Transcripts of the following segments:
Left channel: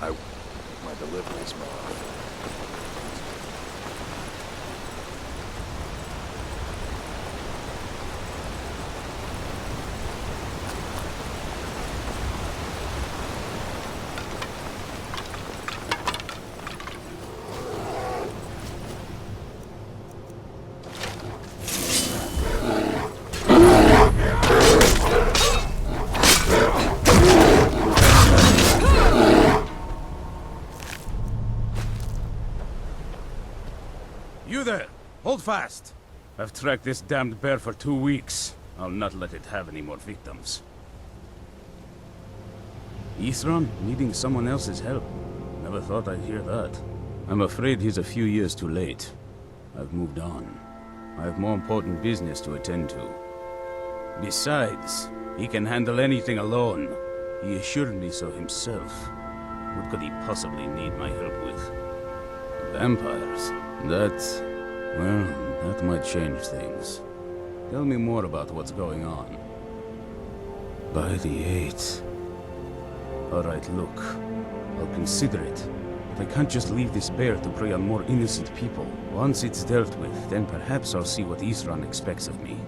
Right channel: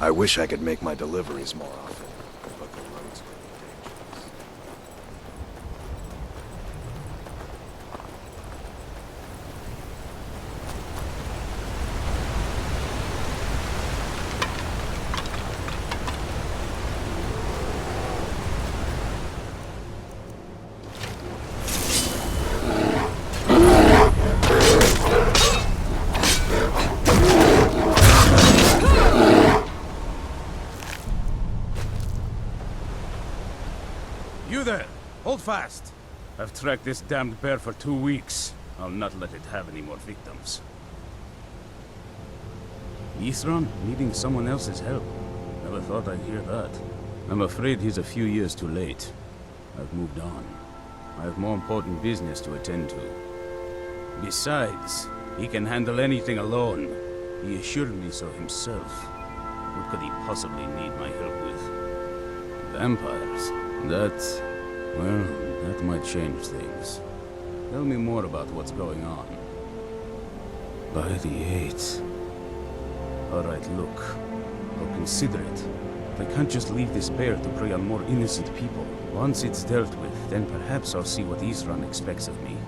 I wish I could make my deliveries more often. You there! Hold fast! I've tracked this damned bear for 2 weeks. I'll not let it have any more victims. Isran needing someone else's help. Never thought I'd hear that. I'm afraid he's a few years too late. I've moved on. I have more important business to attend to. Besides, he can handle anything alone. He assured me so himself. What could he possibly need my help with? Vampires? That might change things. Tell me more about what's going on. By the 8th. Alright, look. I'll consider it. But I can't just leave this bear to prey on more innocent people. Once it's dealt with, then perhaps I'll see what Isran expects of me.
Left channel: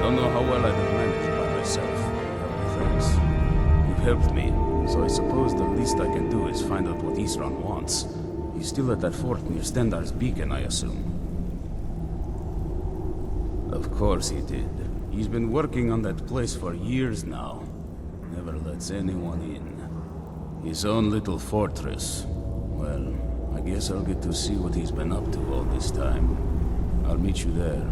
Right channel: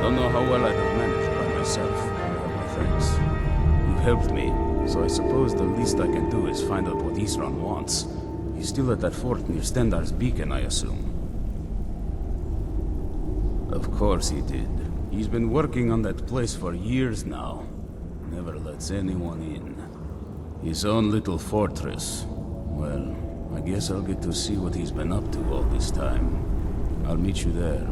Don't know how well I'd have managed by myself. You have my thanks. You've helped me, so I suppose the least I can do is find out what Isran wants. He's still at that fort near Stendar's beacon, I assume. Of course he did. He's been working on that place for years now. Never lets anyone in. His own little fortress. Well, I guess I'll get to see what he's been up to all this time. I'll meet you there.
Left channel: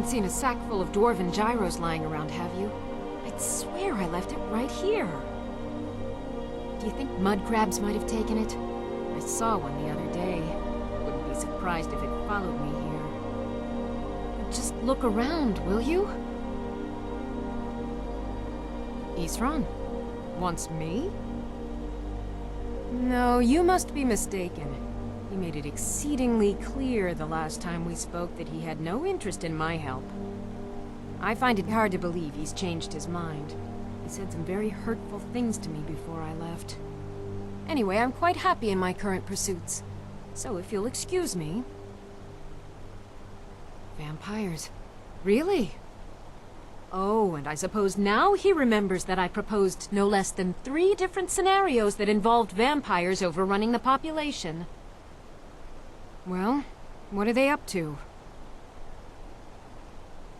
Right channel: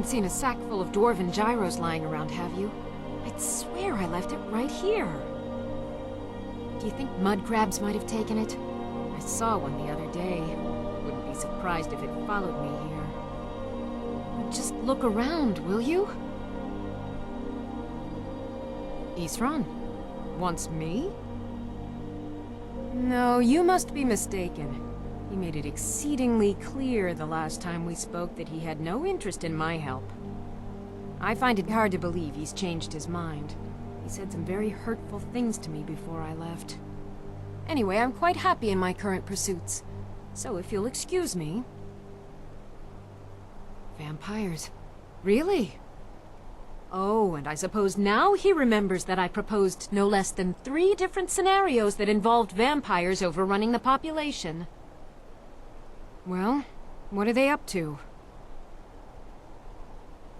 haven't seen a sack full of dwarven gyros lying around, have you? I'd swear I left it right here. Do you think mud crabs might have taken it? I saw one the other day. Wouldn't be surprised if it followed me here. But just look around, will you? Isran? Wants me? No, you must be mistaken. He made it exceedingly clear the last time we spoke that he had no interest in my help. I find it hard to believe he's changed his mind. He said some very hurtful things to me before I left. Anyway, I'm quite happy in my current pursuits. So if you'll excuse me... Vampires. Really? Oh, and I suppose now he remembers that I proposed no less than 3 different scenarios that involved vampires overrunning the population. Well, what are they up to?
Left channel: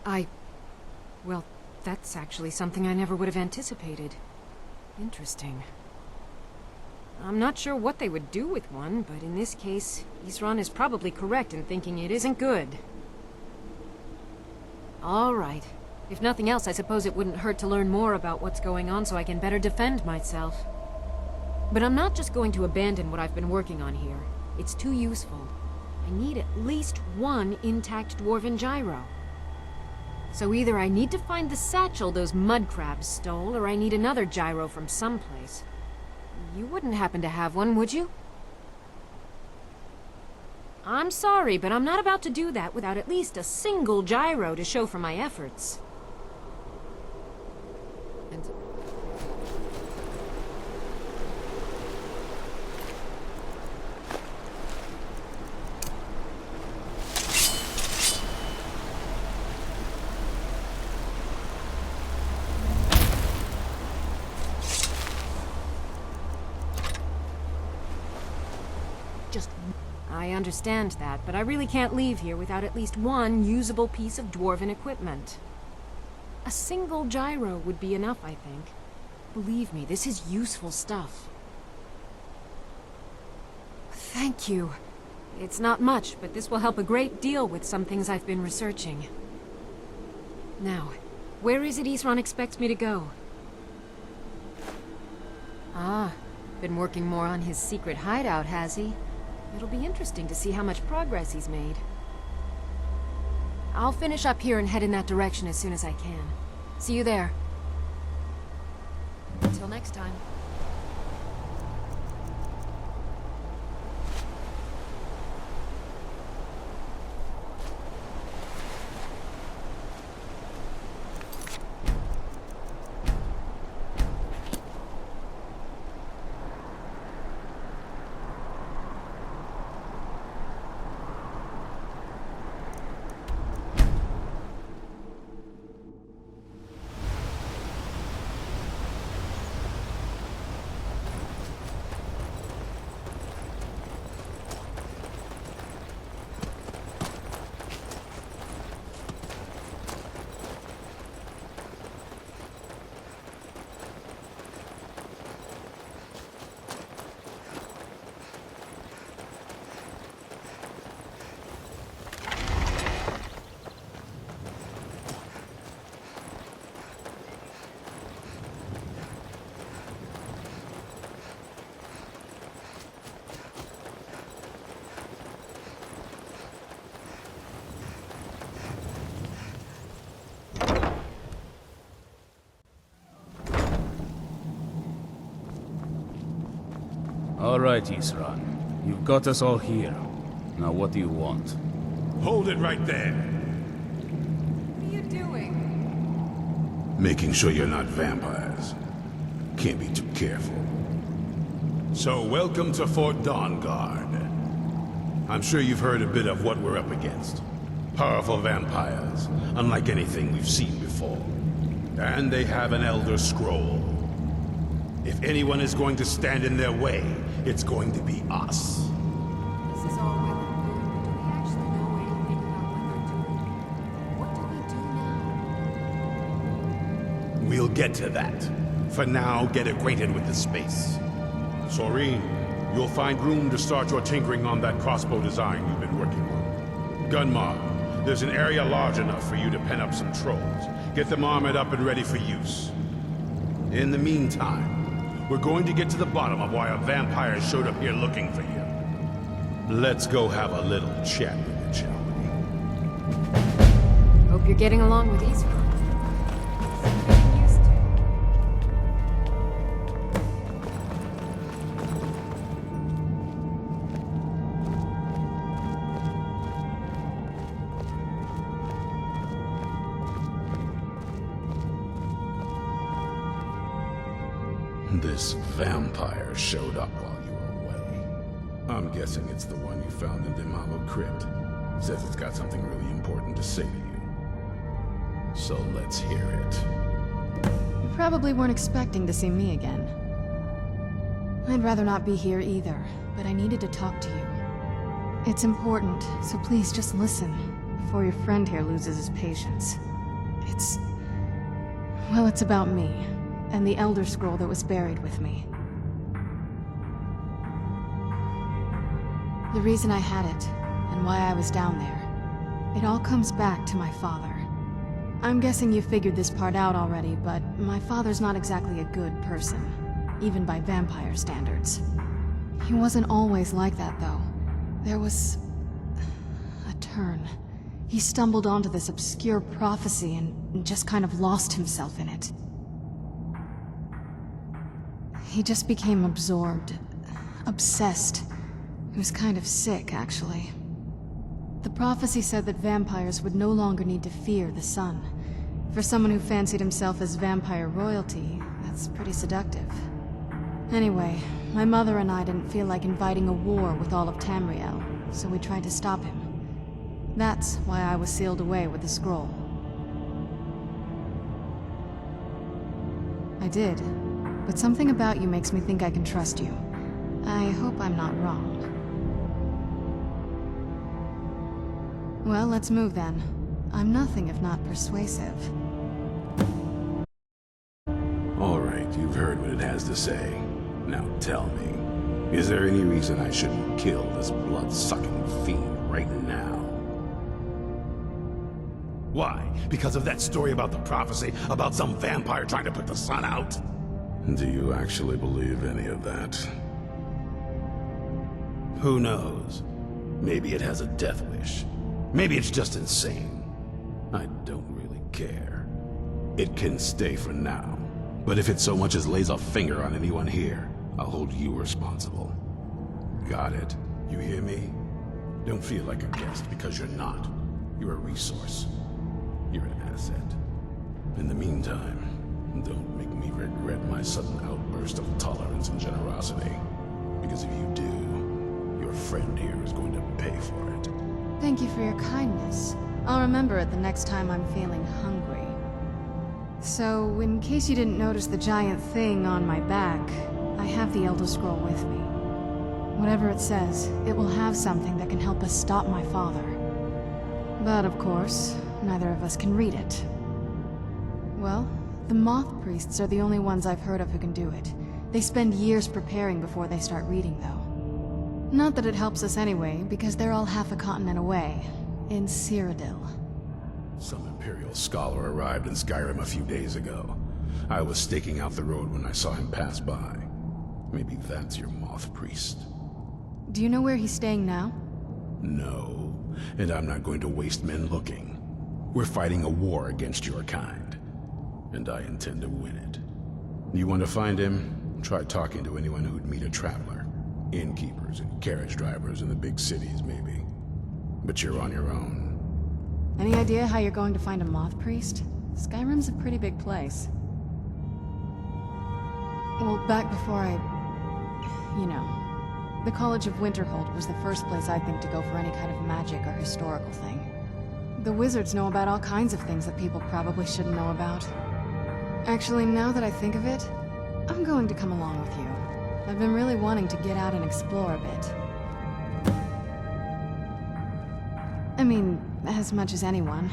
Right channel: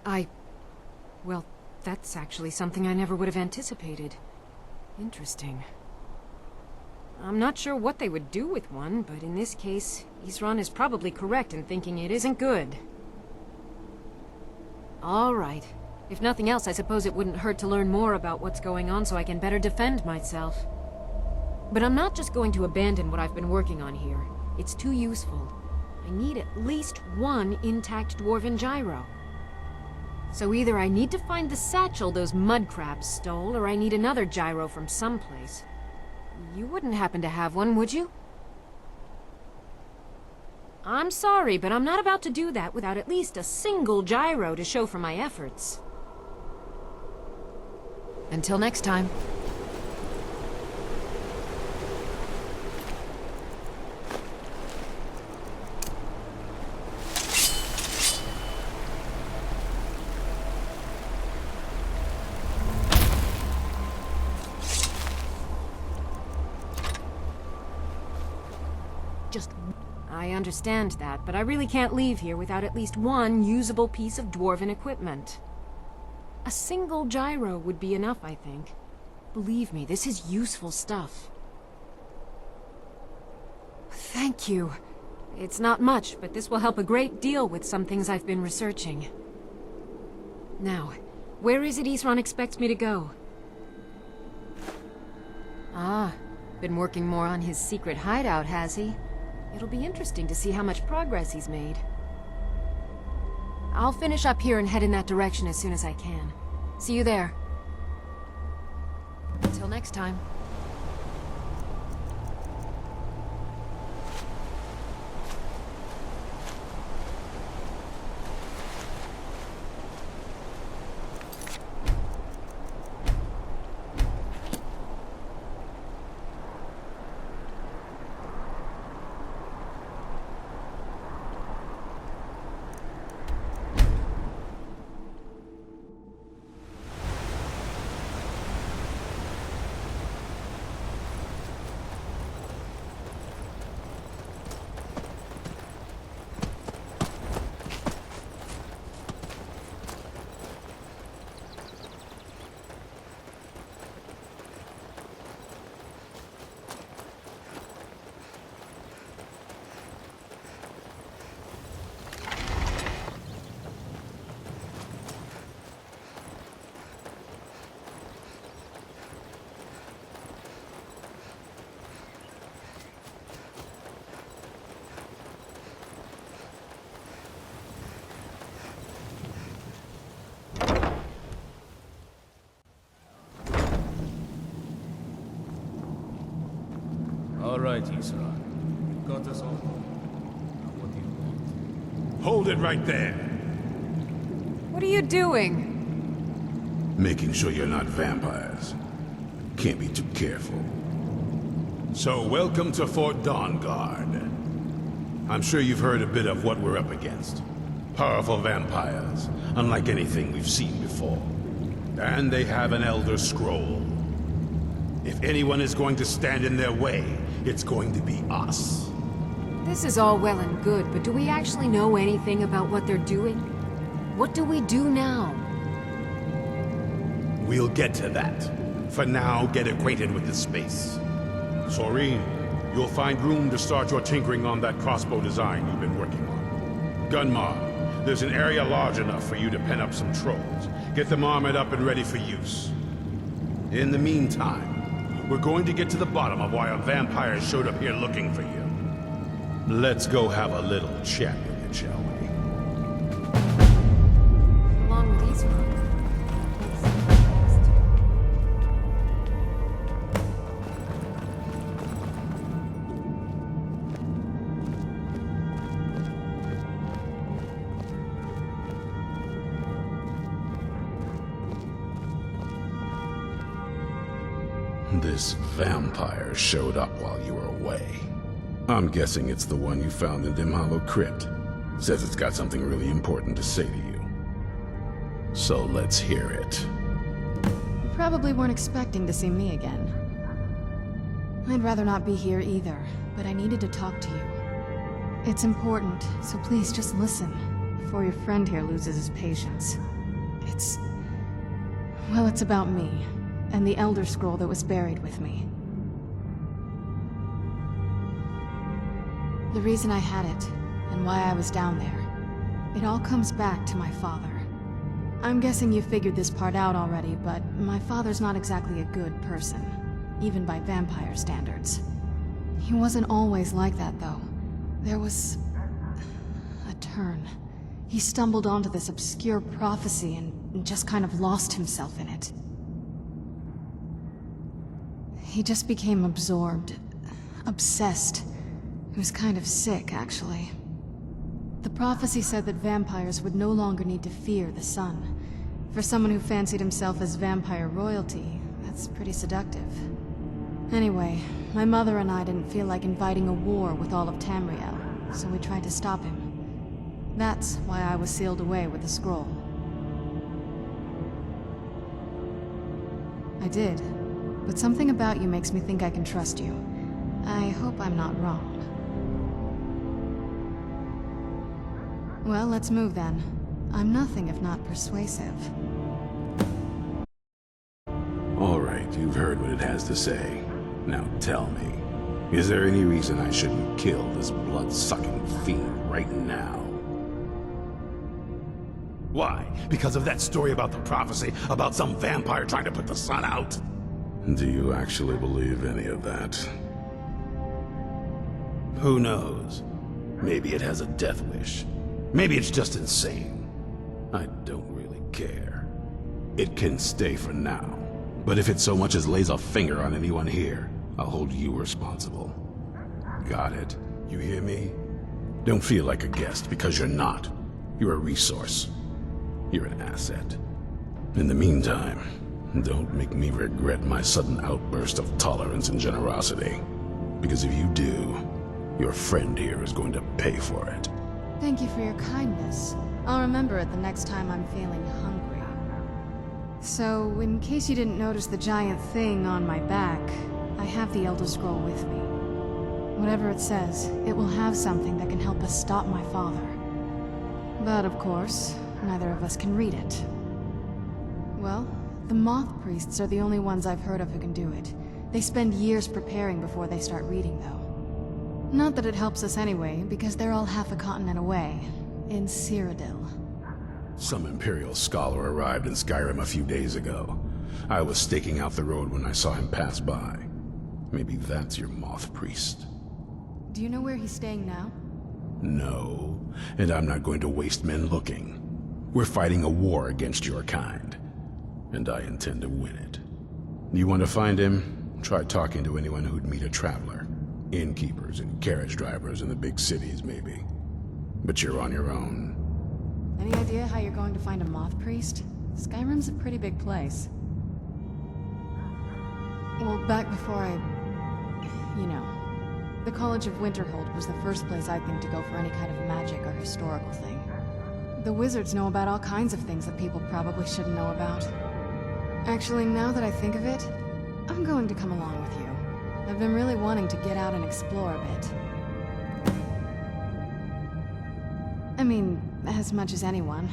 Well, that's actually something I never would have anticipated. Interesting. I'm not sure what they would do with one, but in this case, Isran is probably correct in thinking it isn't good. All right. If nothing else, I suppose it wouldn't hurt to learn more about what's going on so I can better defend myself. But I'm not just going to abandon what I've been working on here. It's too useful. I need at least 1 intact dwarven gyro. So either I need to find the satchel those mud crabs stole, or I need another gyro from someplace. You wouldn't happen to have one, would you? I'm sorry, but I'm not about to do that without at least a single gyro to show for my efforts. Until next time. I understand that, but I really can't leave here without at least 1 usable piece of dwarven equipment. A single gyro would be enough, I think. Believe me, this is useful stuff. Thank you. It's not much, but this will help a great deal with some things I've been researching. Now, where is it Isran expects me to go? Ah, been working more on his secret hideout, has he? It'll be interesting to see how much progress he's made. I'll finish up here and head in that direction as soon as I can. See you there. Until next time. All right, Isran. You've got us all here. Now what do you want? Hold it right there. What are you doing? Making sure you're not vampires. Can't be too careful. So, welcome to Fort Dawnguard. I'm sure you've heard a bit of what we're up against. Powerful vampires, unlike anything we've seen before. And they have an Elder Scroll. If anyone is going to stand in their way, it's going to be us. This is all well and good, but do we actually know anything about what they're doing? What do we do now? We'll get to that. For now, get acquainted with the space. Soreen, you'll find room to start your tinkering on that crossbow design you've been working on. Gunmar, There's an area large enough for you to pen up some trolls. Get them armored up and ready for use. In the meantime, we're going to get to the bottom of why a vampire showed up here looking for you. Let's go have a little chat with it, shall we? Hope you're getting along with Esau. This vampire showed up while you were away. I'm guessing it's the one you found in Dim Hollow Crypt. Says it's got something really important to say to you. So let's hear it. You probably weren't expecting to see me again. I'd rather not be here either, but I needed to talk to you. It's important, so please just listen, before your friend here loses his patience. Well, it's about me, and the Elder Scroll that was buried with me. The reason I had it, and why I was down there, it all comes back to my father. I'm guessing you figured this part out already, but my father's not exactly a good person, even by vampire standards. He wasn't always like that, though. There was a turn. He stumbled onto this obscure prophecy and just kind of lost himself in it. He just became absorbed, obsessed. He was kind of sick, actually. The prophecy said that vampires would no longer need to fear the sun. For someone who fancied himself as vampire royalty, that's pretty seductive. Anyway, my mother and I didn't feel like inviting a war with all of Tamriel, so we tried to stop him. That's why I was sealed away with the scroll. I did, but something about you makes me think I can trust you. I hope I'm not wrong. Well, let's move then. I'm nothing if not persuasive. All right, you've heard what it has to say. Now tell me, is there any reason I shouldn't kill this blood-sucking fiend right now? Why? Because of that story about the prophecy, about some vampire trying to put the sun out? Do you actually believe any of that? Who knows? Maybe it has a death wish. Maybe it's just insane. I don't really care. It can stay for now. But if it so much as lays a finger on anyone here, I'll hold you responsible. Got it? You hear me? Don't feel like a guest, because you're not. You're a resource. You're an asset. In the meantime, don't make me regret my sudden outburst of tolerance and generosity. Because if you do, your friend here is going to pay for it. Thank you for your kindness. I'll remember it the next time I'm feeling hungry. So, in case you didn't notice the giant thing on my back, I have the Elder Scroll with me. Whatever it says, it will have something that can help us stop my father. But of course, neither of us can read it. Well, the Moth Priests are the only ones I've heard of who can do it. They spend years preparing before they start reading, though. Not that it helps us anyway, because they're all half a continent away, in Cyrodiil. Some Imperial scholar arrived in Skyrim a few days ago. I was staking out the road when I saw him pass by. Maybe that's your Moth Priest. Do you know where he's staying now? No, and I'm not going to waste men looking. We're fighting a war against your kind, and I intend to win it. You want to find him? Try talking to anyone who'd meet a traveler. Innkeepers and carriage drivers in the big cities, maybe. But you're on your own. Any idea how you're going to find a Moth Priest? Skyrim's a pretty big place. Well, back before you know. The College of Winterhold was the first place I'd think to go for any kind of magic or historical thing. The wizards know about all kinds of things that people probably shouldn't know about. Actually, now that I think of it, I'm going to come along with you. I've been really wanting to get out and explore a bit. I mean, as much as anyone.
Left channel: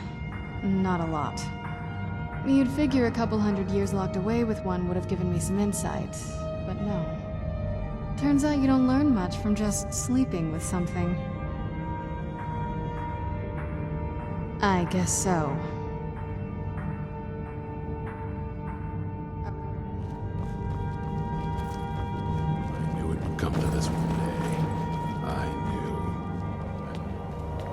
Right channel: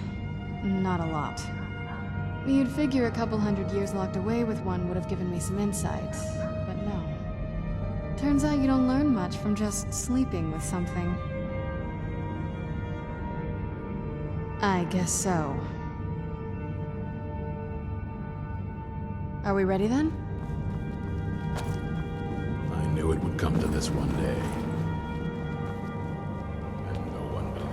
Not a lot. You'd figure a couple 100 years locked away with one would have given me some insight, but no. Turns out you don't learn much from just sleeping with something. I guess so. Are we ready then? I knew it would come to this one day. I knew. And no one believed.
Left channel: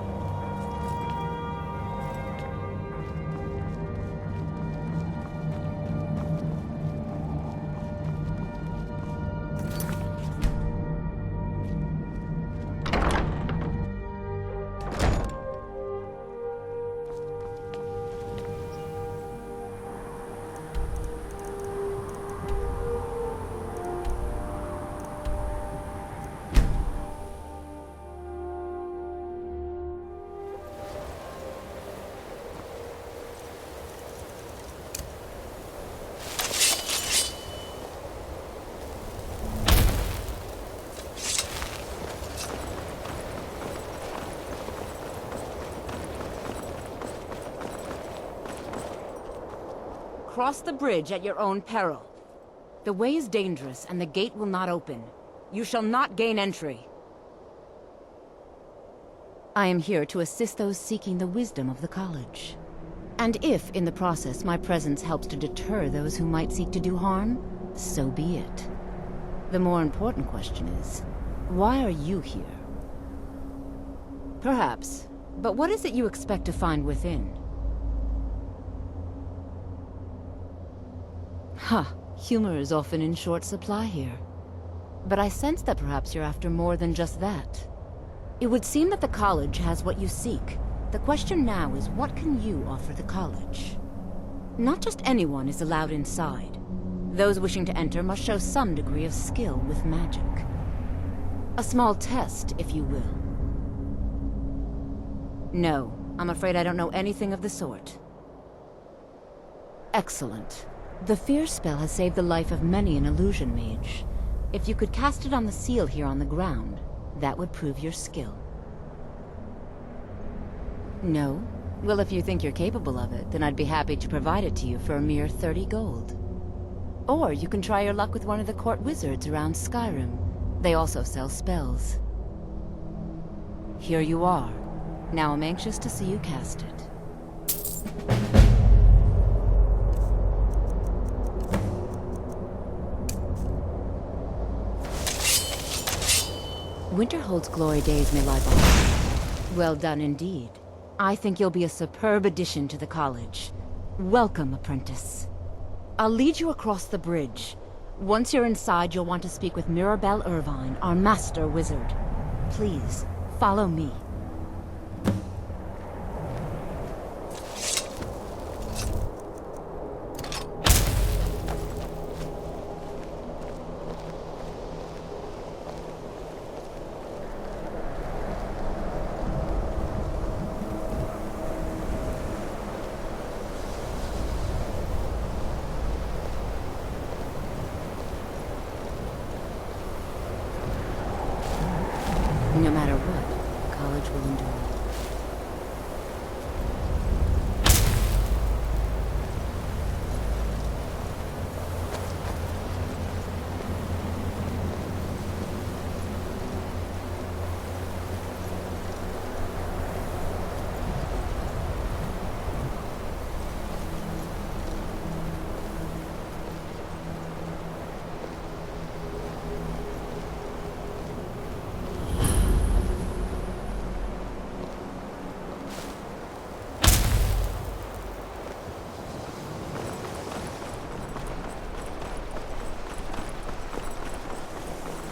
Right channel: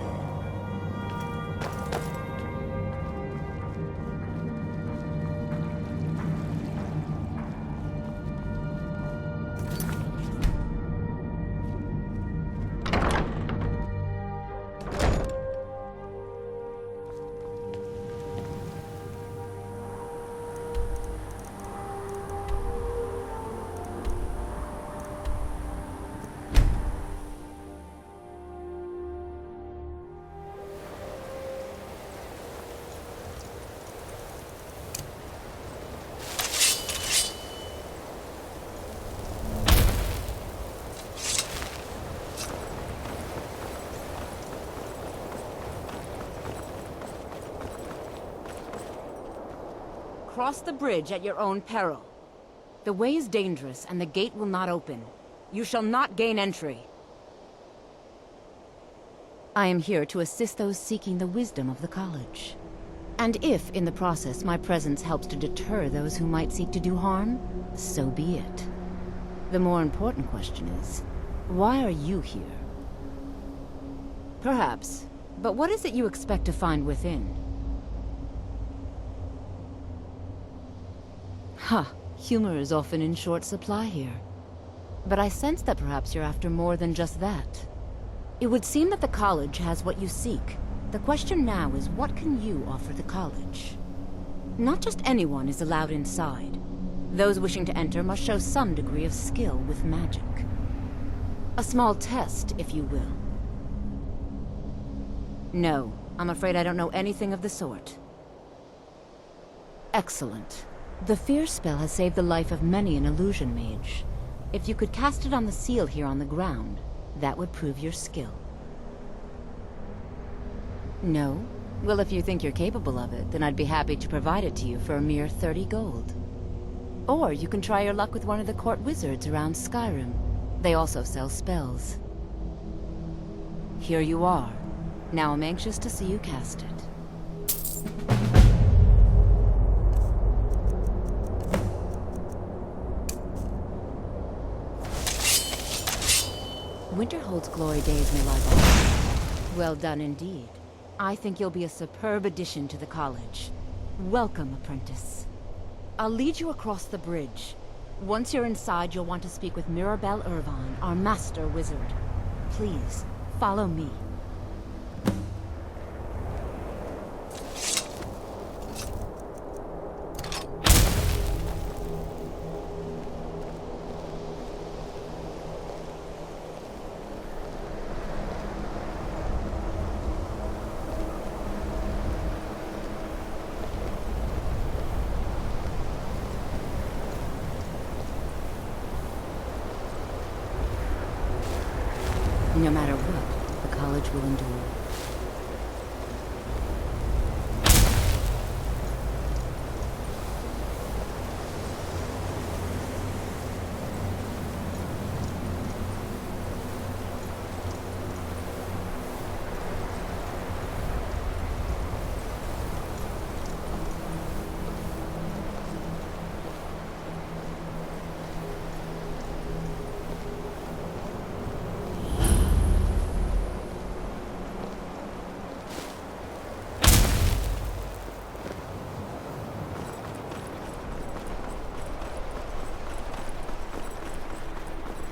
Cross the bridge at your own peril. The way is dangerous, and the gate will not open. You shall not gain entry. I am here to assist those seeking the wisdom of the college. And if, in the process, my presence helps to deter those who might seek to do harm, so be it. The more important question is, why are you here? Perhaps, but what is it you expect to find within? Humor is often in short supply here. But I sense that perhaps you're after more than just that. It would seem that the college has what you seek. The question now is, what can you offer the college? Not just anyone is allowed inside. Those wishing to enter must show some degree of skill with magic. A small test, if you will. No, I'm afraid I don't know anything of the sort. Excellent. The fear spell has saved the life of many an illusion mage. If you could cast it on the seal here on the ground, that would prove your skill. No? Well, if you think you're capable of it, then I'd be happy to provide it to you for a mere 30 gold. Or you can try your luck with one of the court wizards around Skyrim. They also sell spells. Here you are. Now I'm anxious to see you cast it. Winterhold's glory days may lie behind. Well done indeed. I think you'll be a superb addition to the college. Welcome, apprentice. I'll lead you across the bridge. Once you're inside, you'll want to speak with Mirabelle Irvine, our master wizard. Please, follow me. No matter what, the college will endure.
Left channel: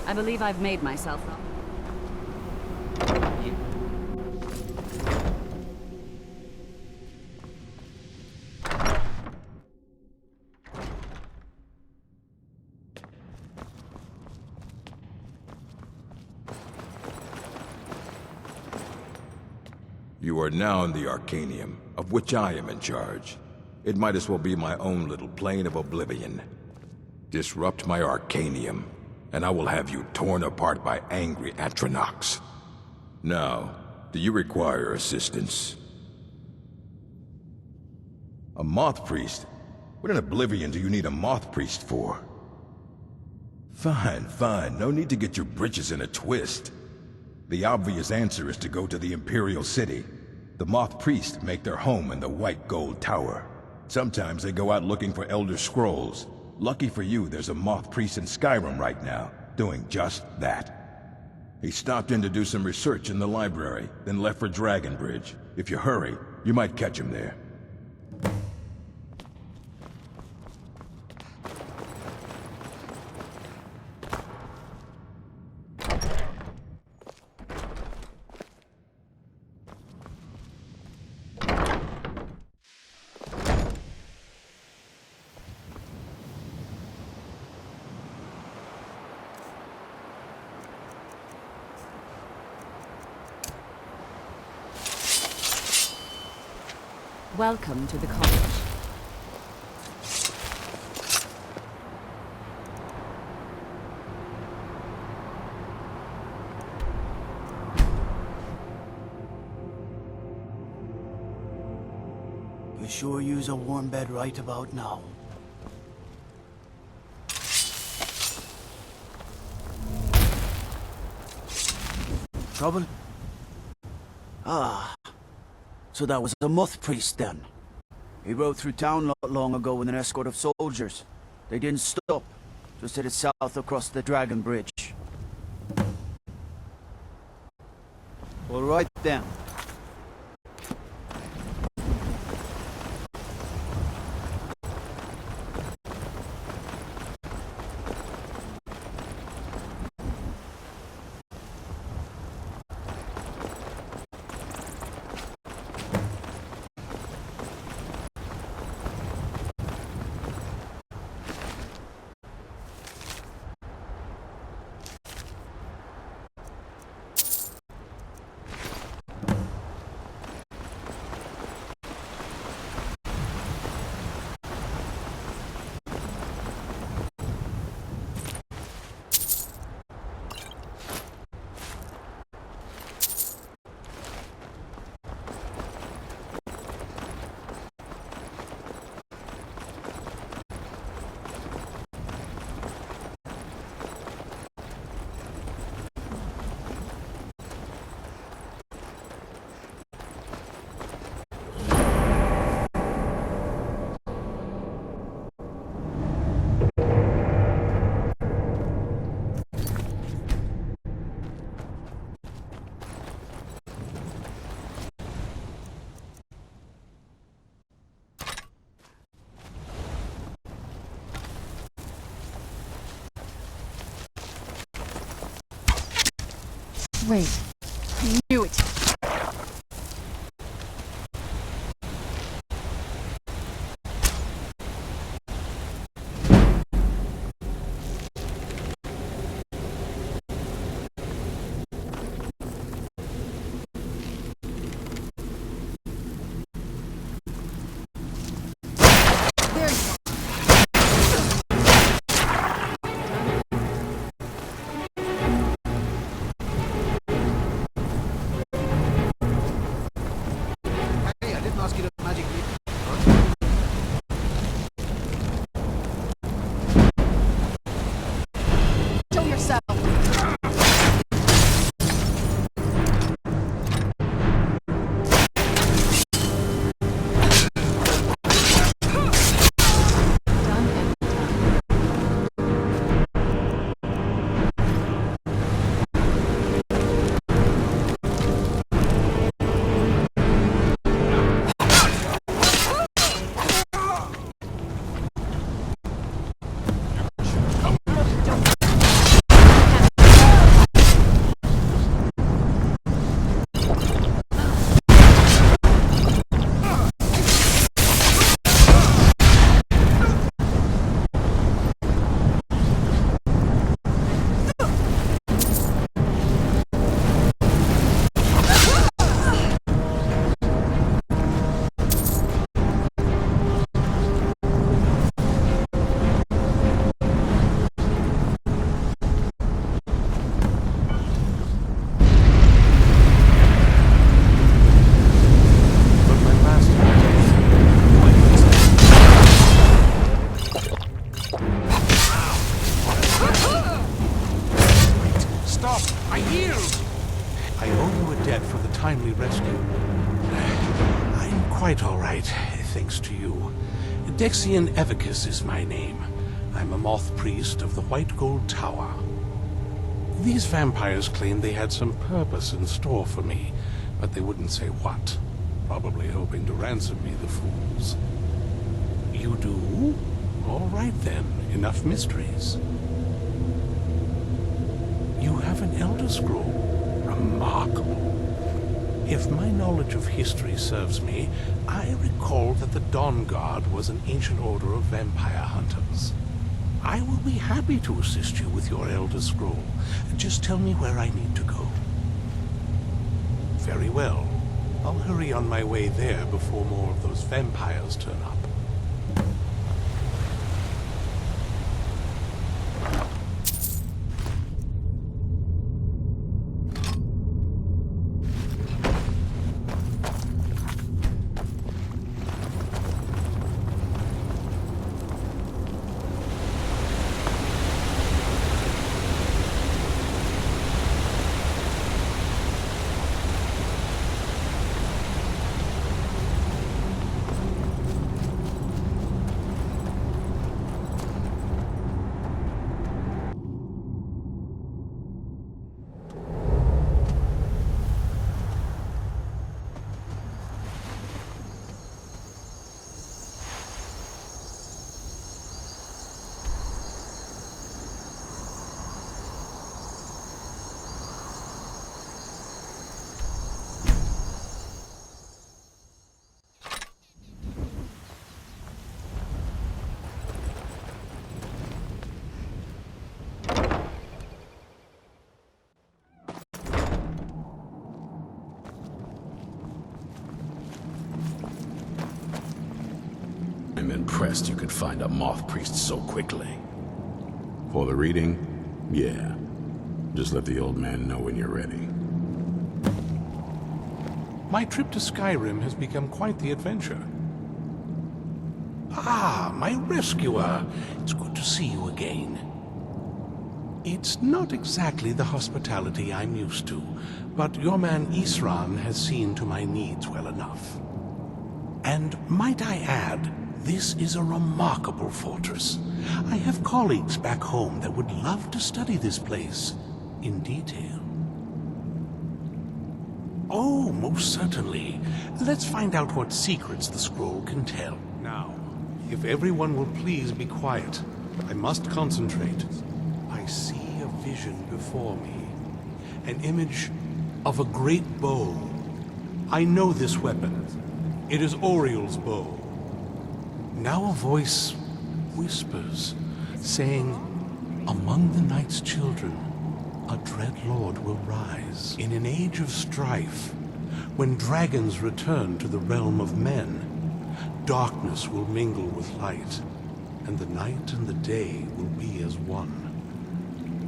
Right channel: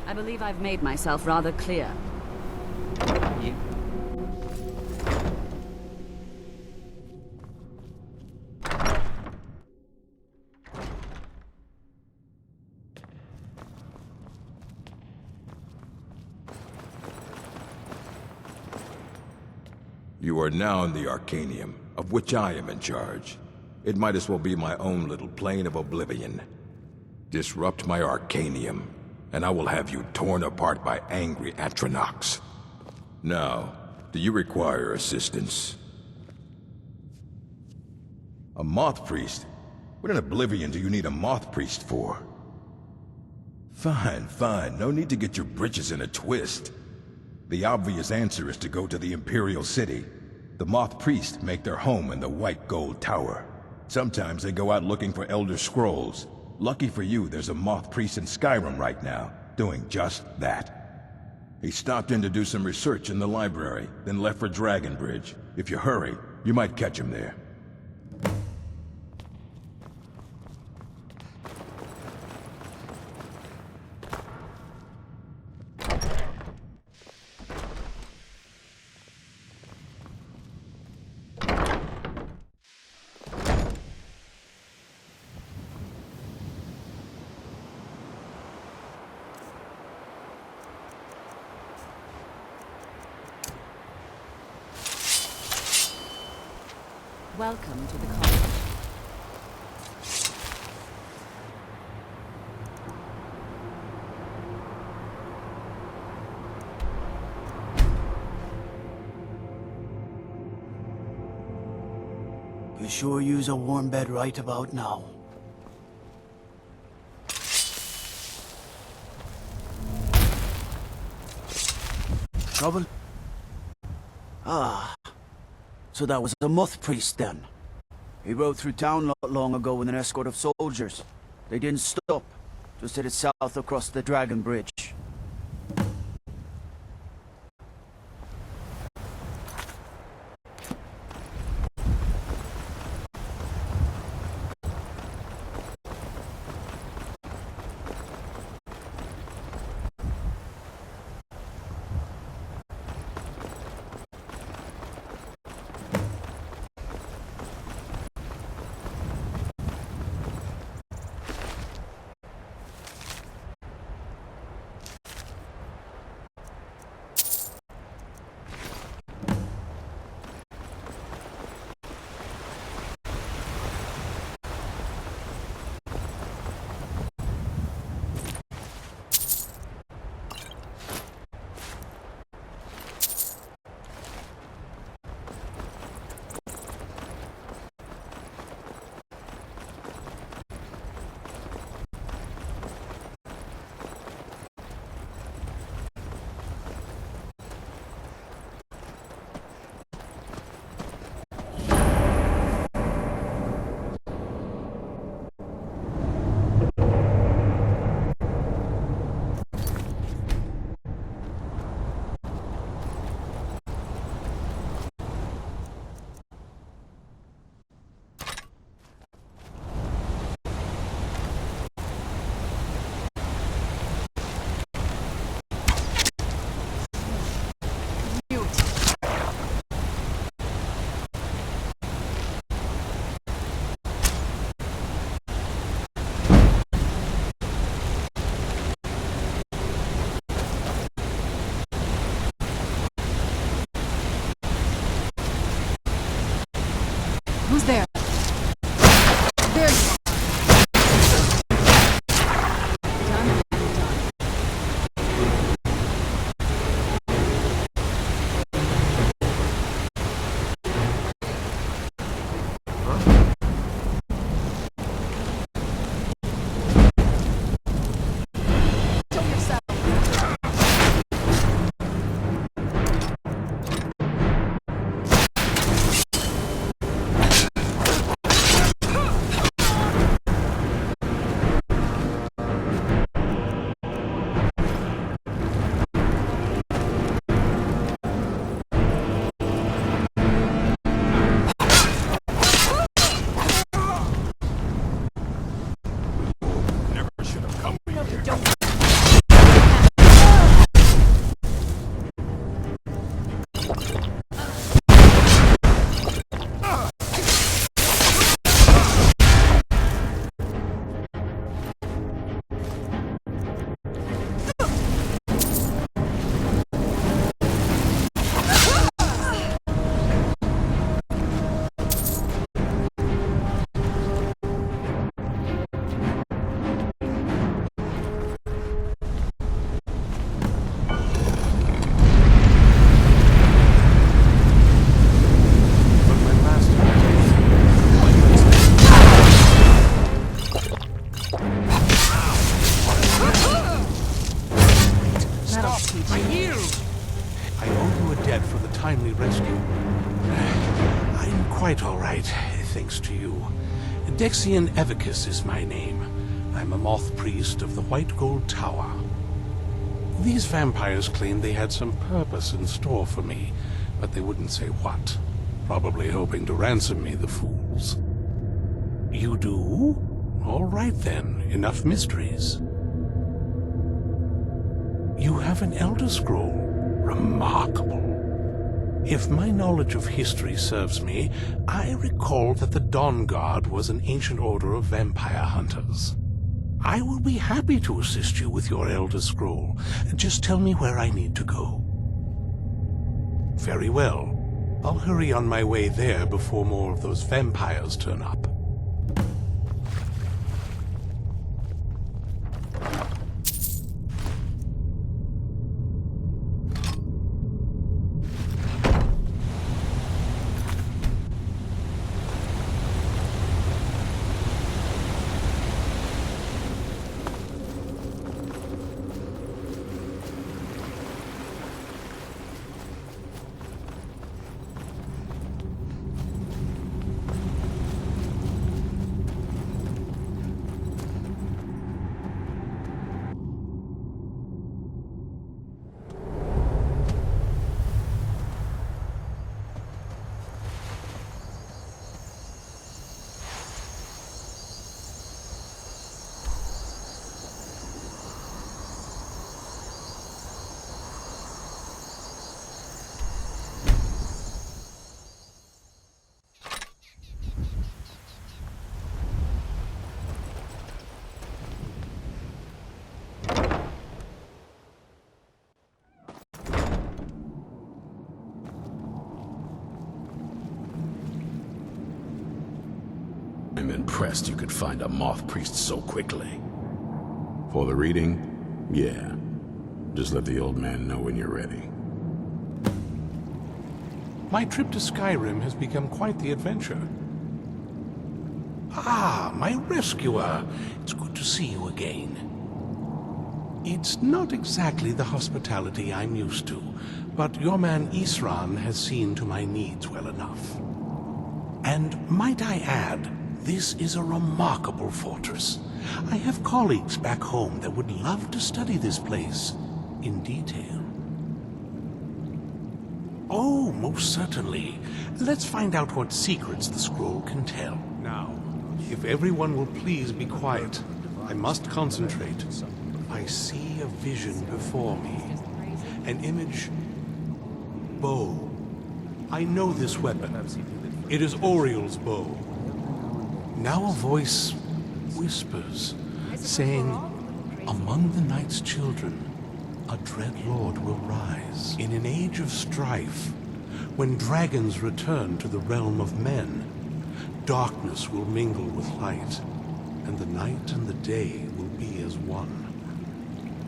I believe I've made myself rather clear. You are now in the Arcanium, of which I am in charge. It might as well be my own little plane of oblivion. Disrupt my Arcanium, and I will have you torn apart by angry Atronachs. Now, do you require assistance? A Moth Priest? What in Oblivion do you need a Moth Priest for? Fine, fine. No need to get your britches in a twist. The obvious answer is to go to the Imperial City. The Moth Priests make their home in the White Gold Tower. Sometimes they go out looking for Elder Scrolls. Lucky for you, there's a Moth Priest in Skyrim right now, doing just that. He stopped in to do some research in the library, then left for Dragonbridge. If you hurry, you might catch him there. Welcome to the college. You sure use a warm bed right about now? Trouble? Ah. So that was a Moth Priest then. He rode through town not long ago with an escort of soldiers. They didn't stop, just headed south across the Dragon Bridge. Well, right then. Wait. I knew it. Who's there? There you are. Show yourself. I owe you a debt for the timely rescue. quite all right, thanks to you. Dexian Evicus is my name. I'm a moth priest of the White Gold Tower. These vampires claimed they had some purpose in store for me, but they wouldn't say what. Probably hoping to ransom me, the fools. You do? All right then, enough mysteries. You have an Elder Scroll. Remarkable. If my knowledge of history serves me, I recall that the Dawn Guard was an ancient order of vampire hunters. I will be happy to assist you with your Elder Scroll. Just tell me where I need to go. Very well. I'll hurry on my way there before more of those vampires turn up. I'm impressed you could find a moth priest so quickly. For the reading? Yeah. Just let the old man know when you're ready. My trip to Skyrim has become quite the adventure. Ah, my rescuer! It's good to see you again. It's not exactly the hospitality I'm used to, but your man Isran has seen to my needs well enough. And might I add, this is a remarkable fortress. I have colleagues back home that would love to study this place in detail. Oh, most certainly. Let's find out what secrets the scroll can tell. Now, if everyone will please be quiet, I must concentrate. I see a vision before me, an image of a great bow. I know this weapon. It is Oriel's bow. Now a voice whispers, saying, "Among the night's children, a dread lord will rise. In an age of strife, when dragons return to the realm of men, darkness will mingle with light, and the night and the day will be as one."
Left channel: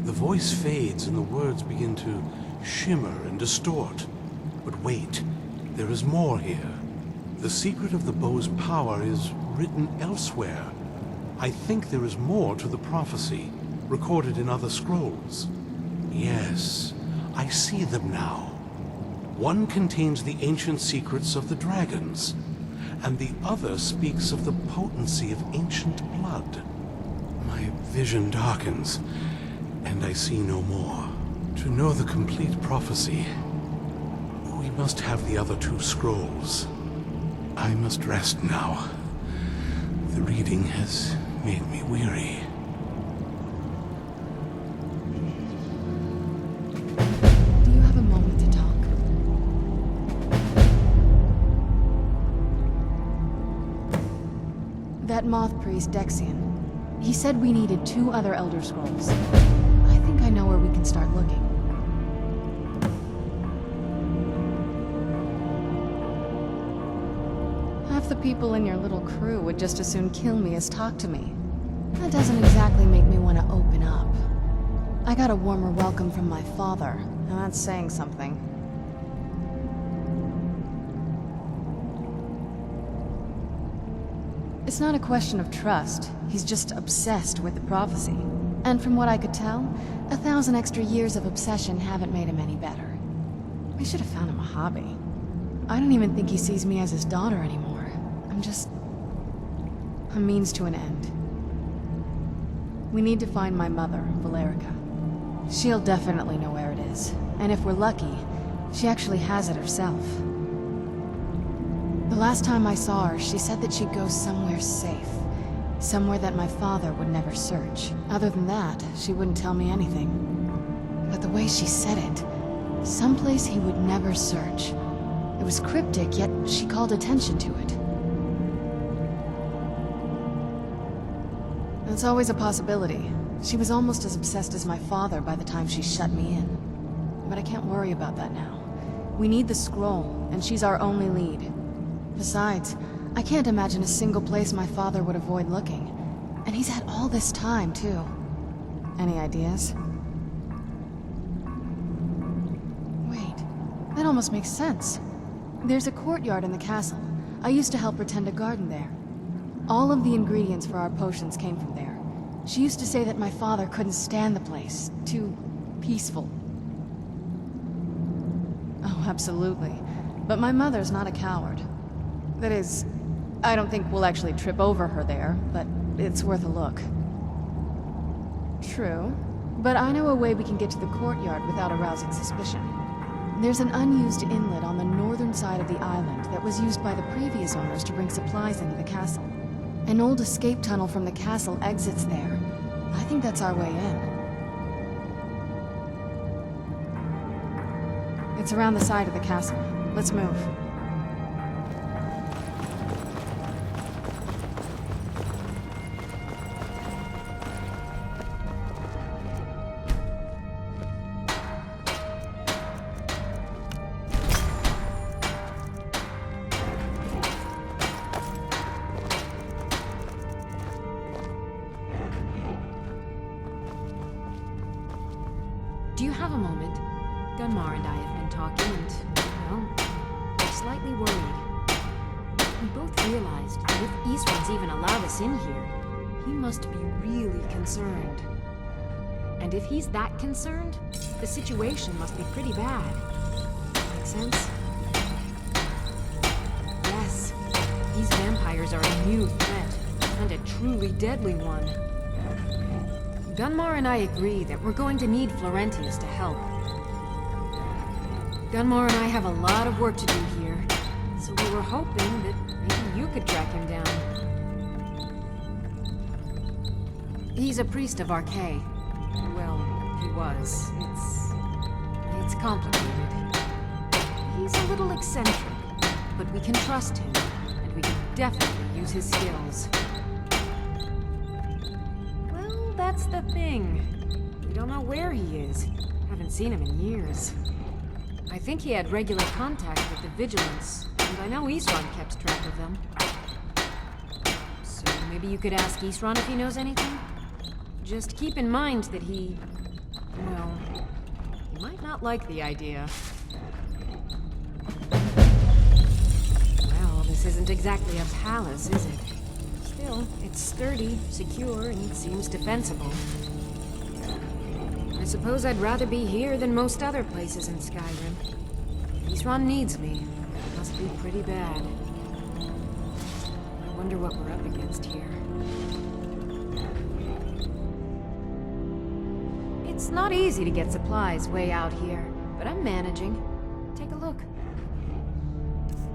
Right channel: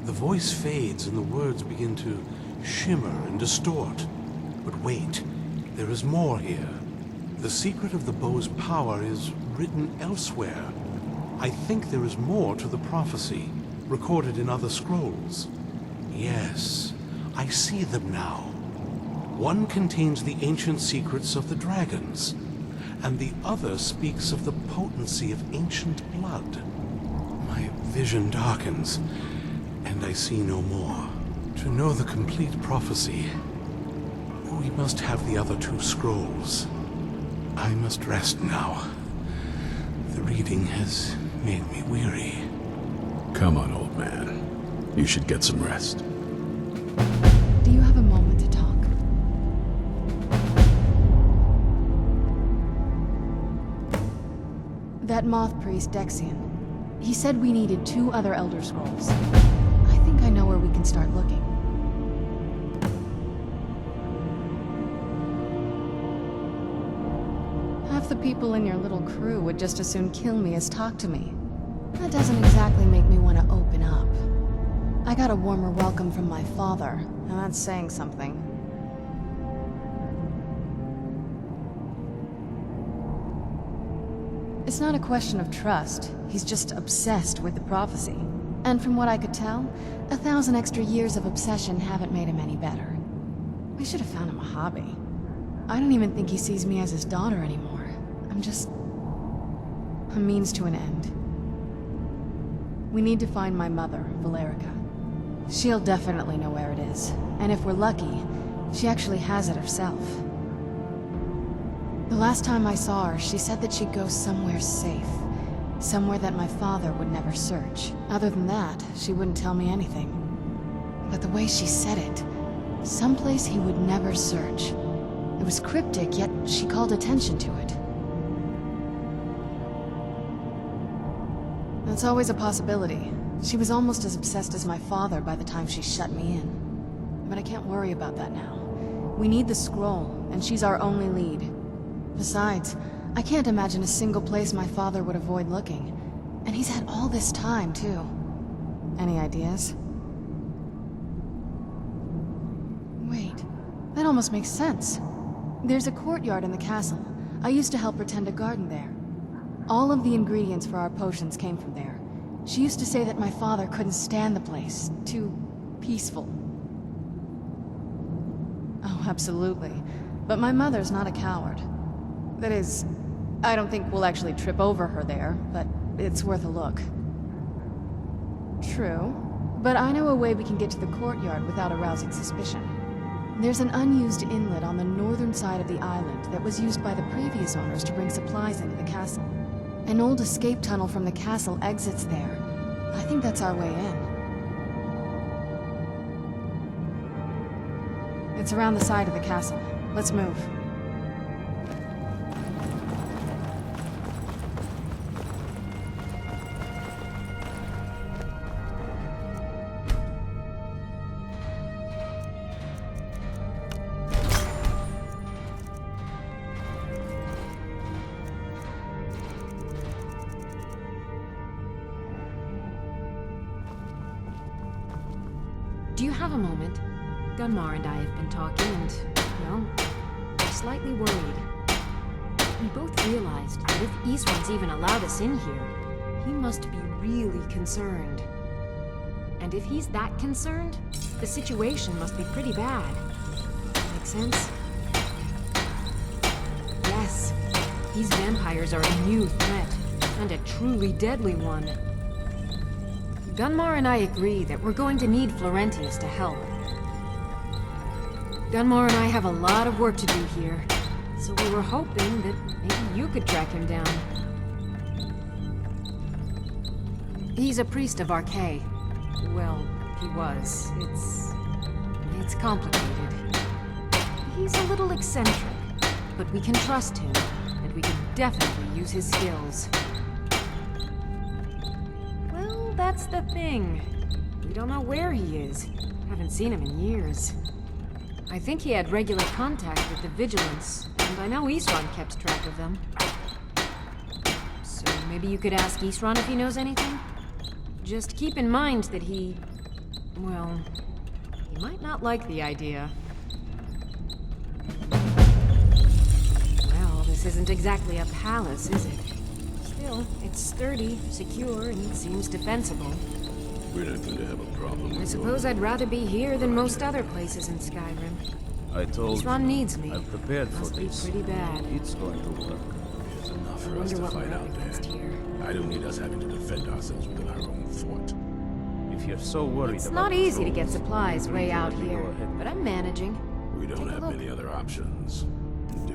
The voice fades and the words begin to shimmer and distort. But wait, there is more here. The secret of the bow's power is written elsewhere. I think there is more to the prophecy, recorded in other scrolls. Yes, I see them now. One contains the ancient secrets of the dragons, and the other speaks of the potency of ancient blood. My vision darkens, and I see no more. To know the complete prophecy, we must have the other two scrolls. I must rest now. The reading has made me weary. Come on, old man. You should get some rest. Do you have a moment to talk? That moth priest, Dexian, he said we needed 2 other Elder Scrolls. I think I know where we can start looking. Half the people in your little crew would just as soon kill me as talk to me. That doesn't exactly make me want to open up. I got a warmer welcome from my father, and that's saying something. It's not a question of trust. He's just obsessed with the prophecy. And from what I could tell, 1,000 extra years of obsession haven't made him any better. We should have found him a hobby. I don't even think he sees me as his daughter anymore. I'm just a means to an end. We need to find my mother, Valerica. She'll definitely know where it is. And if we're lucky, she actually has it herself. The last time I saw her, she said that she'd go somewhere safe. Somewhere that my father would never search. Other than that, she wouldn't tell me anything. But the way she said it, someplace he would never search. It was cryptic, yet she called attention to it. That's always a possibility. She was almost as obsessed as my father by the time she shut me in. But I can't worry about that now. We need the scroll, and she's our only lead. Besides, I can't imagine a single place my father would avoid looking. And he's had all this time, too. Any ideas? Wait, that almost makes sense. There's a courtyard in the castle. I used to help her tend a garden there. All of the ingredients for our potions came from there. She used to say that my father couldn't stand the place. Too peaceful. Oh, absolutely. But my mother's not a coward. That is, I don't think we'll actually trip over her there, but it's worth a look. True. But I know a way we can get to the courtyard without arousing suspicion. There's an unused inlet on the northern side of the island that was used by the previous owners to bring supplies into the castle. An old escape tunnel from the castle exits there. I think that's our way in. It's around the side of the castle. Let's move. Do you have a moment? Gunmar and I have been talking and, well, we're slightly worried. We both realized that if Isran's even allowed us in here, he must be really concerned. And if he's that concerned, the situation must be pretty bad. Make sense? Yes, these vampires are a new threat, and a truly deadly one. Gunmar and I agree that we're going to need Florentius to help. Gunmar and I have a lot of work to do here, so we were hoping that maybe you could track him down. He's a priest of Archay. Well, he was. It's complicated. He's a little eccentric, but we can trust him, and we can definitely use his skills. That's the thing. We don't know where he is. Haven't seen him in years. I think he had regular contact with the Vigilance, and I know Isran kept track of them. So maybe you could ask Isran if he knows anything? Just keep in mind that he might not like the idea. Well, this isn't exactly a palace, is it? Still, it's sturdy, secure, and seems defensible. I suppose I'd rather be here than most other places in Skyrim. Isran needs me. Must be pretty bad. I wonder what we're up against here. I don't need us having to defend ourselves on our own front. If you're so worried It's not easy to get supplies way out here, but I'm managing. We don't Take a have look. any other options, do we?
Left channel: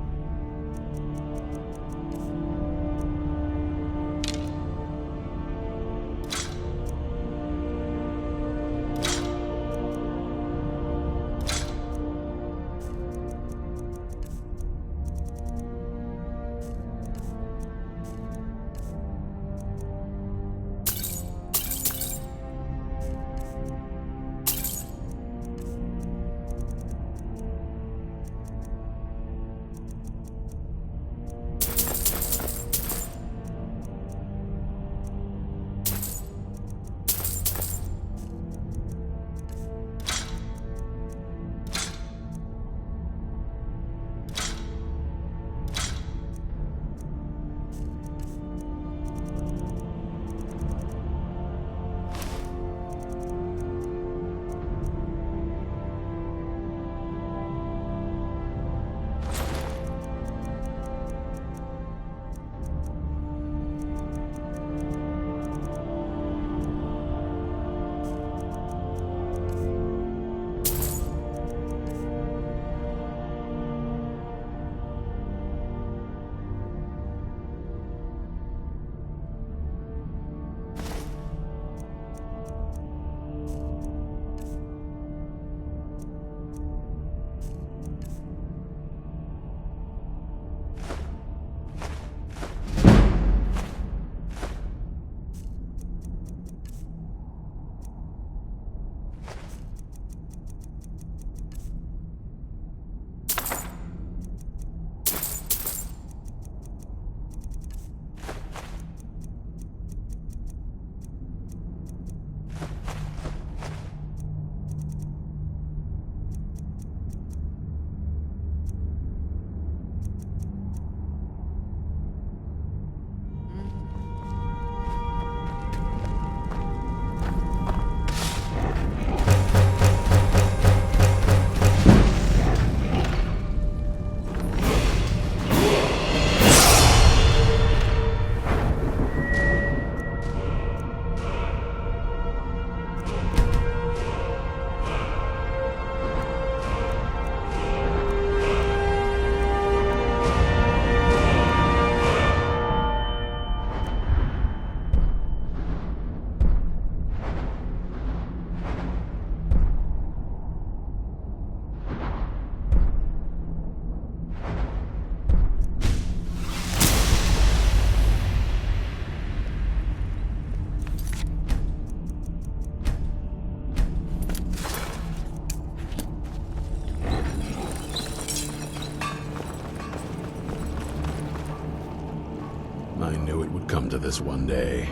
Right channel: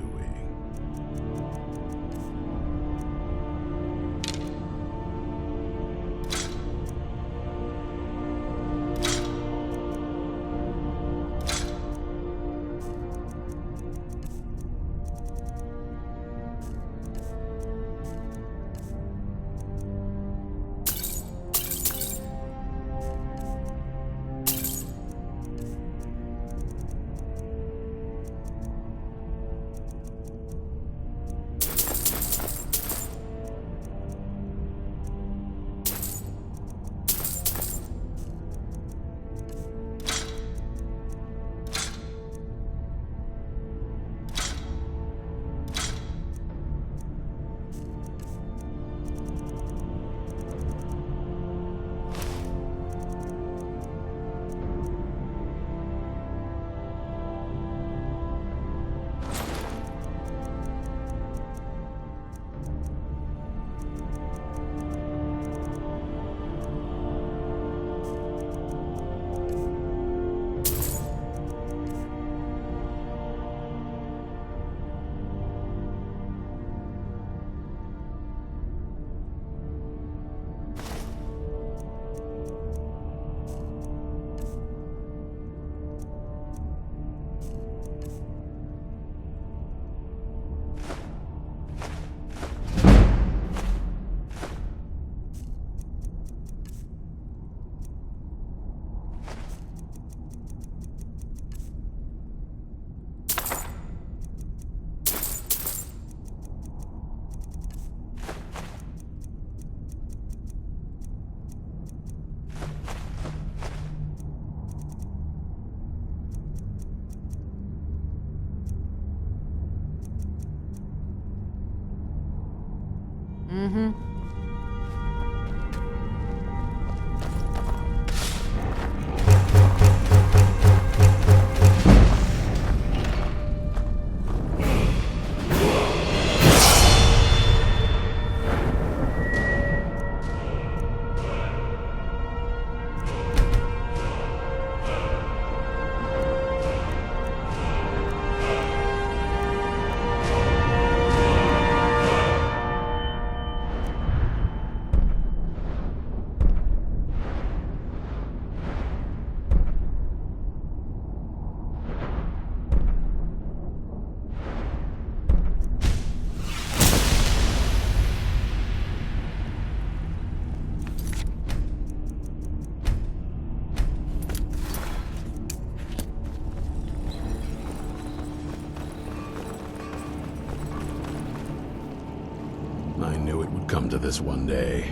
come to this one day.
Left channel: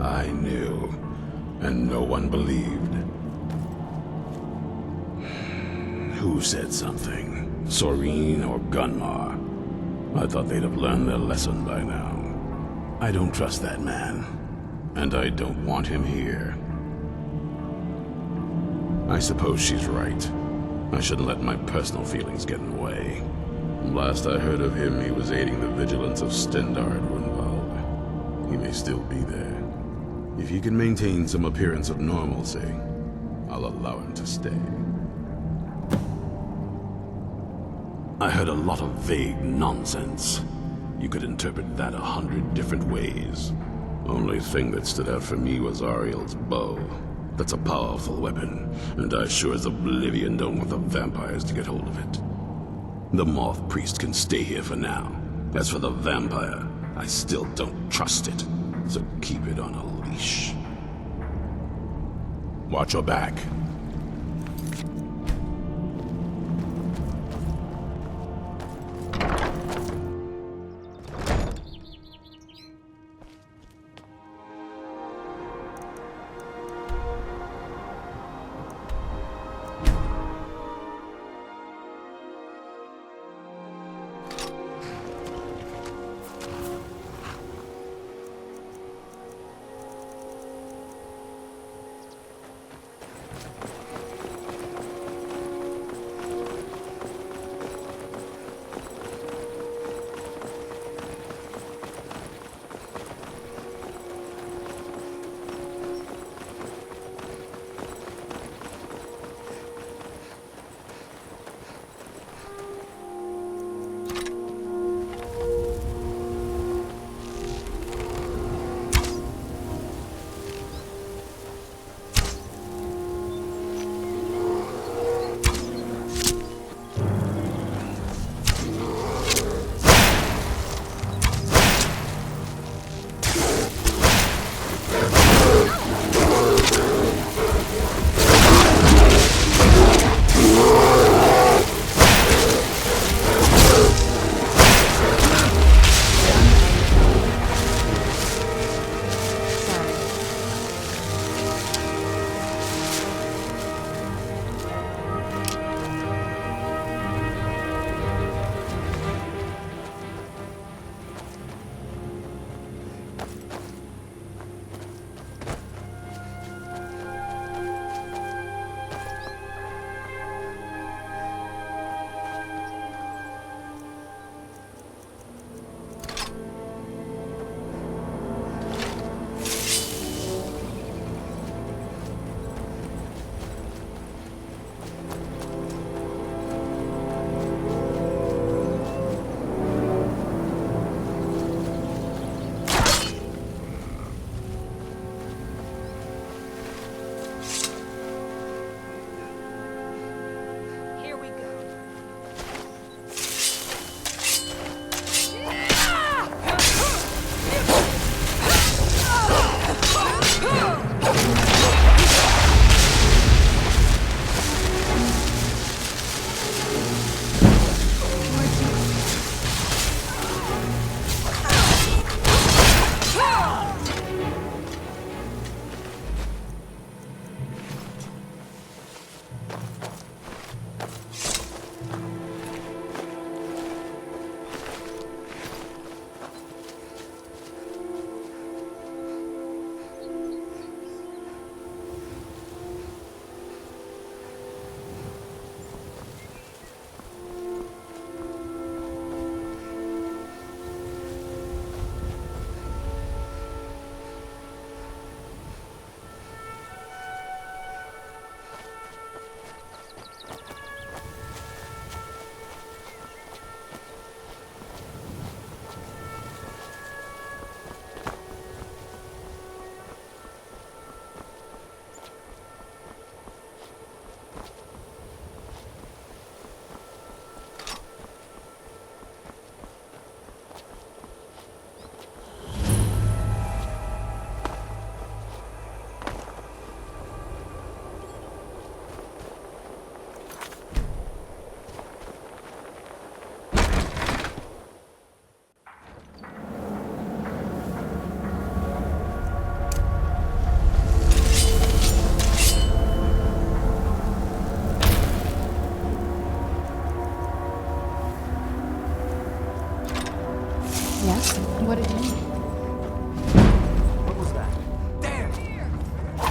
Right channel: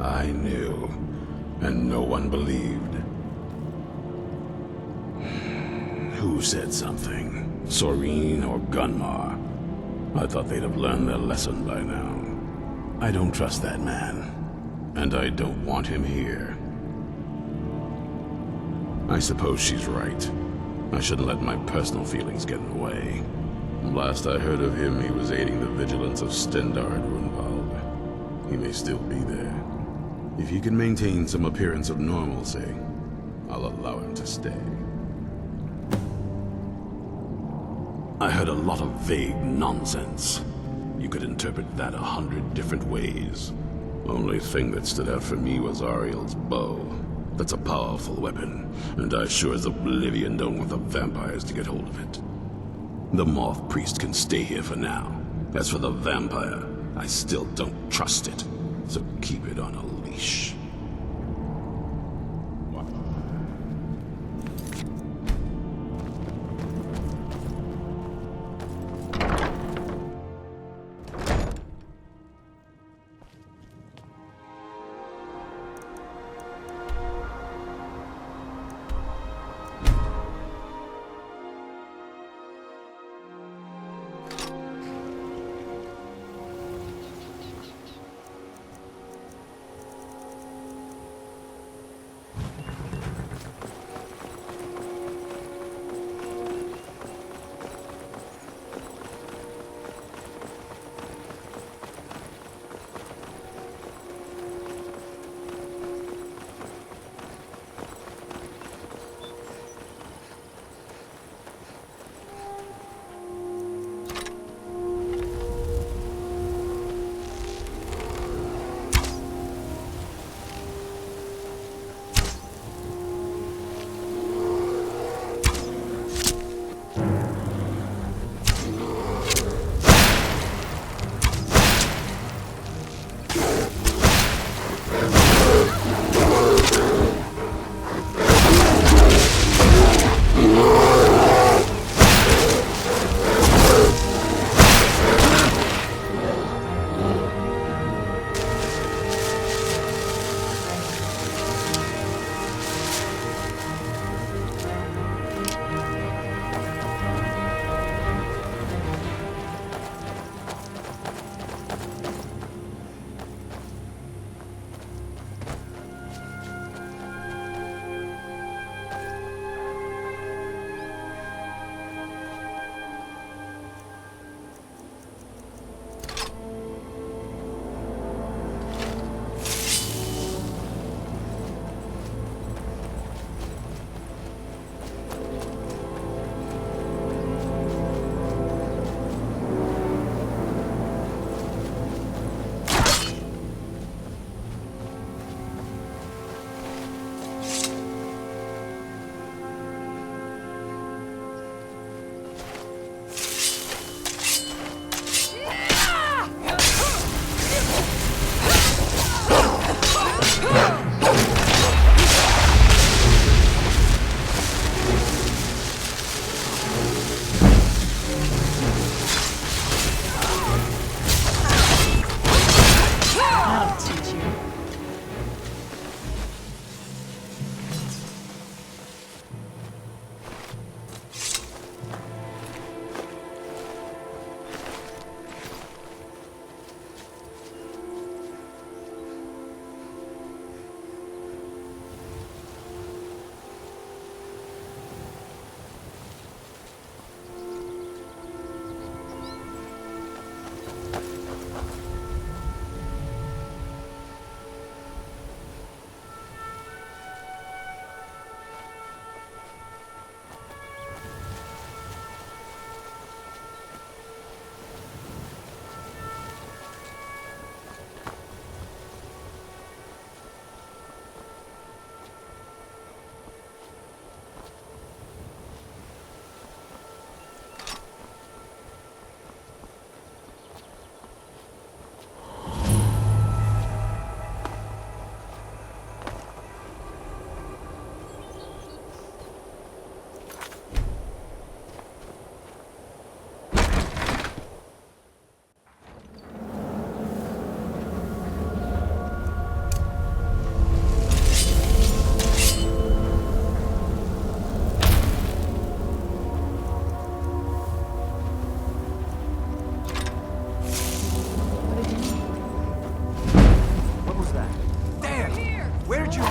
I knew, and no one believed. Who said something? Soreen or Gunmar? I thought they'd have learned their lesson by now. I don't trust that man, and I don't want him here. I suppose she's right. I shouldn't let my personal feelings get in the way. Last I heard of him, he was aiding the vigilance of Stendard Runvald. He may still be there. If he can maintain some appearance of normalcy, I'll allow him to stay. I heard a lot of vague nonsense. You could interpret that 100 different ways. Only thing that stood out for me was Ariel's bow. That's a powerful weapon, and I sure as oblivion don't want the vampires to get hold of it. The Moth Priest can stay here for now. As for the vampire, I still don't trust it, so keep it on a leash. Watch your back. Where'd you...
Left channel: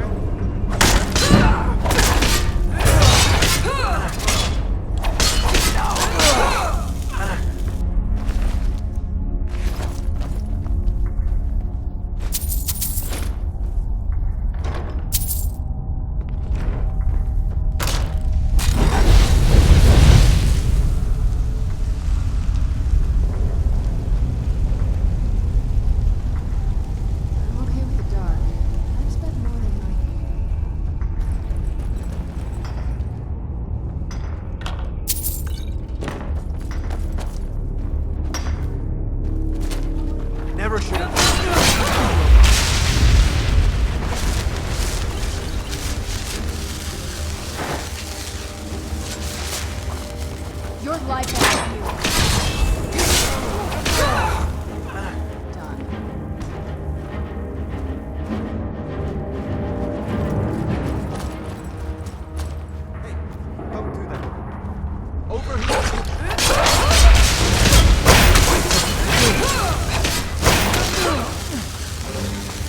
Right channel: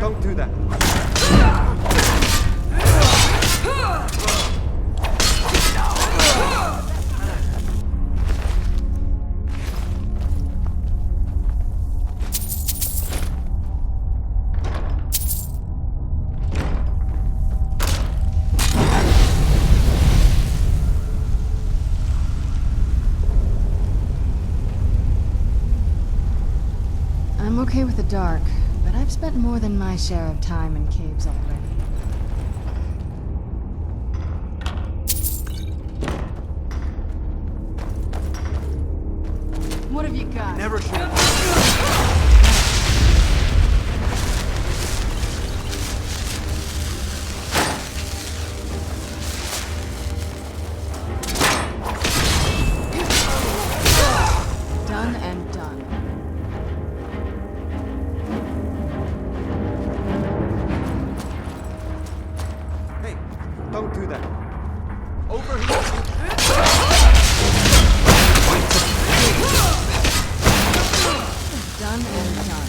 Don't do that. I'm okay with the dark, but I've spent more than my share of time in caves already. What have you got? Never should have. Your life done and done. Hey, don't do that. Over here. Done and done.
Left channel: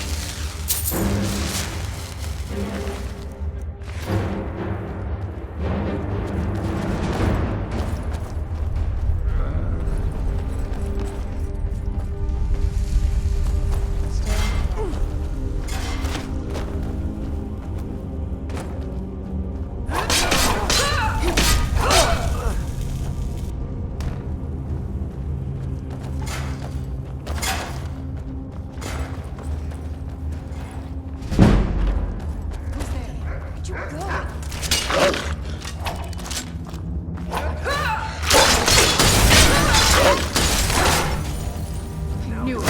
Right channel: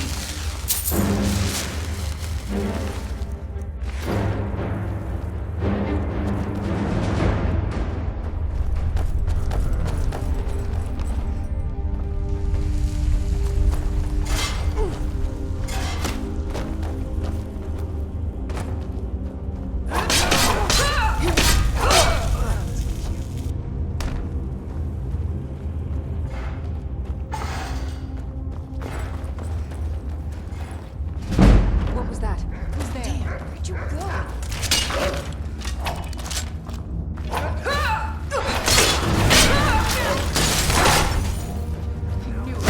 What was that? Who's there? Where'd you go? I knew it.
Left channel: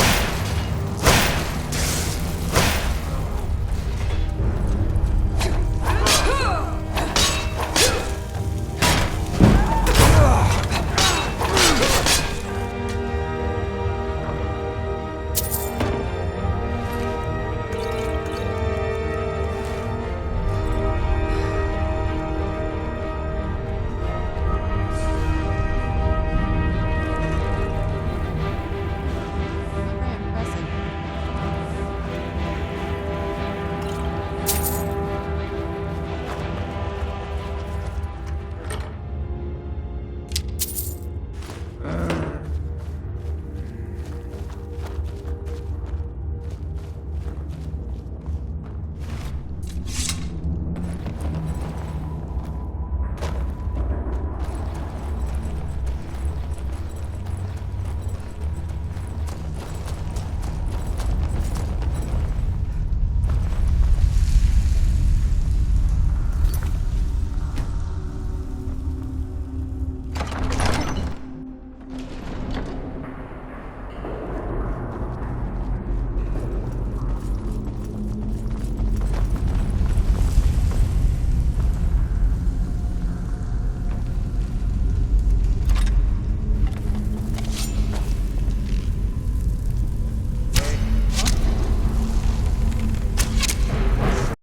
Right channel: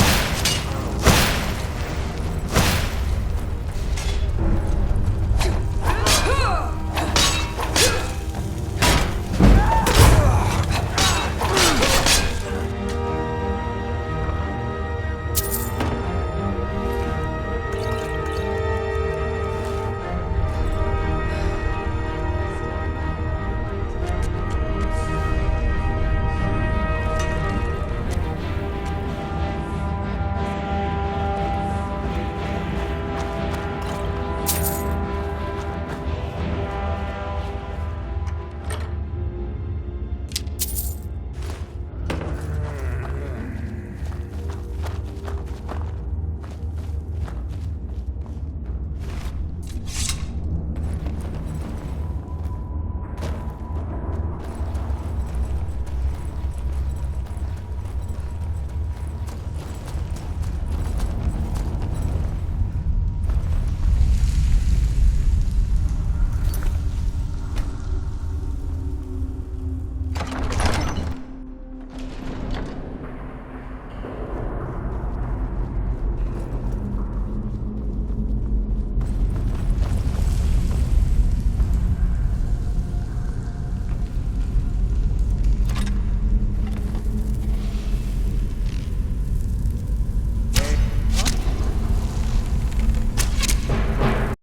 Very impressive.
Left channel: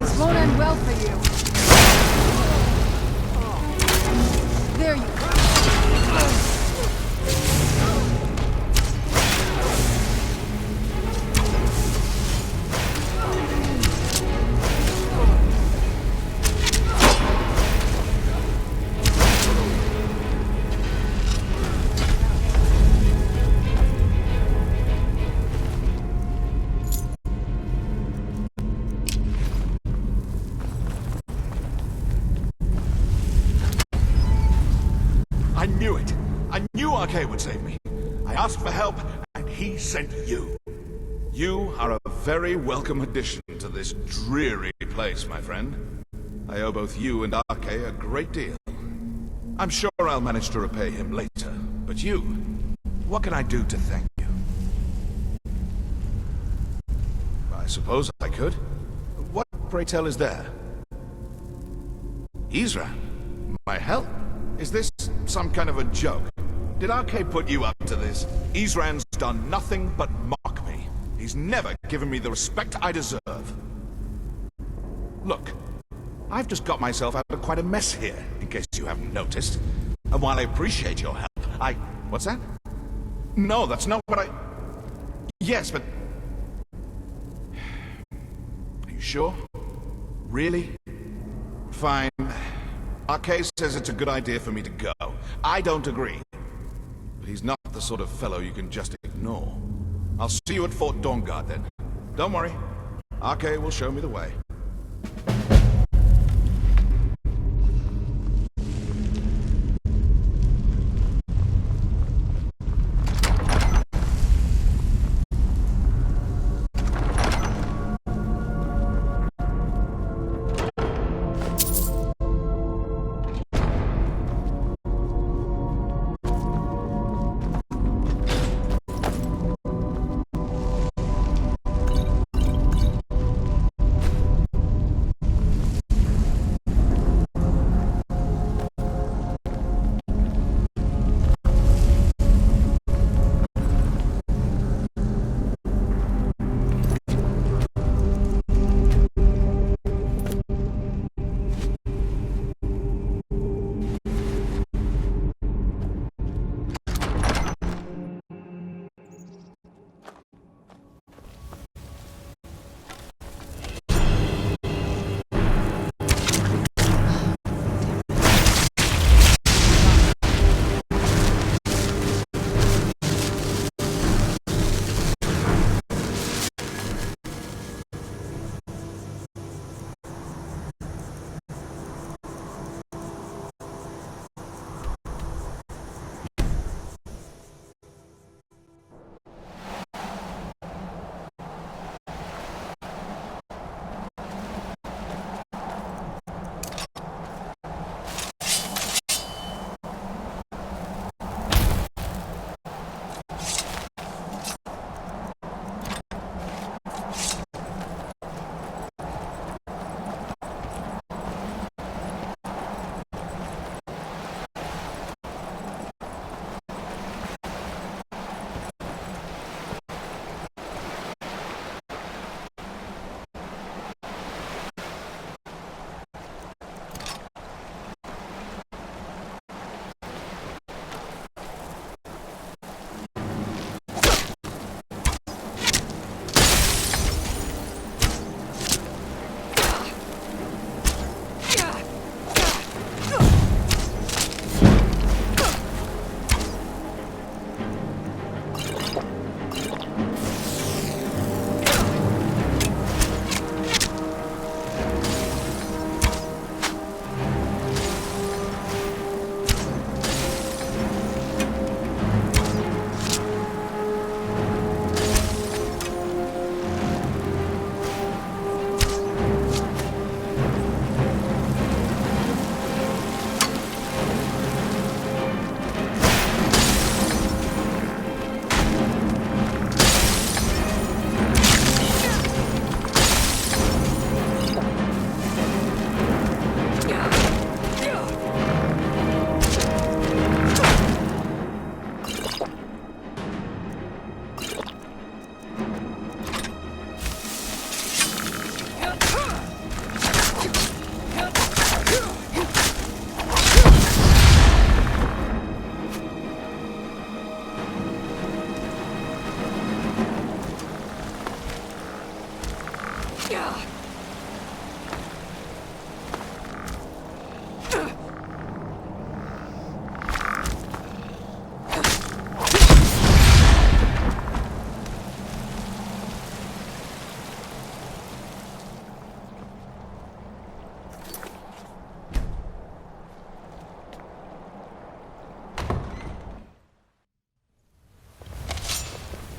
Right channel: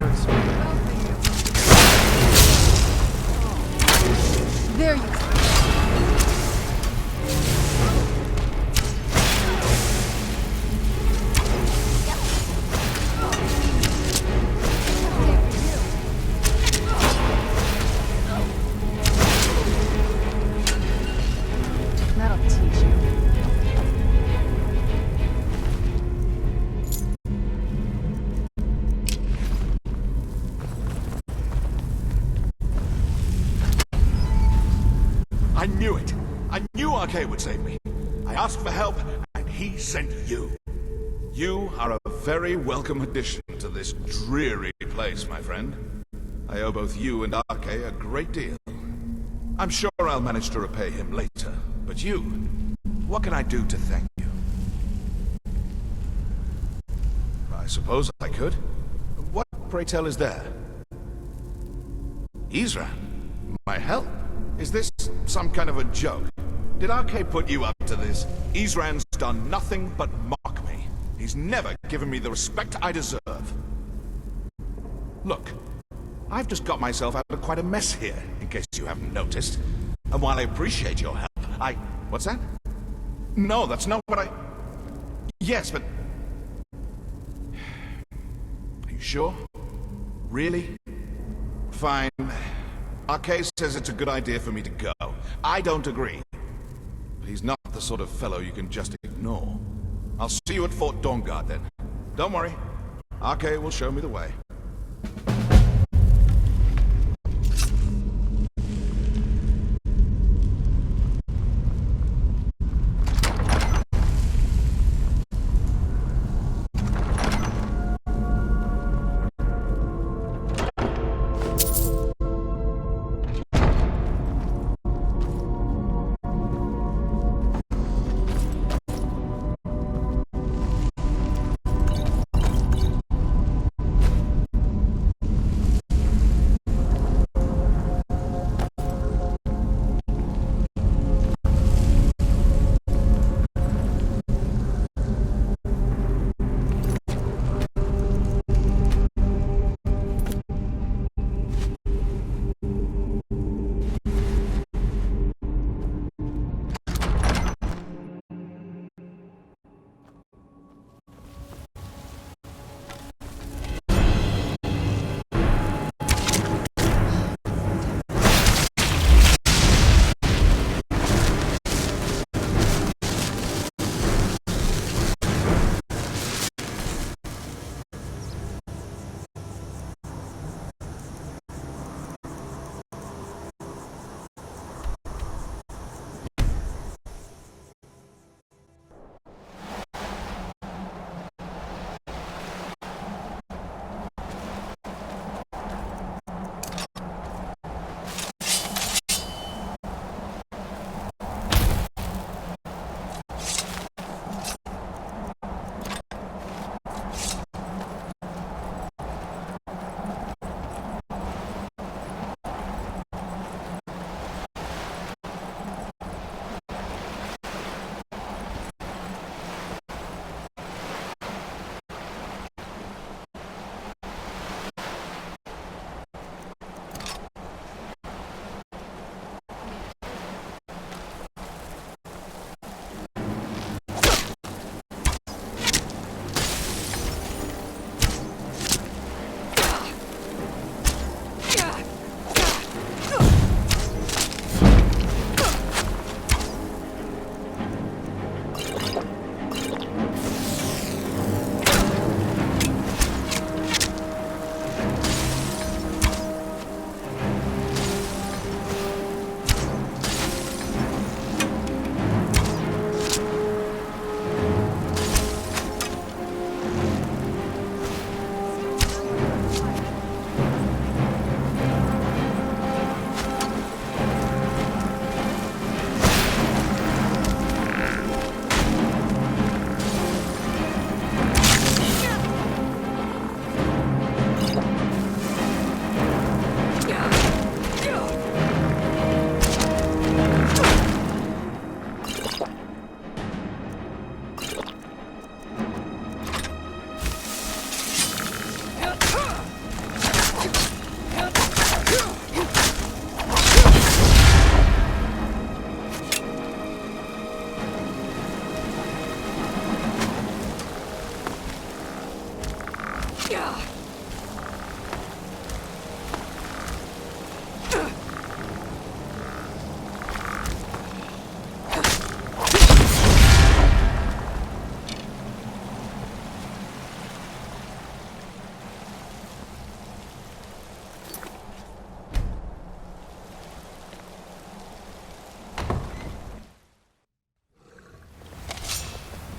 This won't end well for you. There you go. That'll teach you. I knew it. I knew Arcade would save me. I asked for help, and he sent you. You are a very welcome addition to this dreary place, my friend. I owe both you and Arcade a great deal. I'm sure I'll manage to repay him later, but you... What can I do to thank you? I suppose I could. What, pray tell, is there? Isran? My help? Is this some kind of a joke? Did RK put you up to this? Isran's done nothing but mock me. He's never given me the respect I deserve. Look, I've just got myself out of quite a mess here, in case you haven't noticed. And while I appreciate your help, What's that? No, that's not what I... Yes, but... Are you sure? Really? Fine. RK says it's a good idea for me to go. I don't agree. But he's not the sort of fellow you can just ignore. I'll see you at Fort Dawnguard then. Don't worry. RK will show me the way.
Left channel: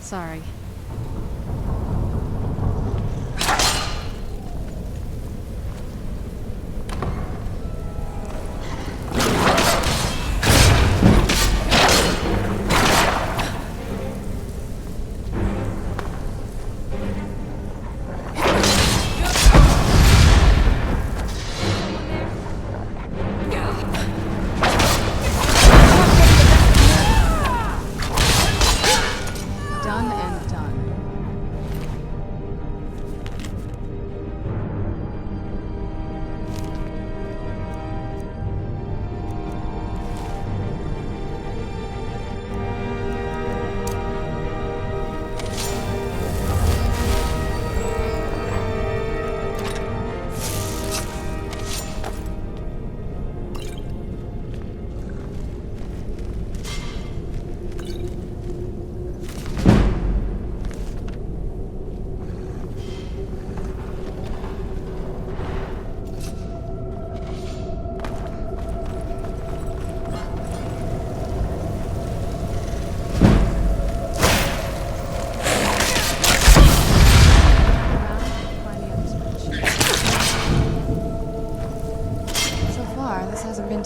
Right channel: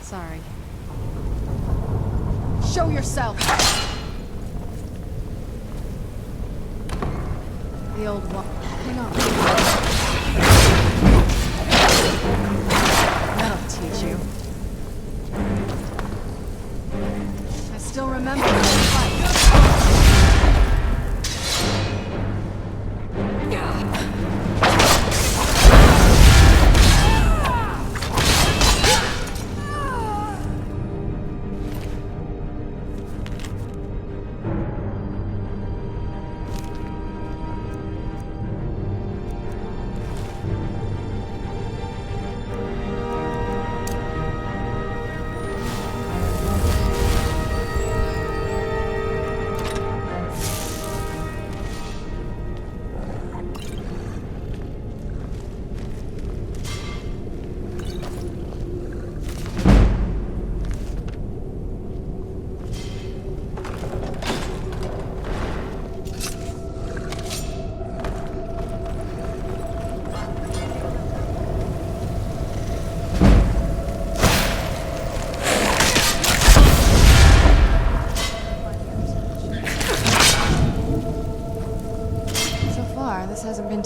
Sorry. Show yourself! The old one. No.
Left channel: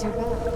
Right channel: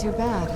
too bad.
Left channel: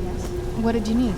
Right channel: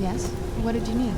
Yes? What did you need?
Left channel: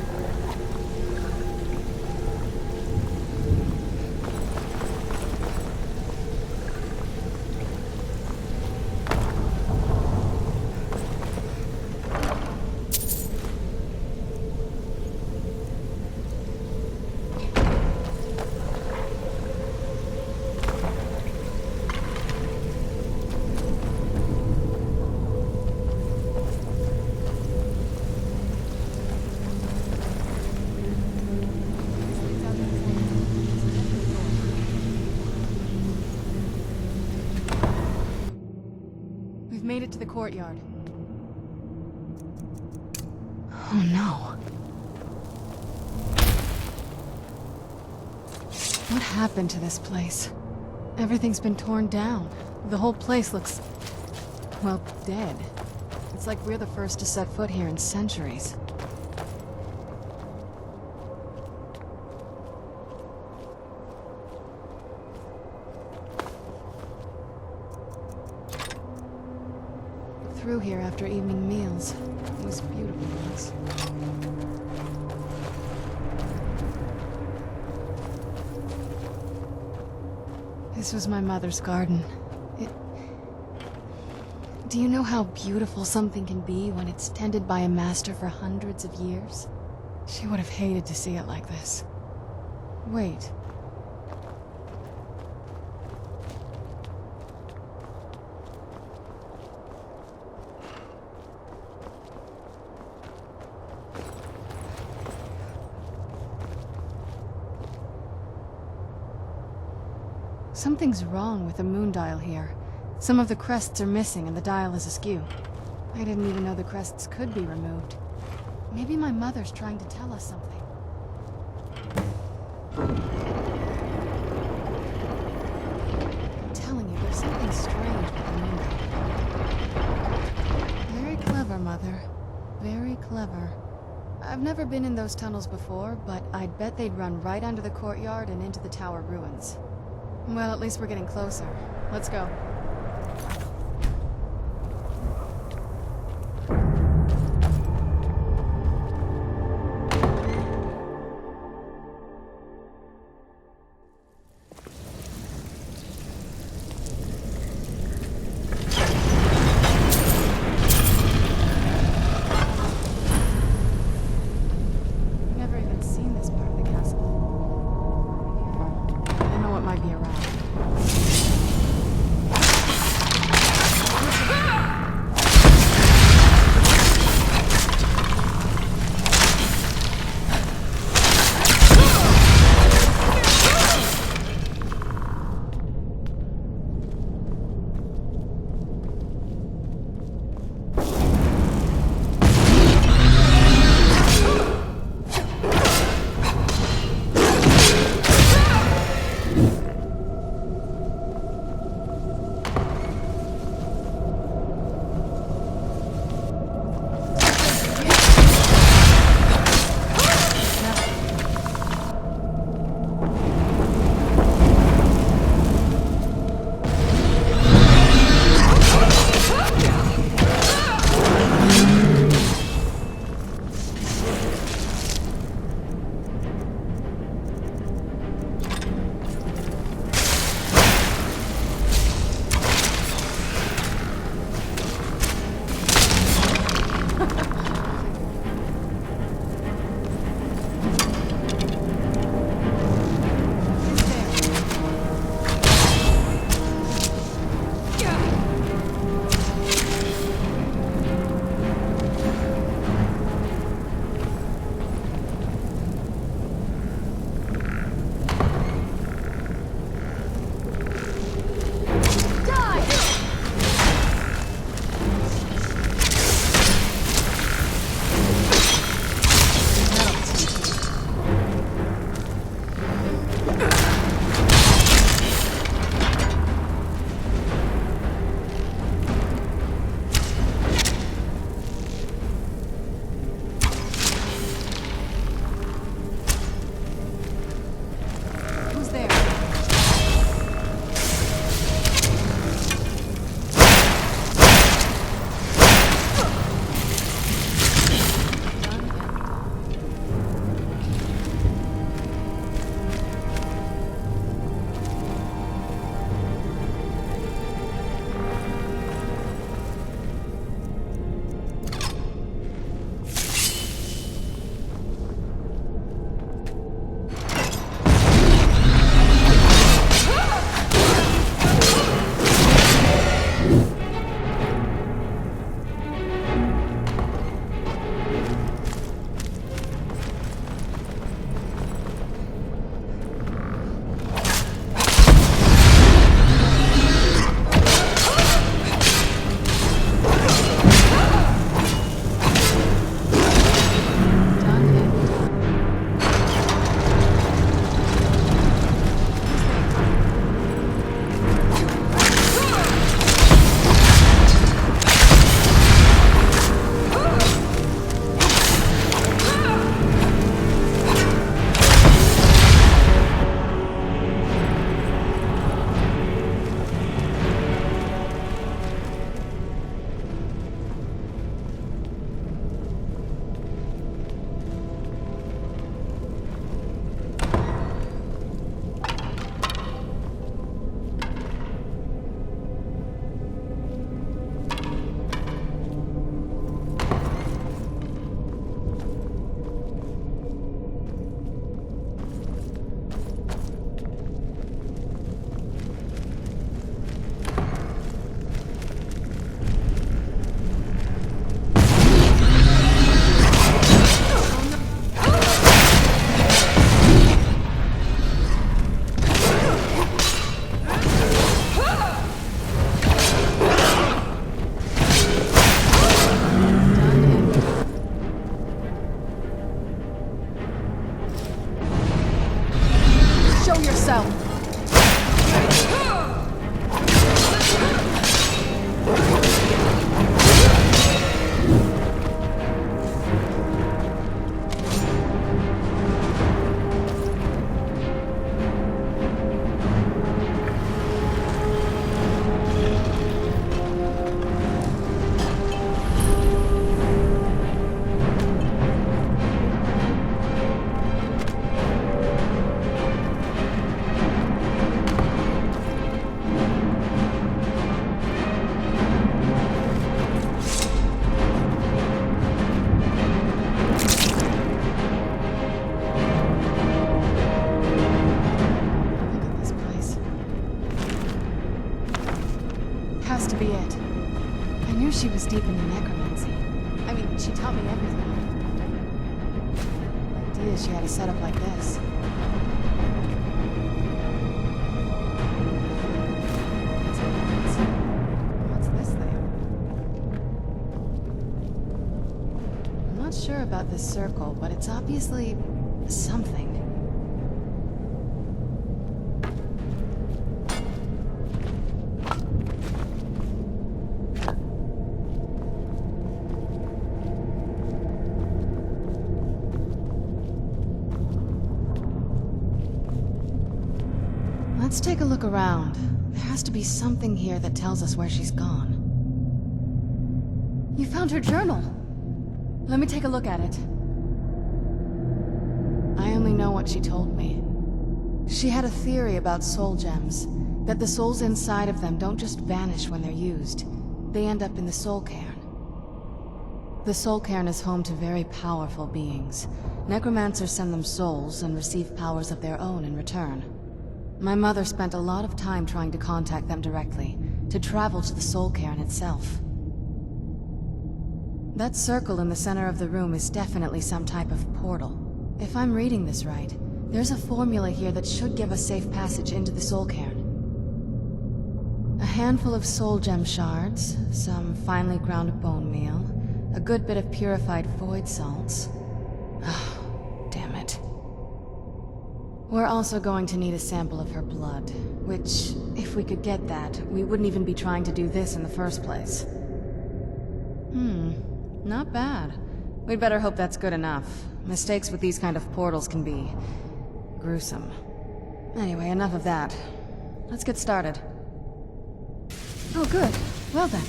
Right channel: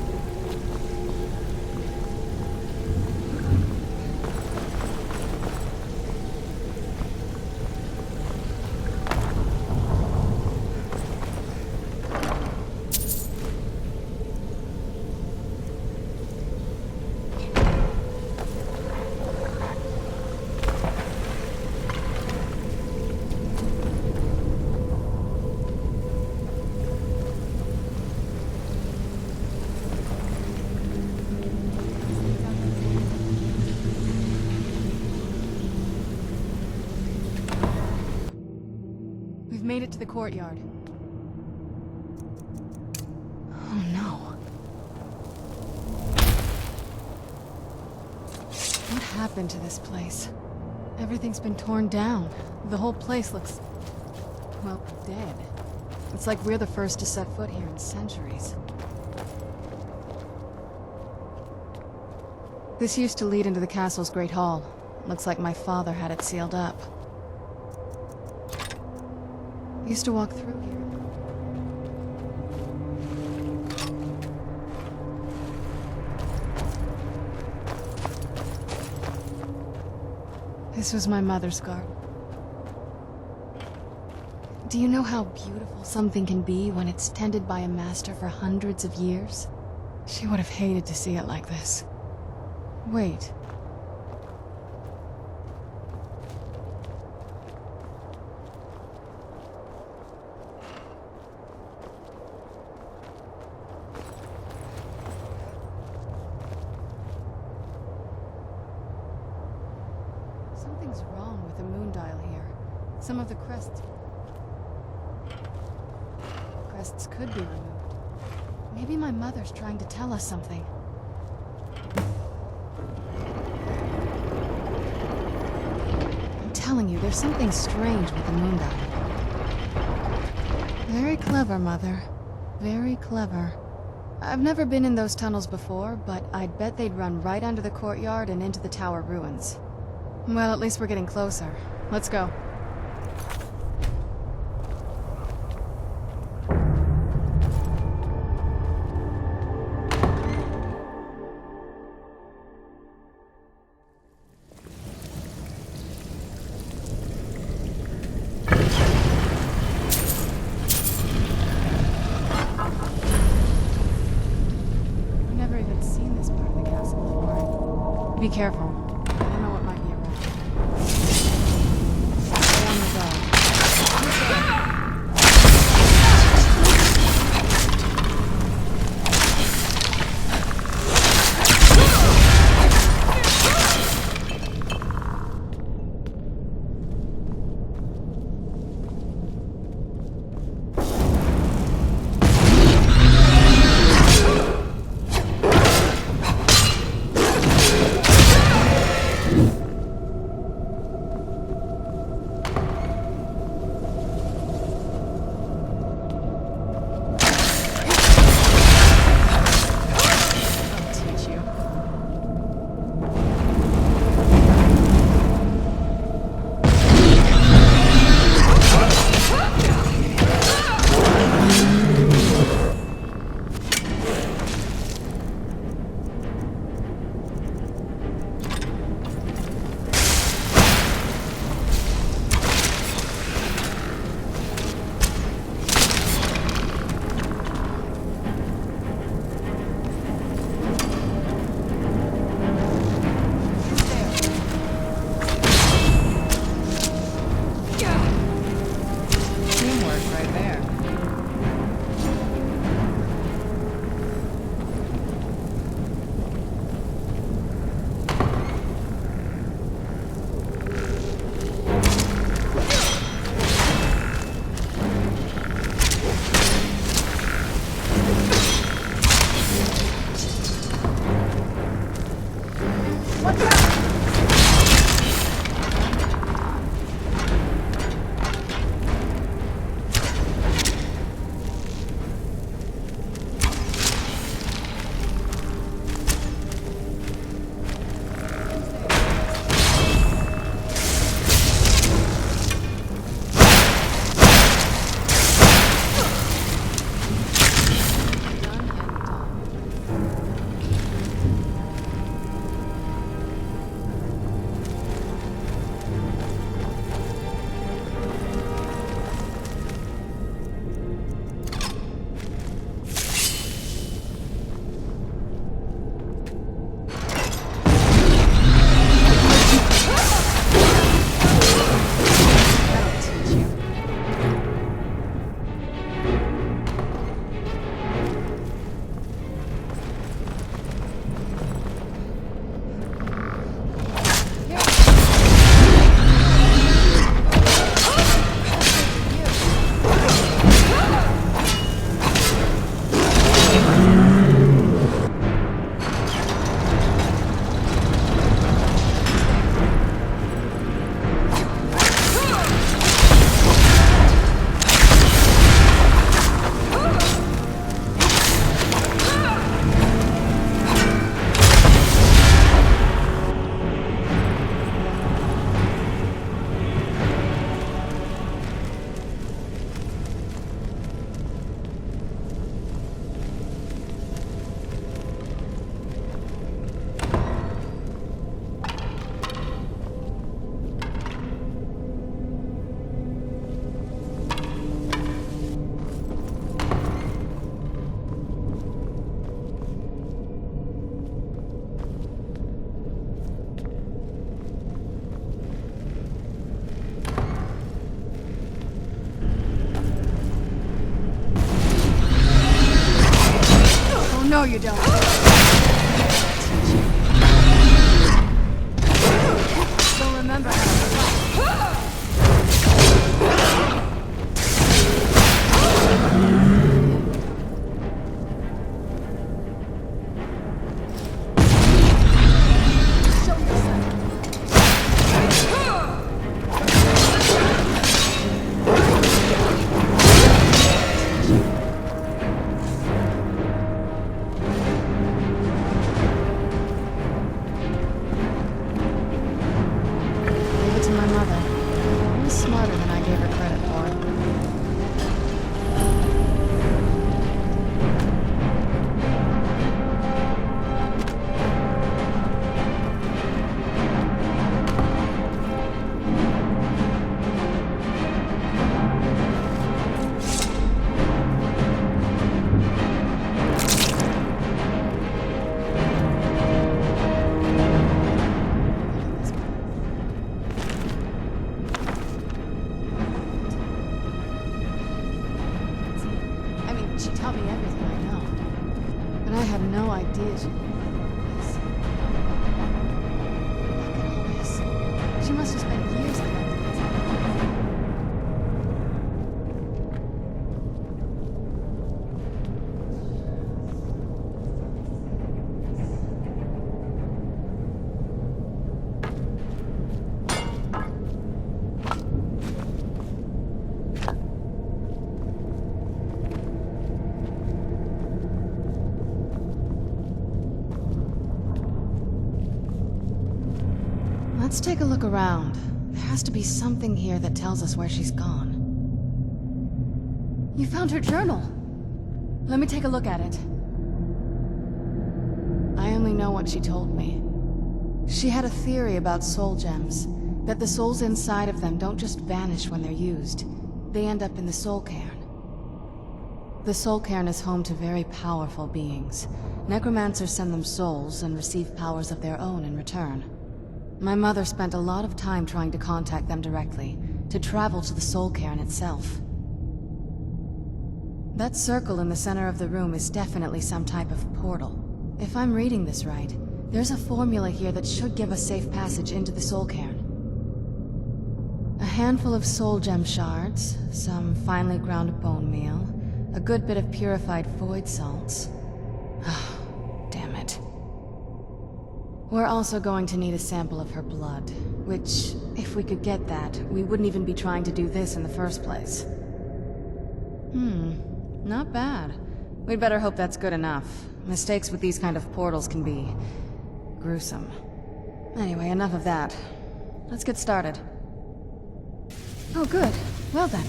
We've made it to the courtyard. Oh no. What happened to this place? Everything's been torn down. The whole place looks, well, dead. It's like we're the first to set foot here in centuries. This used to lead into the castle's great hall. Looks like my father had it sealed up. I used to walk through here after evening meals. It was beautiful. This was my mother's garden. Do you know how beautiful something can be when it's tended by a master for hundreds of years? She would have hated to see it like this. Wait. Something's wrong with the moon dial here. Some of the crests are missing and the dial is askew. I didn't even know the crests could be removed. Maybe my mother's trying to tell us something. I'm telling you, there's something strange with the moon dial. Very clever, Mother. Very clever. I've never been in those tunnels before, but I'd bet they'd run right under the courtyard and into the tower ruins. Well, at least we're getting closer. Let's go. I've never even seen this part of the castle before. Be careful. I don't know what might be around. Show yourself! She was deep in the necromancy. I mean, she taught me everything I know. But I had no idea she had a setup like this. She must have spent years in that dance. What's this thing? I'm not sure about this circle, but it's obviously something. Let's take a look around. There has to be something here that tells us where she's gone. You found her journal! Let me take a look at it. I only know what she told me. She had a theory about soul gems, that the souls inside of them don't just vanish when they're used. They end up in the soul cairn. The soul cairn is home to very powerful beings. Necromancers send them souls and receive powers of their own in return. My mother spent a lot of time trying to contact them directly, to travel to the soul cairn itself. That circle in the center of the room is definitely some type of portal. If I'm reading this right, there's a formula here that should give us safe passage into the soul cairn. A handful of soul gem shards, some finely ground bone meal, a good bit of purified void salts. Oh, damn it. We're also going to need a sample of her blood, which, if we could get that, we wouldn't even be trying to do this in the first place. Not bad. We'd better hope that's good enough. Mistakes with these kind of portals can be gruesome. Anyway, enough of that. Let's get started. Oh, good. Well then,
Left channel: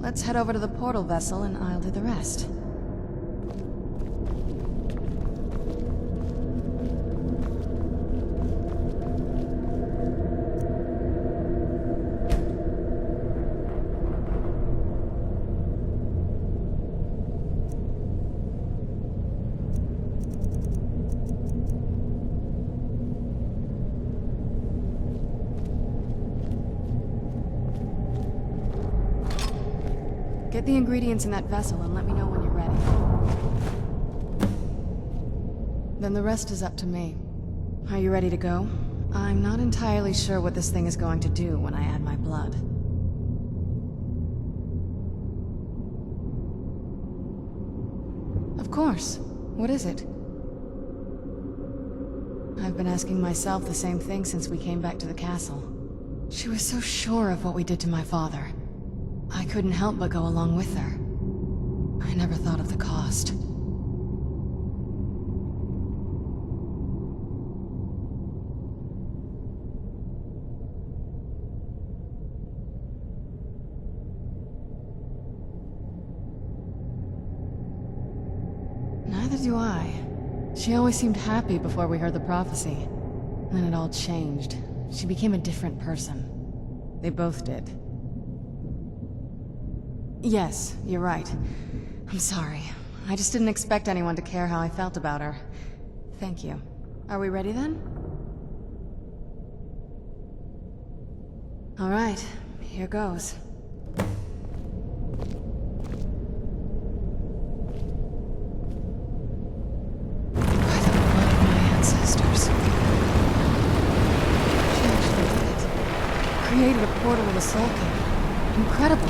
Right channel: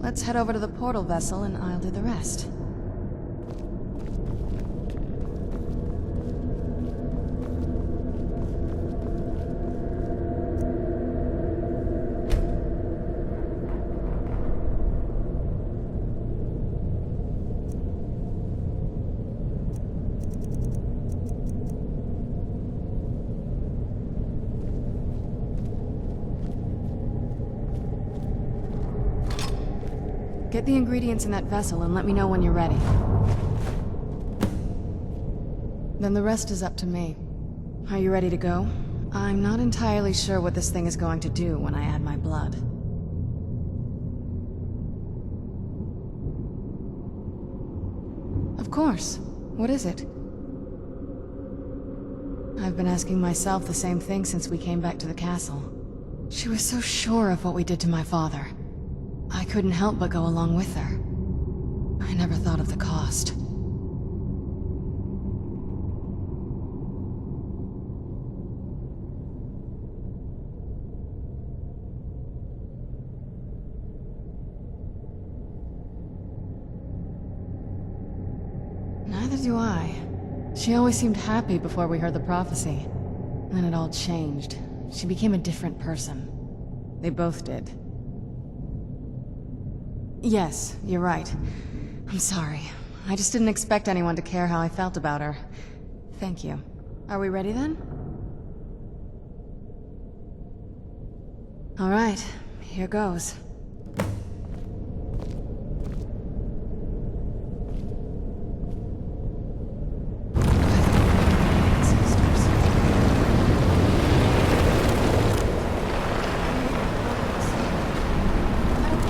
let's head over to the portal vessel and I'll do the rest. Get the ingredients in that vessel and let me know when you're ready. Then the rest is up to me. Are you ready to go? I'm not entirely sure what this thing is going to do when I add my blood. Of course. What is it? I've been asking myself the same thing since we came back to the castle. She was so sure of what we did to my father. I couldn't help but go along with her. I never thought of the cost. Neither do I. She always seemed happy before we heard the prophecy. Then it all changed. She became a different person. They both did. Yes, you're right. I'm sorry. I just didn't expect anyone to care how I felt about her. Thank you. Are we ready then? All right, here goes. portal of the Soul King. Incredible.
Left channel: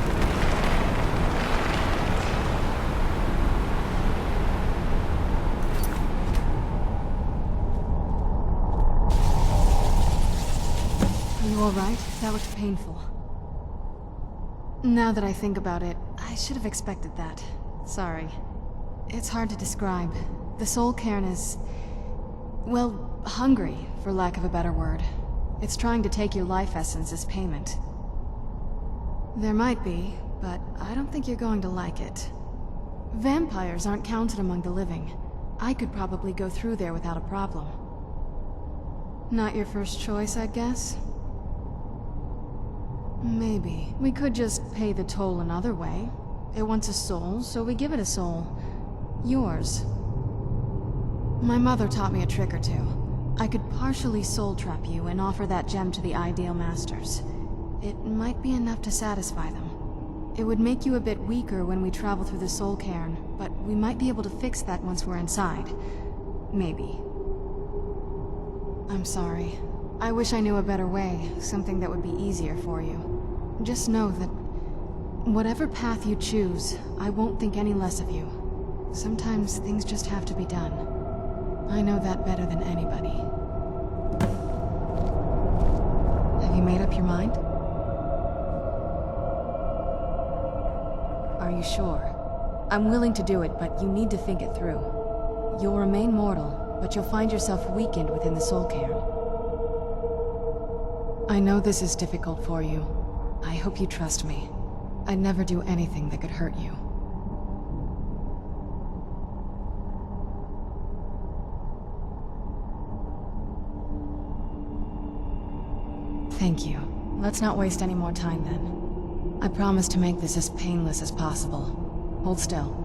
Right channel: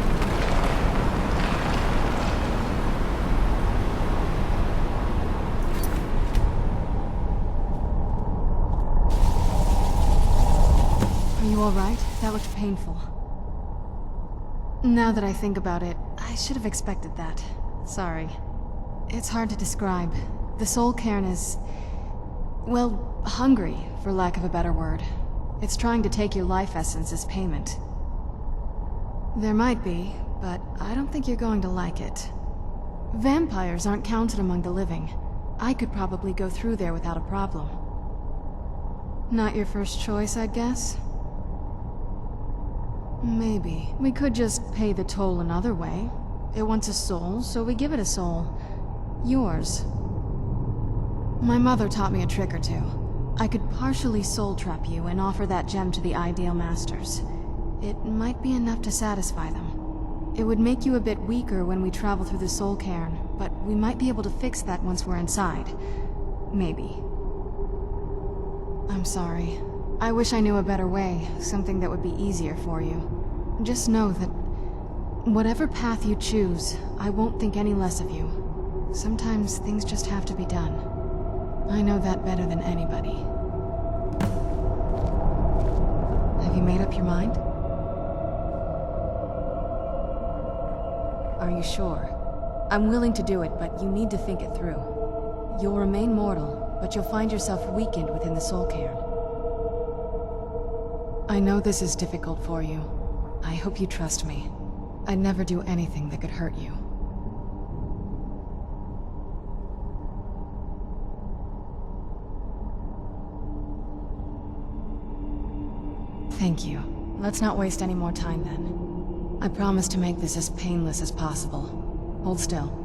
Are you alright? That looked painful. Now that I think about it, I should have expected that. Sorry. It's hard to describe. The Soul Cairn is... well, hungry, for lack of a better word. It's trying to take your life essence as payment. There might be, but I don't think you're going to like it. Vampires aren't counted among the living. I could probably go through there without a problem. Not your first choice, I'd guess? Maybe. We could just pay the toll another way. It wants a soul, so we give it a soul. Yours. My mother taught me a trick or two. I could partially soul trap you and offer that gem to the Ideal Masters. It might be enough to satisfy them. It would make you a bit weaker when we travel through the Soul Cairn, but we might be able to fix that once we're inside. Maybe. I'm sorry. I wish I knew a better way, something that would be easier for you. Just know that whatever path you choose, I won't think any less of you. Sometimes things just have to be done. I know that better than anybody. Have you made up your mind? Are you sure? I'm willing to do it, but you need to think it through. You'll remain mortal, but you'll find yourself weakened within the Soul Cairn. I know this is difficult for you. I hope you trust me. I'd never do anything that could hurt you. Thank you. Let's not waste any more time then. I promise to make this as painless as possible. Hold still.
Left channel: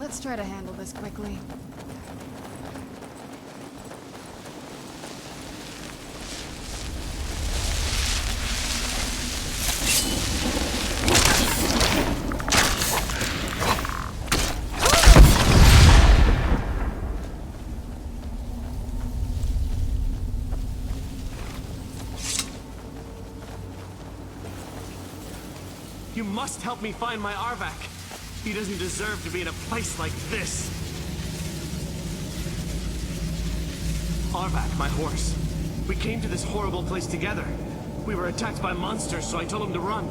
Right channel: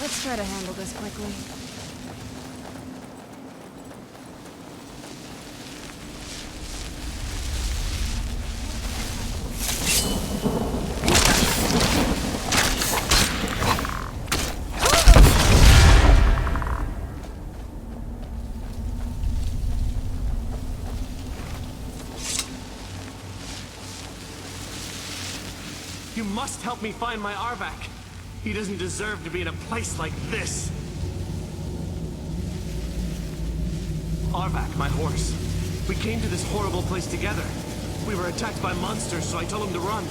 Let's try to handle this quickly. You must help me find my Arvak. He doesn't deserve to be in a place like this. Arvak, my horse. We came to this horrible place together. We were attacked by monsters, so I told him to run.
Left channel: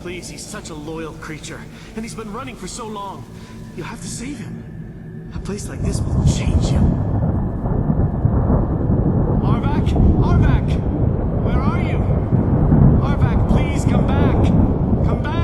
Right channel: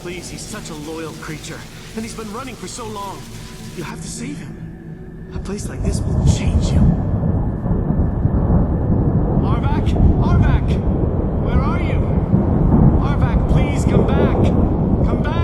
Please, he's such a loyal creature, and he's been running for so long. You have to save him. A place like this will change you. Arvak! Arvak! Where are you? Arvak, please come back! Come back!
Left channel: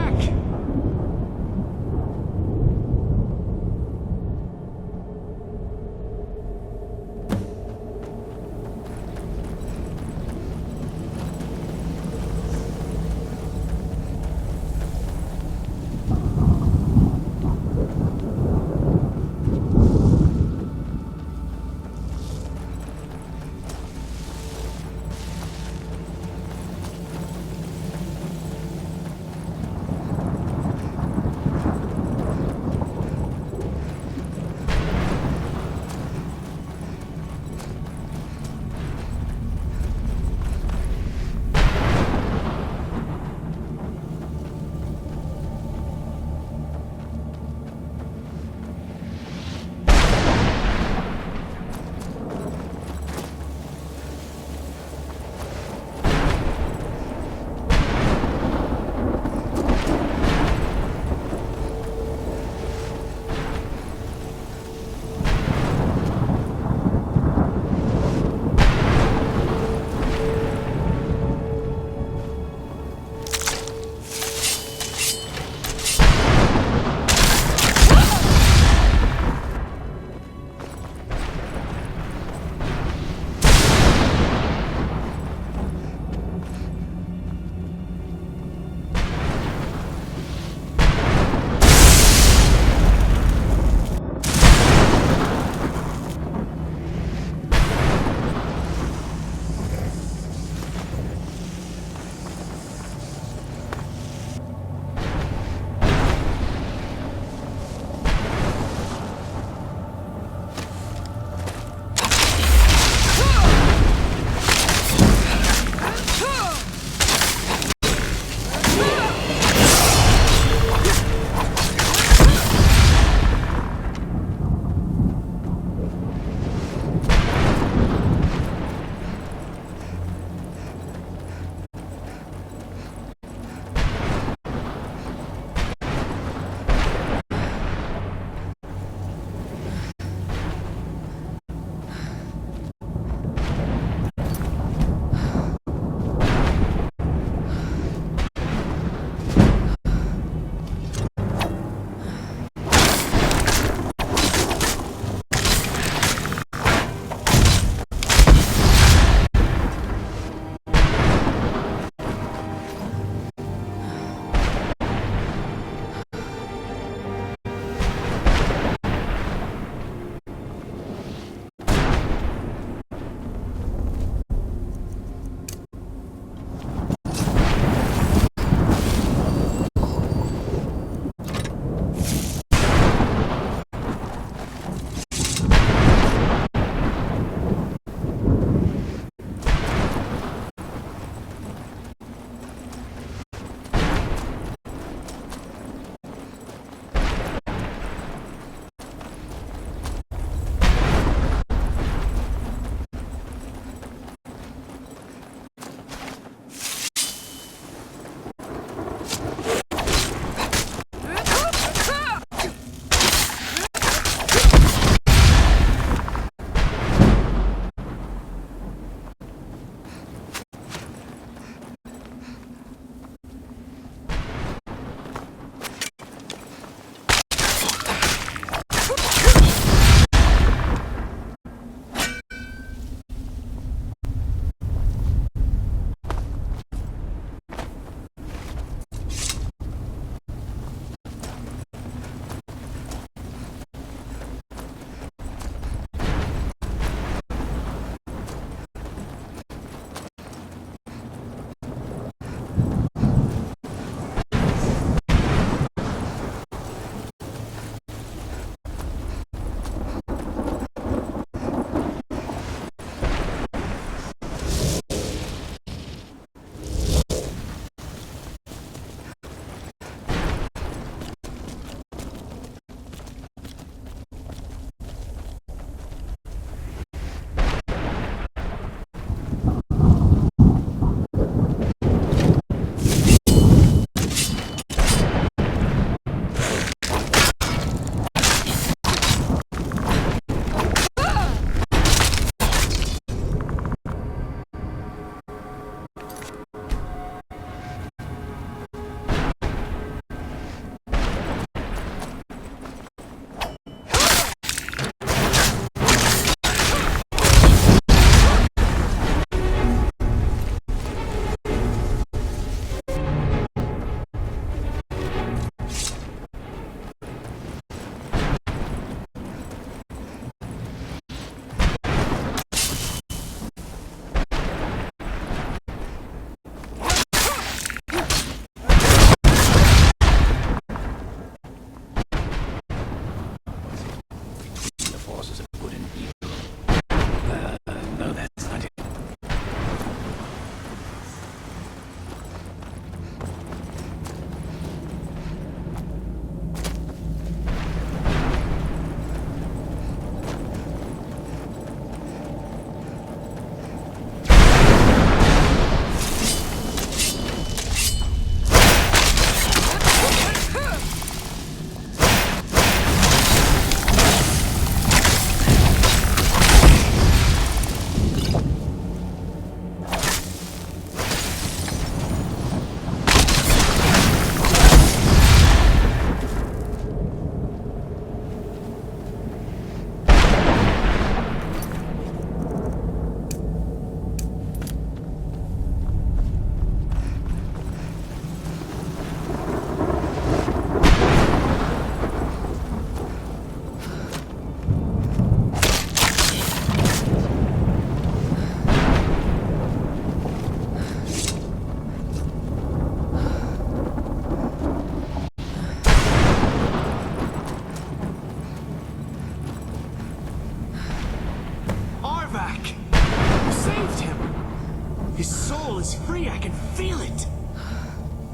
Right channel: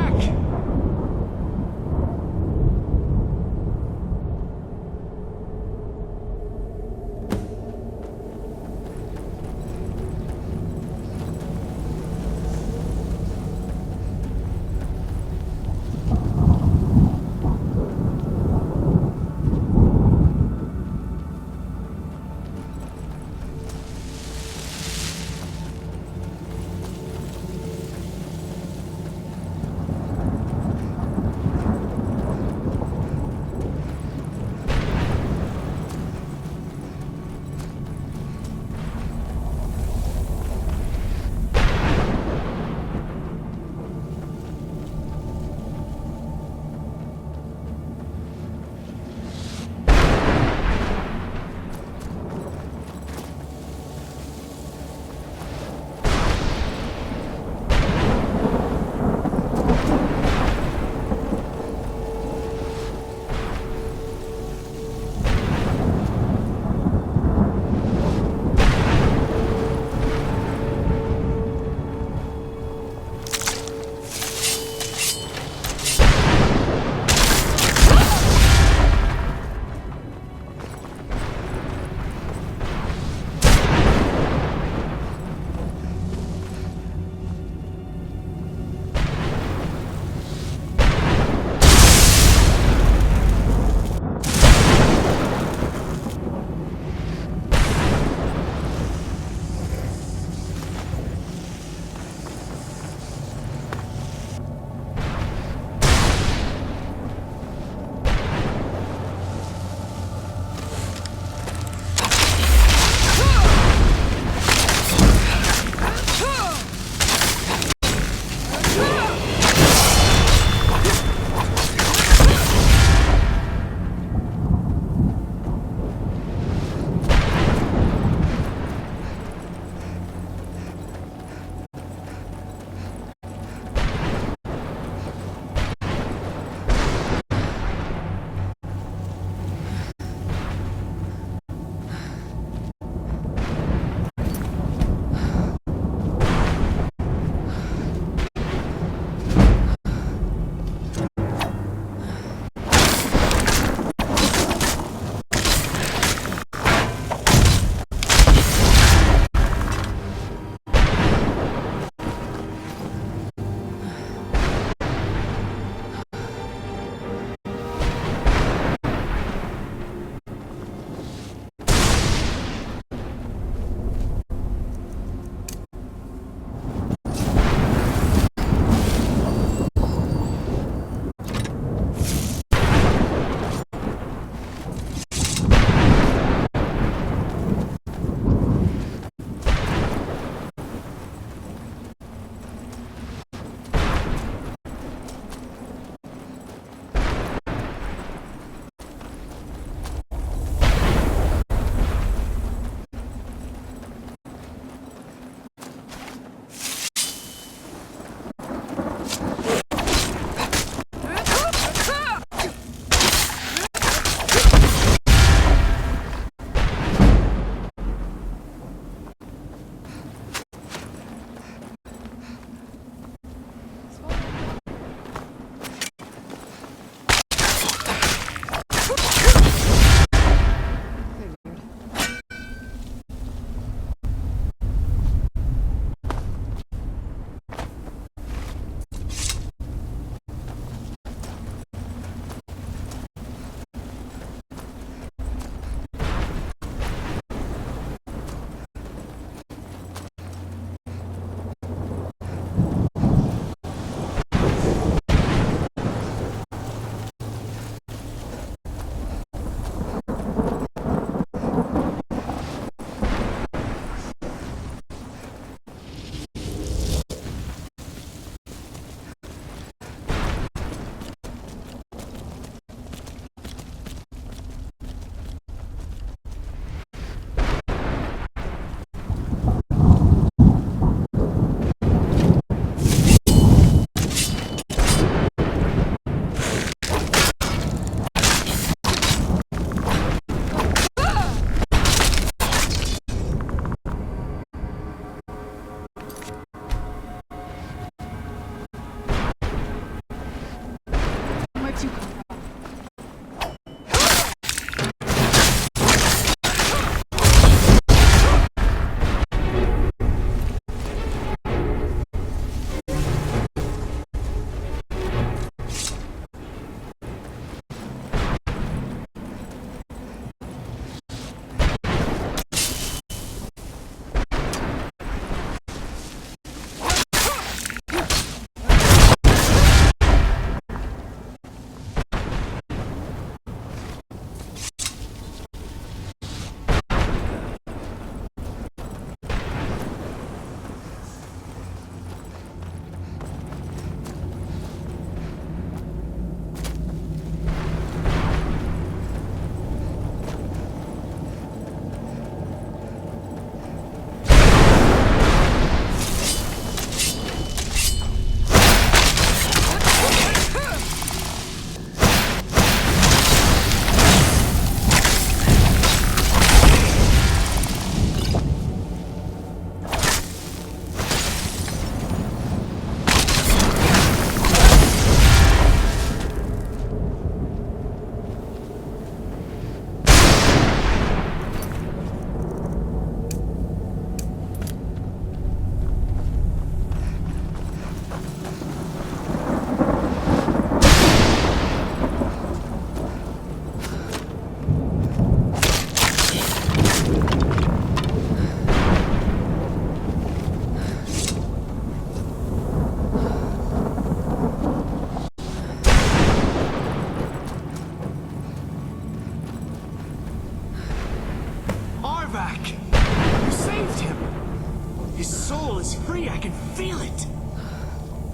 His soul is free, I can feel it!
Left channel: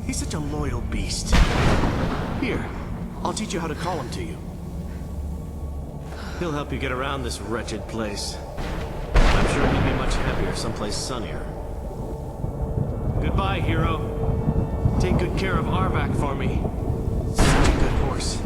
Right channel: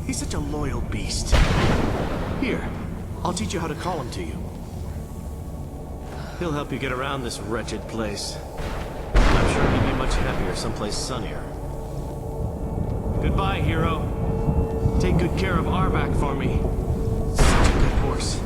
He's such a loyal beast. Here, I'll teach you how to call him to you. He'll help you get around this wretched place. I'm sure he'd be much happier someplace sunnier. Goodbye, hero. Take good care of Arvak for me. Such a good horse.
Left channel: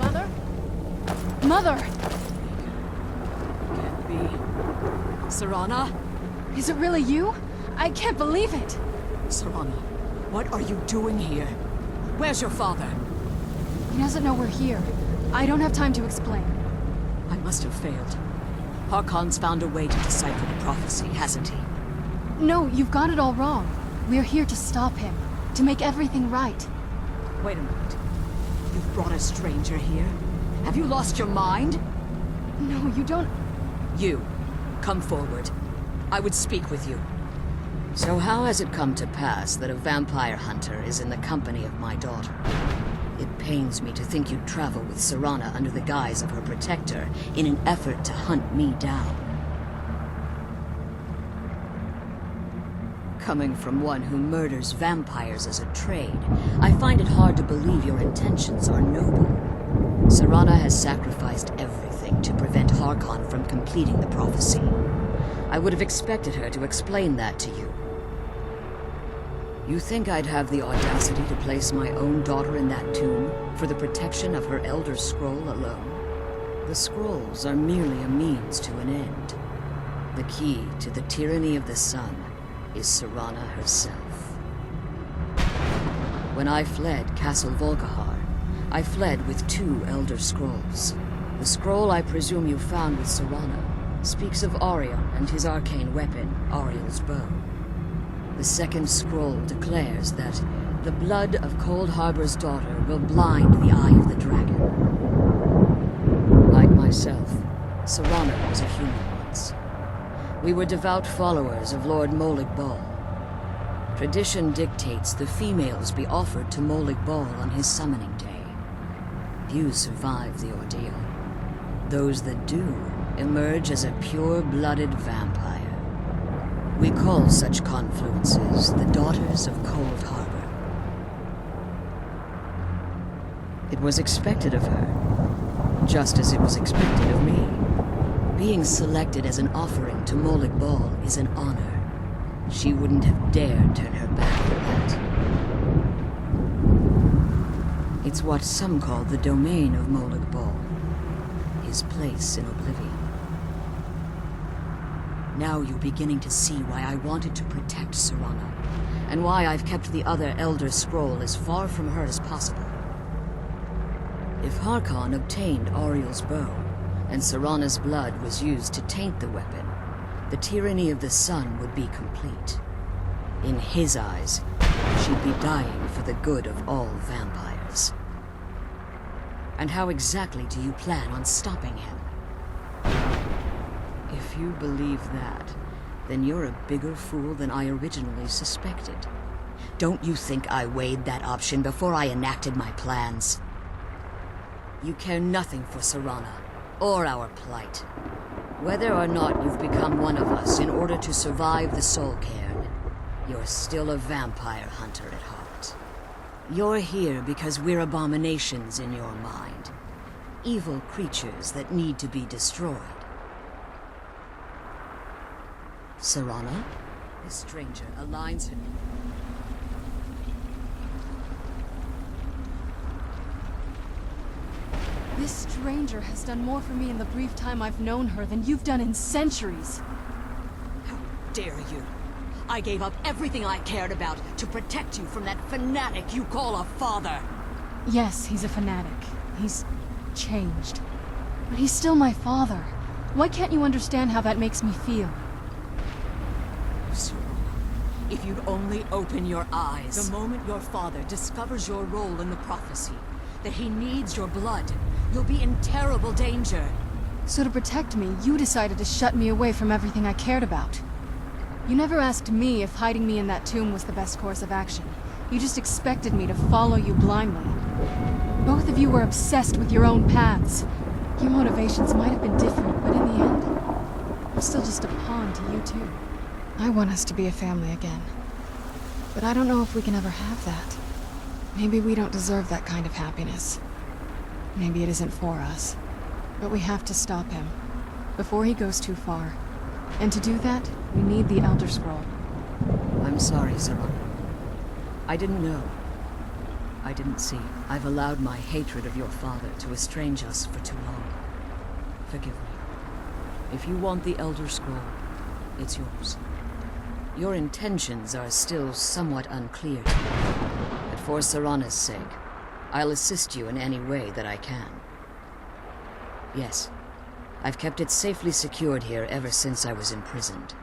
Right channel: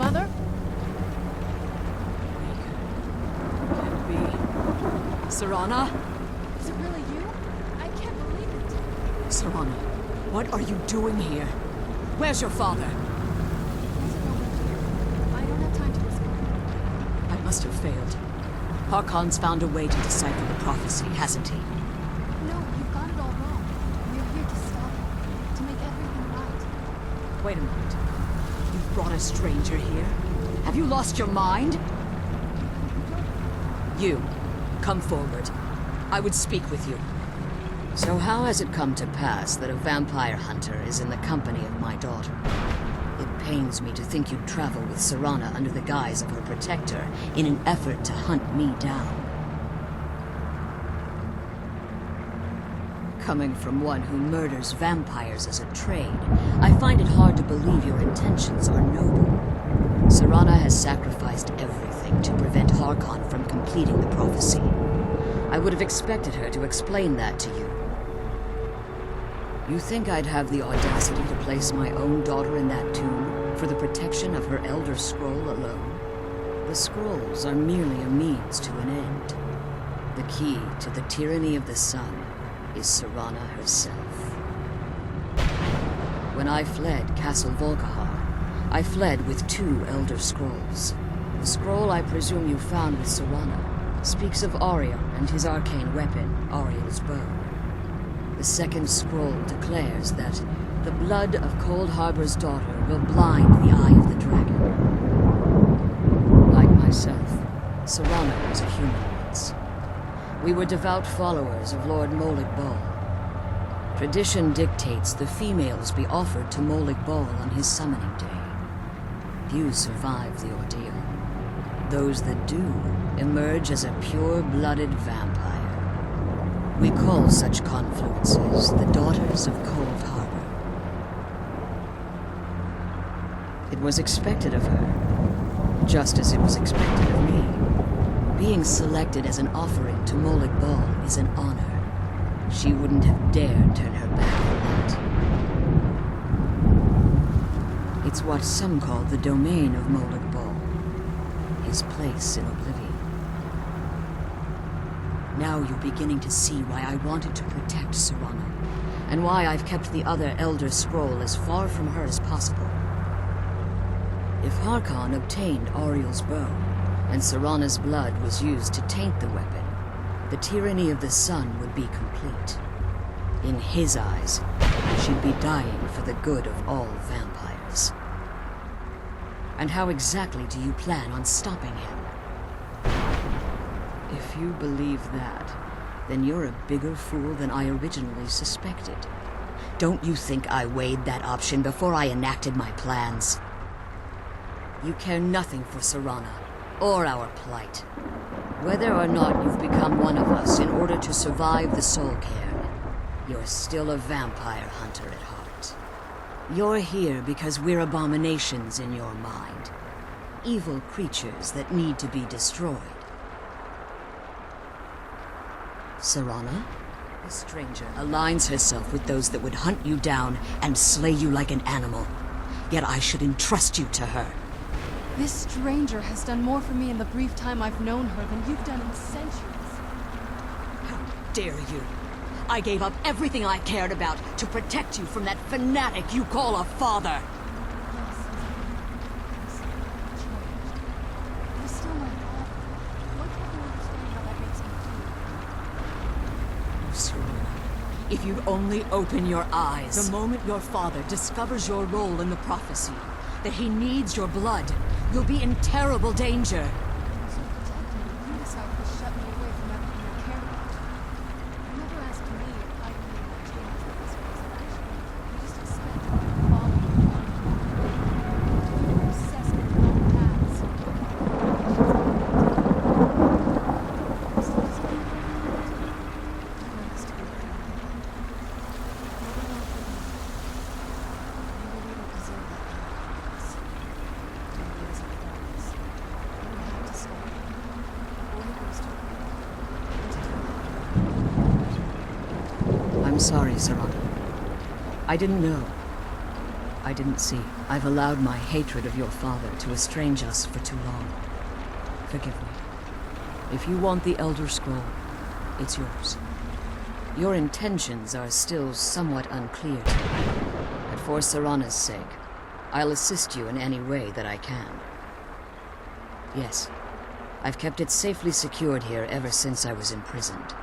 Mother? Mother! Can't be. Serana? Is it really you? I can't believe it! Serana, what are you doing here? Where's your father? He doesn't know we're here. I don't have time to explain. I must have failed. Harkon's found a way to decipher the prophecy, hasn't he? No, you've got it all wrong. We're here to stop him. To make everything right. Wait a minute. You've brought a stranger here? Have you lost your mind? No, you don't... You, come forward. I would speak with you. So how has it come to pass that a vampire hunter is in the company of my daughter? It pains me to think you'd travel with Serana under the guise of her protector in an effort to hunt me down. Coming from one who murders vampires as a trade, I find it hard to believe your intentions are noble. Serana has sacrificed everything to prevent Harkon from completing the prophecy. I would have expected her to explain that to you. You think I'd have the audacity to place my own daughter in that tomb for the protection of her Elder Scroll alone? The scrolls are merely a means to an end. The key to the tyranny of the sun is Serana herself. When I fled Castle Volkihar, I fled with 2 Elder Scrolls. The scroll I presume you found with Serana speaks of Aurion and his arcane weapon, Auriel's bow. The second scroll declares that the blood of Cold Harbor's daughter will blind the eye of the dragon. Like myself, Serana was a human once. We were devout followers of Lord Molig Bal. Tradition dictates the females be offered to Molig Bal on his summoning day. Few survive the ordeal. Those that do emerge as a pure-blooded vampire. We call such confluences the Daughters of Cold Harbor. It was expected of her, just as it was expected of me. Being selected as an offering to Molig Bal is an honor. She wouldn't have dared turn her back on that. It's what some call the domain of Molig Bal, his place in oblivion. Now you're beginning to see why I wanted to protect Serana, and why I've kept the other Elder Scroll as far from her as possible. If Harkon obtained Auriel's bow, and Serana's blood was used to taint the weapon, the tyranny of the sun would be complete. In his eyes, she'd be dying for the good of all vampires. And how exactly do you plan on stopping him? If you believe that, then you're a bigger fool than I originally suspected. Don't you think I weighed that option before I enacted my plans? You care nothing for Serana, or our plight. Whether or not you've become one of us in order to survive the Soul Cairn, you're still a vampire hunter at heart. You're here because we're abominations in your mind. Evil creatures that need to be destroyed. Serana? The stranger aligns herself with those that would hunt you down and slay you like an animal. Yet I should entrust you to her. This stranger has done more for me in the brief time I've known her than you've done in centuries. How dare you? I gave up everything I cared about to protect you from that fanatic you call a father. Yes, he's a fanatic. He's changed. But he's still my father. Why can't you understand how that makes me feel? Serana, if you'd only open your eyes. The moment your father discovers your role in the prophecy, that he needs your blood, you'll be in terrible danger. So to protect me, you decided to shut me away from everything I cared about. You never asked me if hiding me in that tomb was the best course of action. You just expected me to follow you blindly. Both of you were obsessed with your own paths. Your motivations might have been different, but in the end, I'm still just a pawn to you two. I want us to be a family again. But I don't know if we can ever have that. Maybe we don't deserve that kind of happiness. Maybe it isn't for us. But we have to stop him, before he goes too far. And to do that, we need the Elder Scroll. I'm sorry, Serana. I didn't know. I didn't see. I've allowed my hatred of your father to estrange us for too long. Forgive me. If you want the Elder Scroll, it's yours. Your intentions are still somewhat unclear to me. But for Serana's sake, I'll assist you in any way that I can. Yes, I've kept it safely secured here ever since I was imprisoned.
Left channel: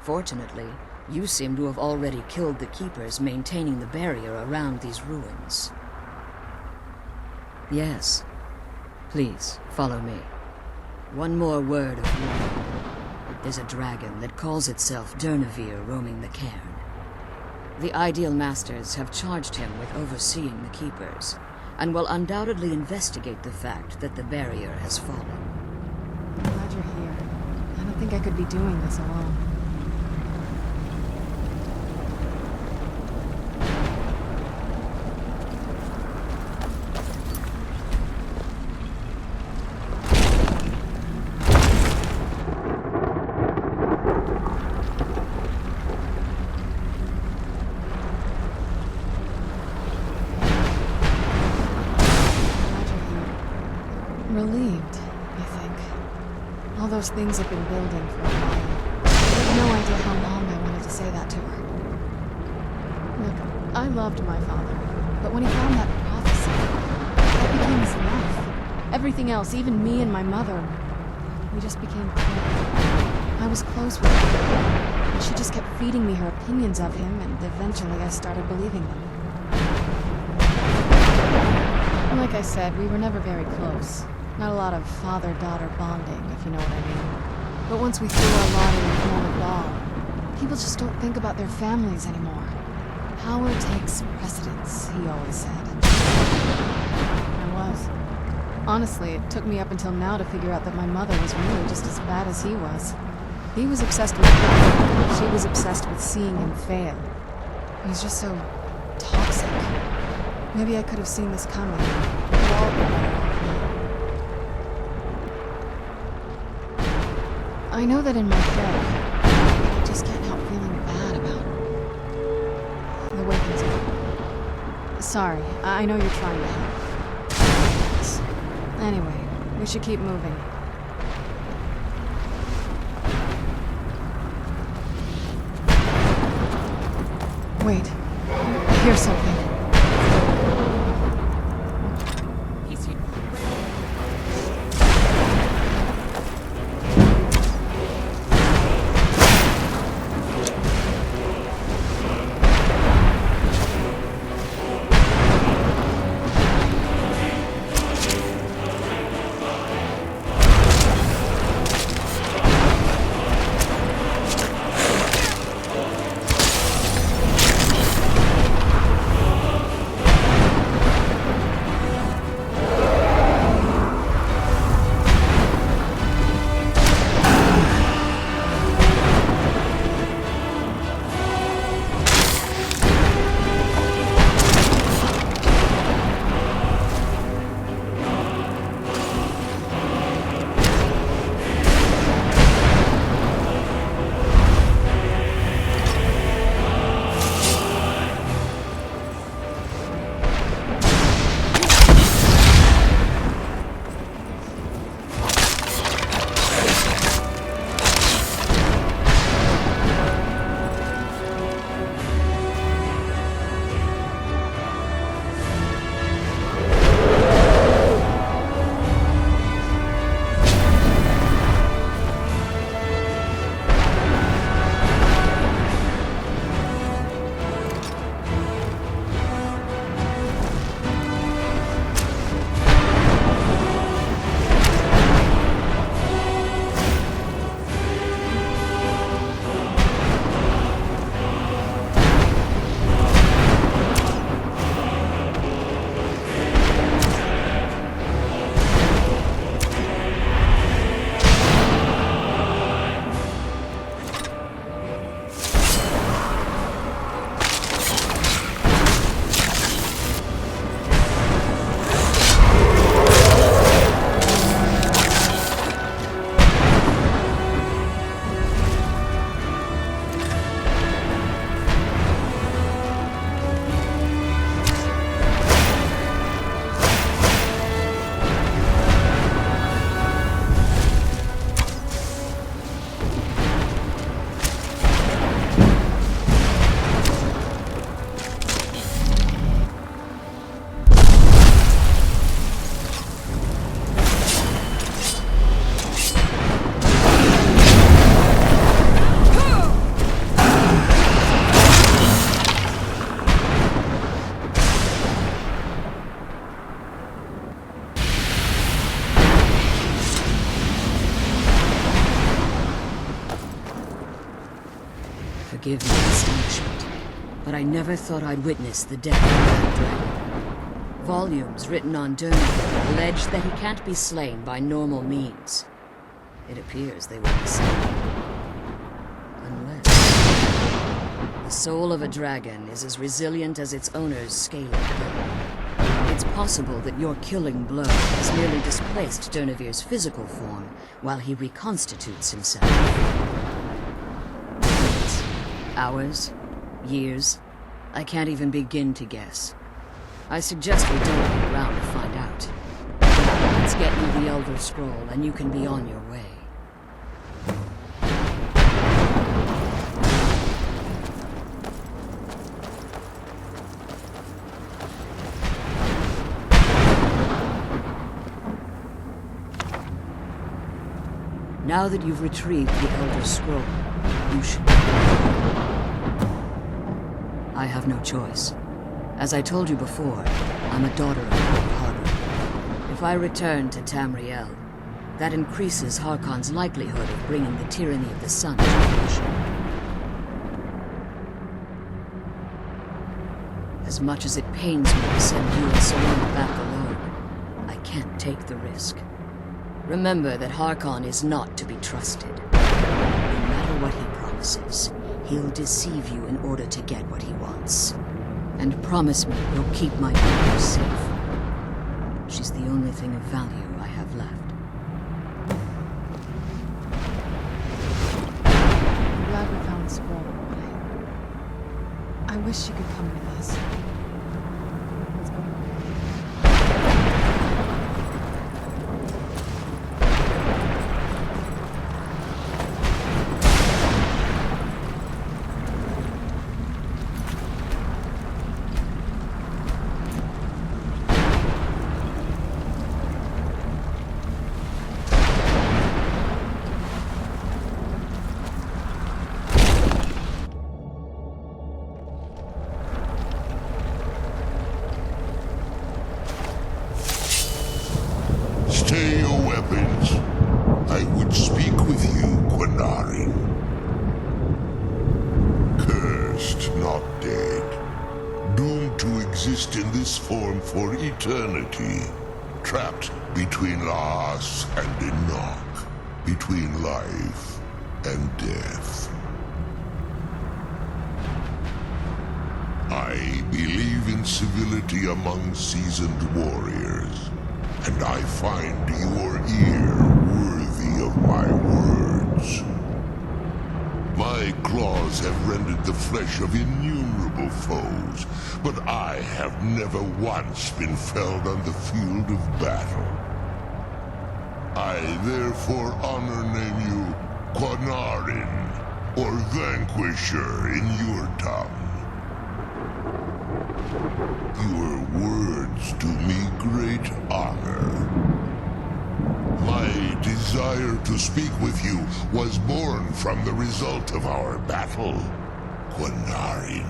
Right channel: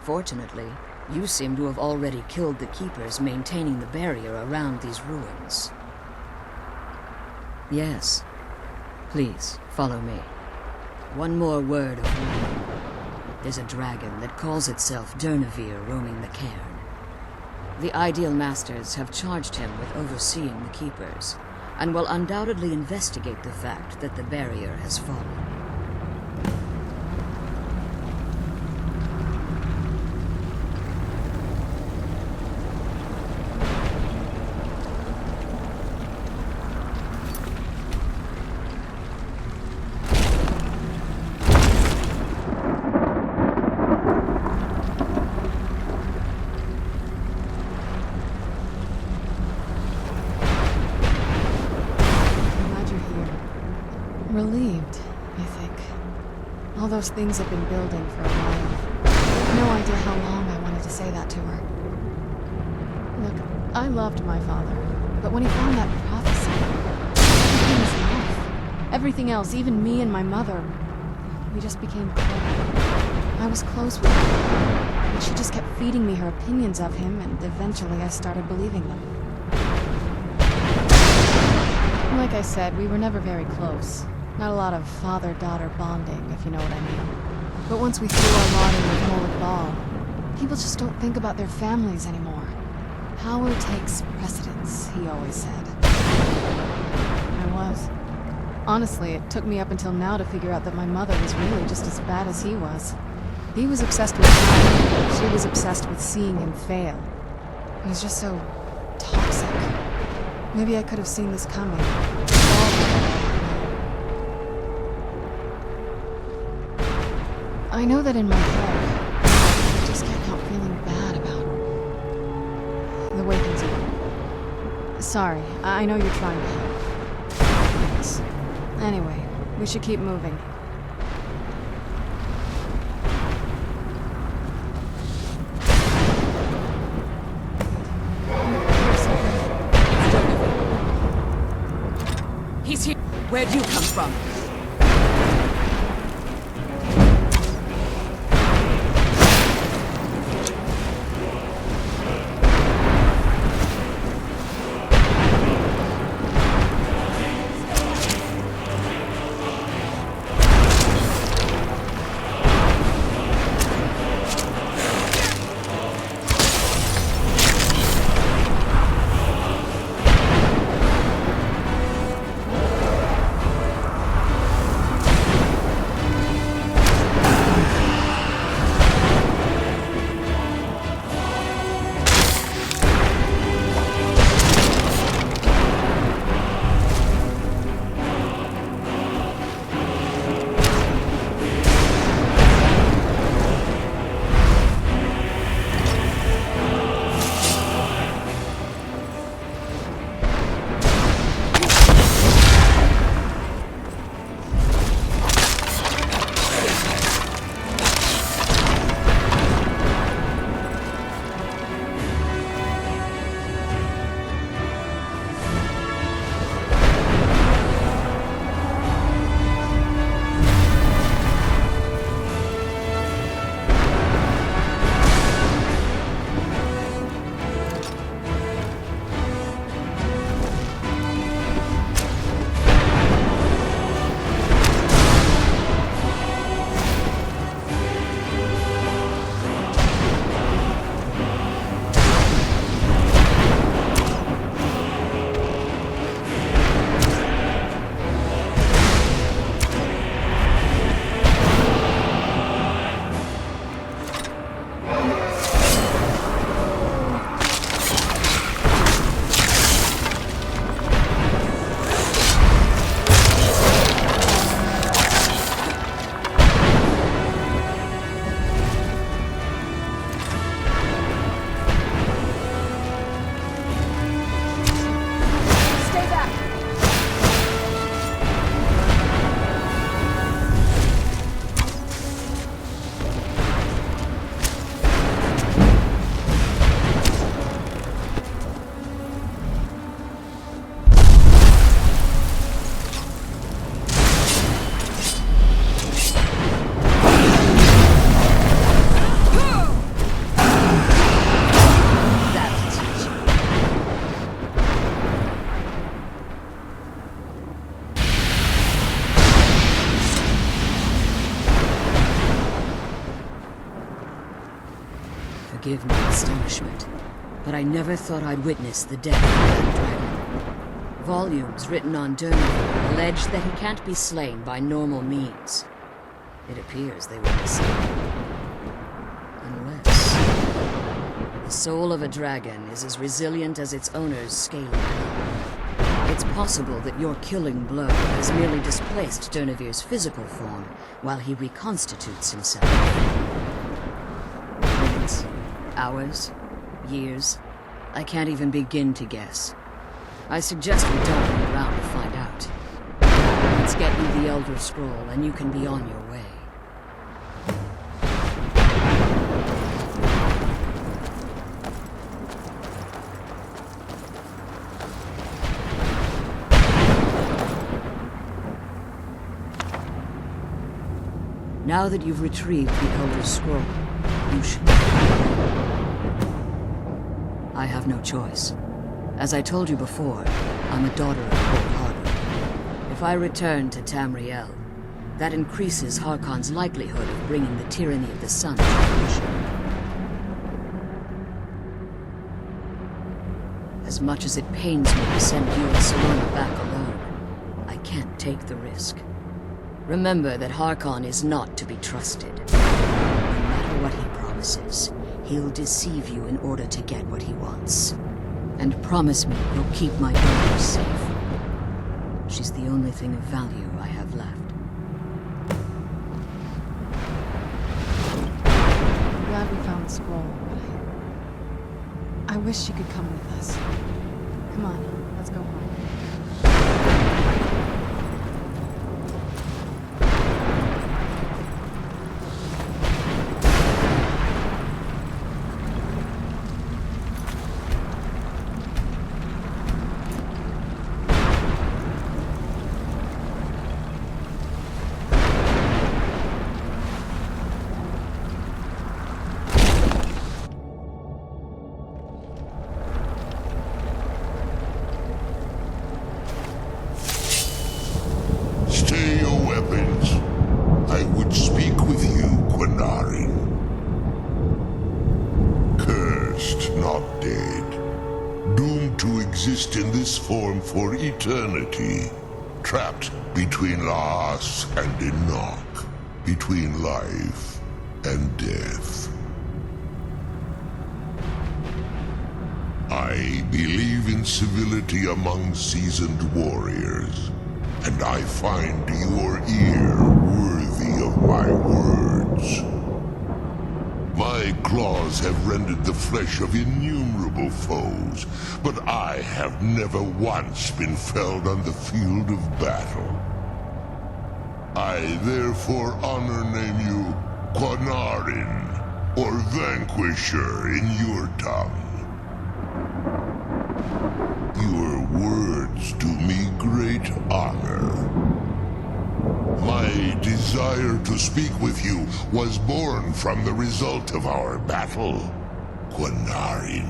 Fortunately, you seem to have already killed the keepers maintaining the barrier around these ruins. Yes. Please, follow me. One more word of warning. There's a dragon that calls itself Durnavir roaming the cairn. The Ideal Masters have charged him with overseeing the keepers, and will undoubtedly investigate the fact that the barrier has fallen. Glad you're here. I don't think I could be doing this alone. Relieved, I think. All those things have been building for a while. I have no idea how long I wanted to say that to her. Look, I loved my father, but when he found that prophecy, that became his life. Everything else, even me and my mother, we just became close. I was close with her, and she just kept feeding me her opinions of him, and eventually I started believing them. Like I said, we were never very close. Not a lot of father-daughter bonding, if you know what I mean. But once we threw our lot in with Molik Ball, people just don't think about their families anymore. Power takes precedence, he always said. I was. Honestly, it took me up until now to figure out that my mother was really just as bad as he was. He was obsessed with power. She was obsessed with seeing him fail. He was just so toxic. Maybe I could have seen this coming. We'd all be better off now. I know that in my head, I just can't help feeling bad about the way things are. Sorry, I know you're trying to help. Anyway, we should keep moving. Wait, I hear something. He's here. Where'd you come from? Forgive my astonishment, but I never thought I'd witness the death of that dragon. Volumes written on Durniver allege that he can't be slain by normal means. It appears they were mistaken. Unless... the soul of a dragon is as resilient as its owner's scaly hide. It's possible that your killing blow has merely displaced Durnivir's physical form while he reconstitutes himself. Minutes, hours, years, I can't even begin to guess. I suggest we don't wait around to find out. Now, Let's get you the Elder Scroll, and you can be on your way. Now that you've retrieved the Elder Scroll, you should be free. I have no choice. As I told you before, I'm a daughter of Cold Harbor. If I return to Tamriel, that increases Harkon's likelihood of bringing the tyranny of the sun to fruition. As much as it pains me to send you and Salona back alone, I can't take the risk. Remember that Harkon is not to be trusted. No matter what he promises, he'll deceive you in order to get what he wants. And promise me you'll keep my daughter safe. She's the only thing of value I have left. I'm glad we found the scroll, but I wish you could come with us. Come on, let's go home. Stay your weapons. I would speak with you, Quinarin. Cursed, not dead. Doomed to exist in this form for eternity. Trapped between Laas and Enoch. Between life and death. I believe in civility among seasoned warriors. And I find your ear worthy of my words. My claws have rendered the flesh of innumerable foes, but I have never once been felled on the field of battle. I therefore honor name you Quinarin, or Vanquisher in your tongue. Your words do me great honor. My desire to speak with you was born from the result of our battle, Quinarin.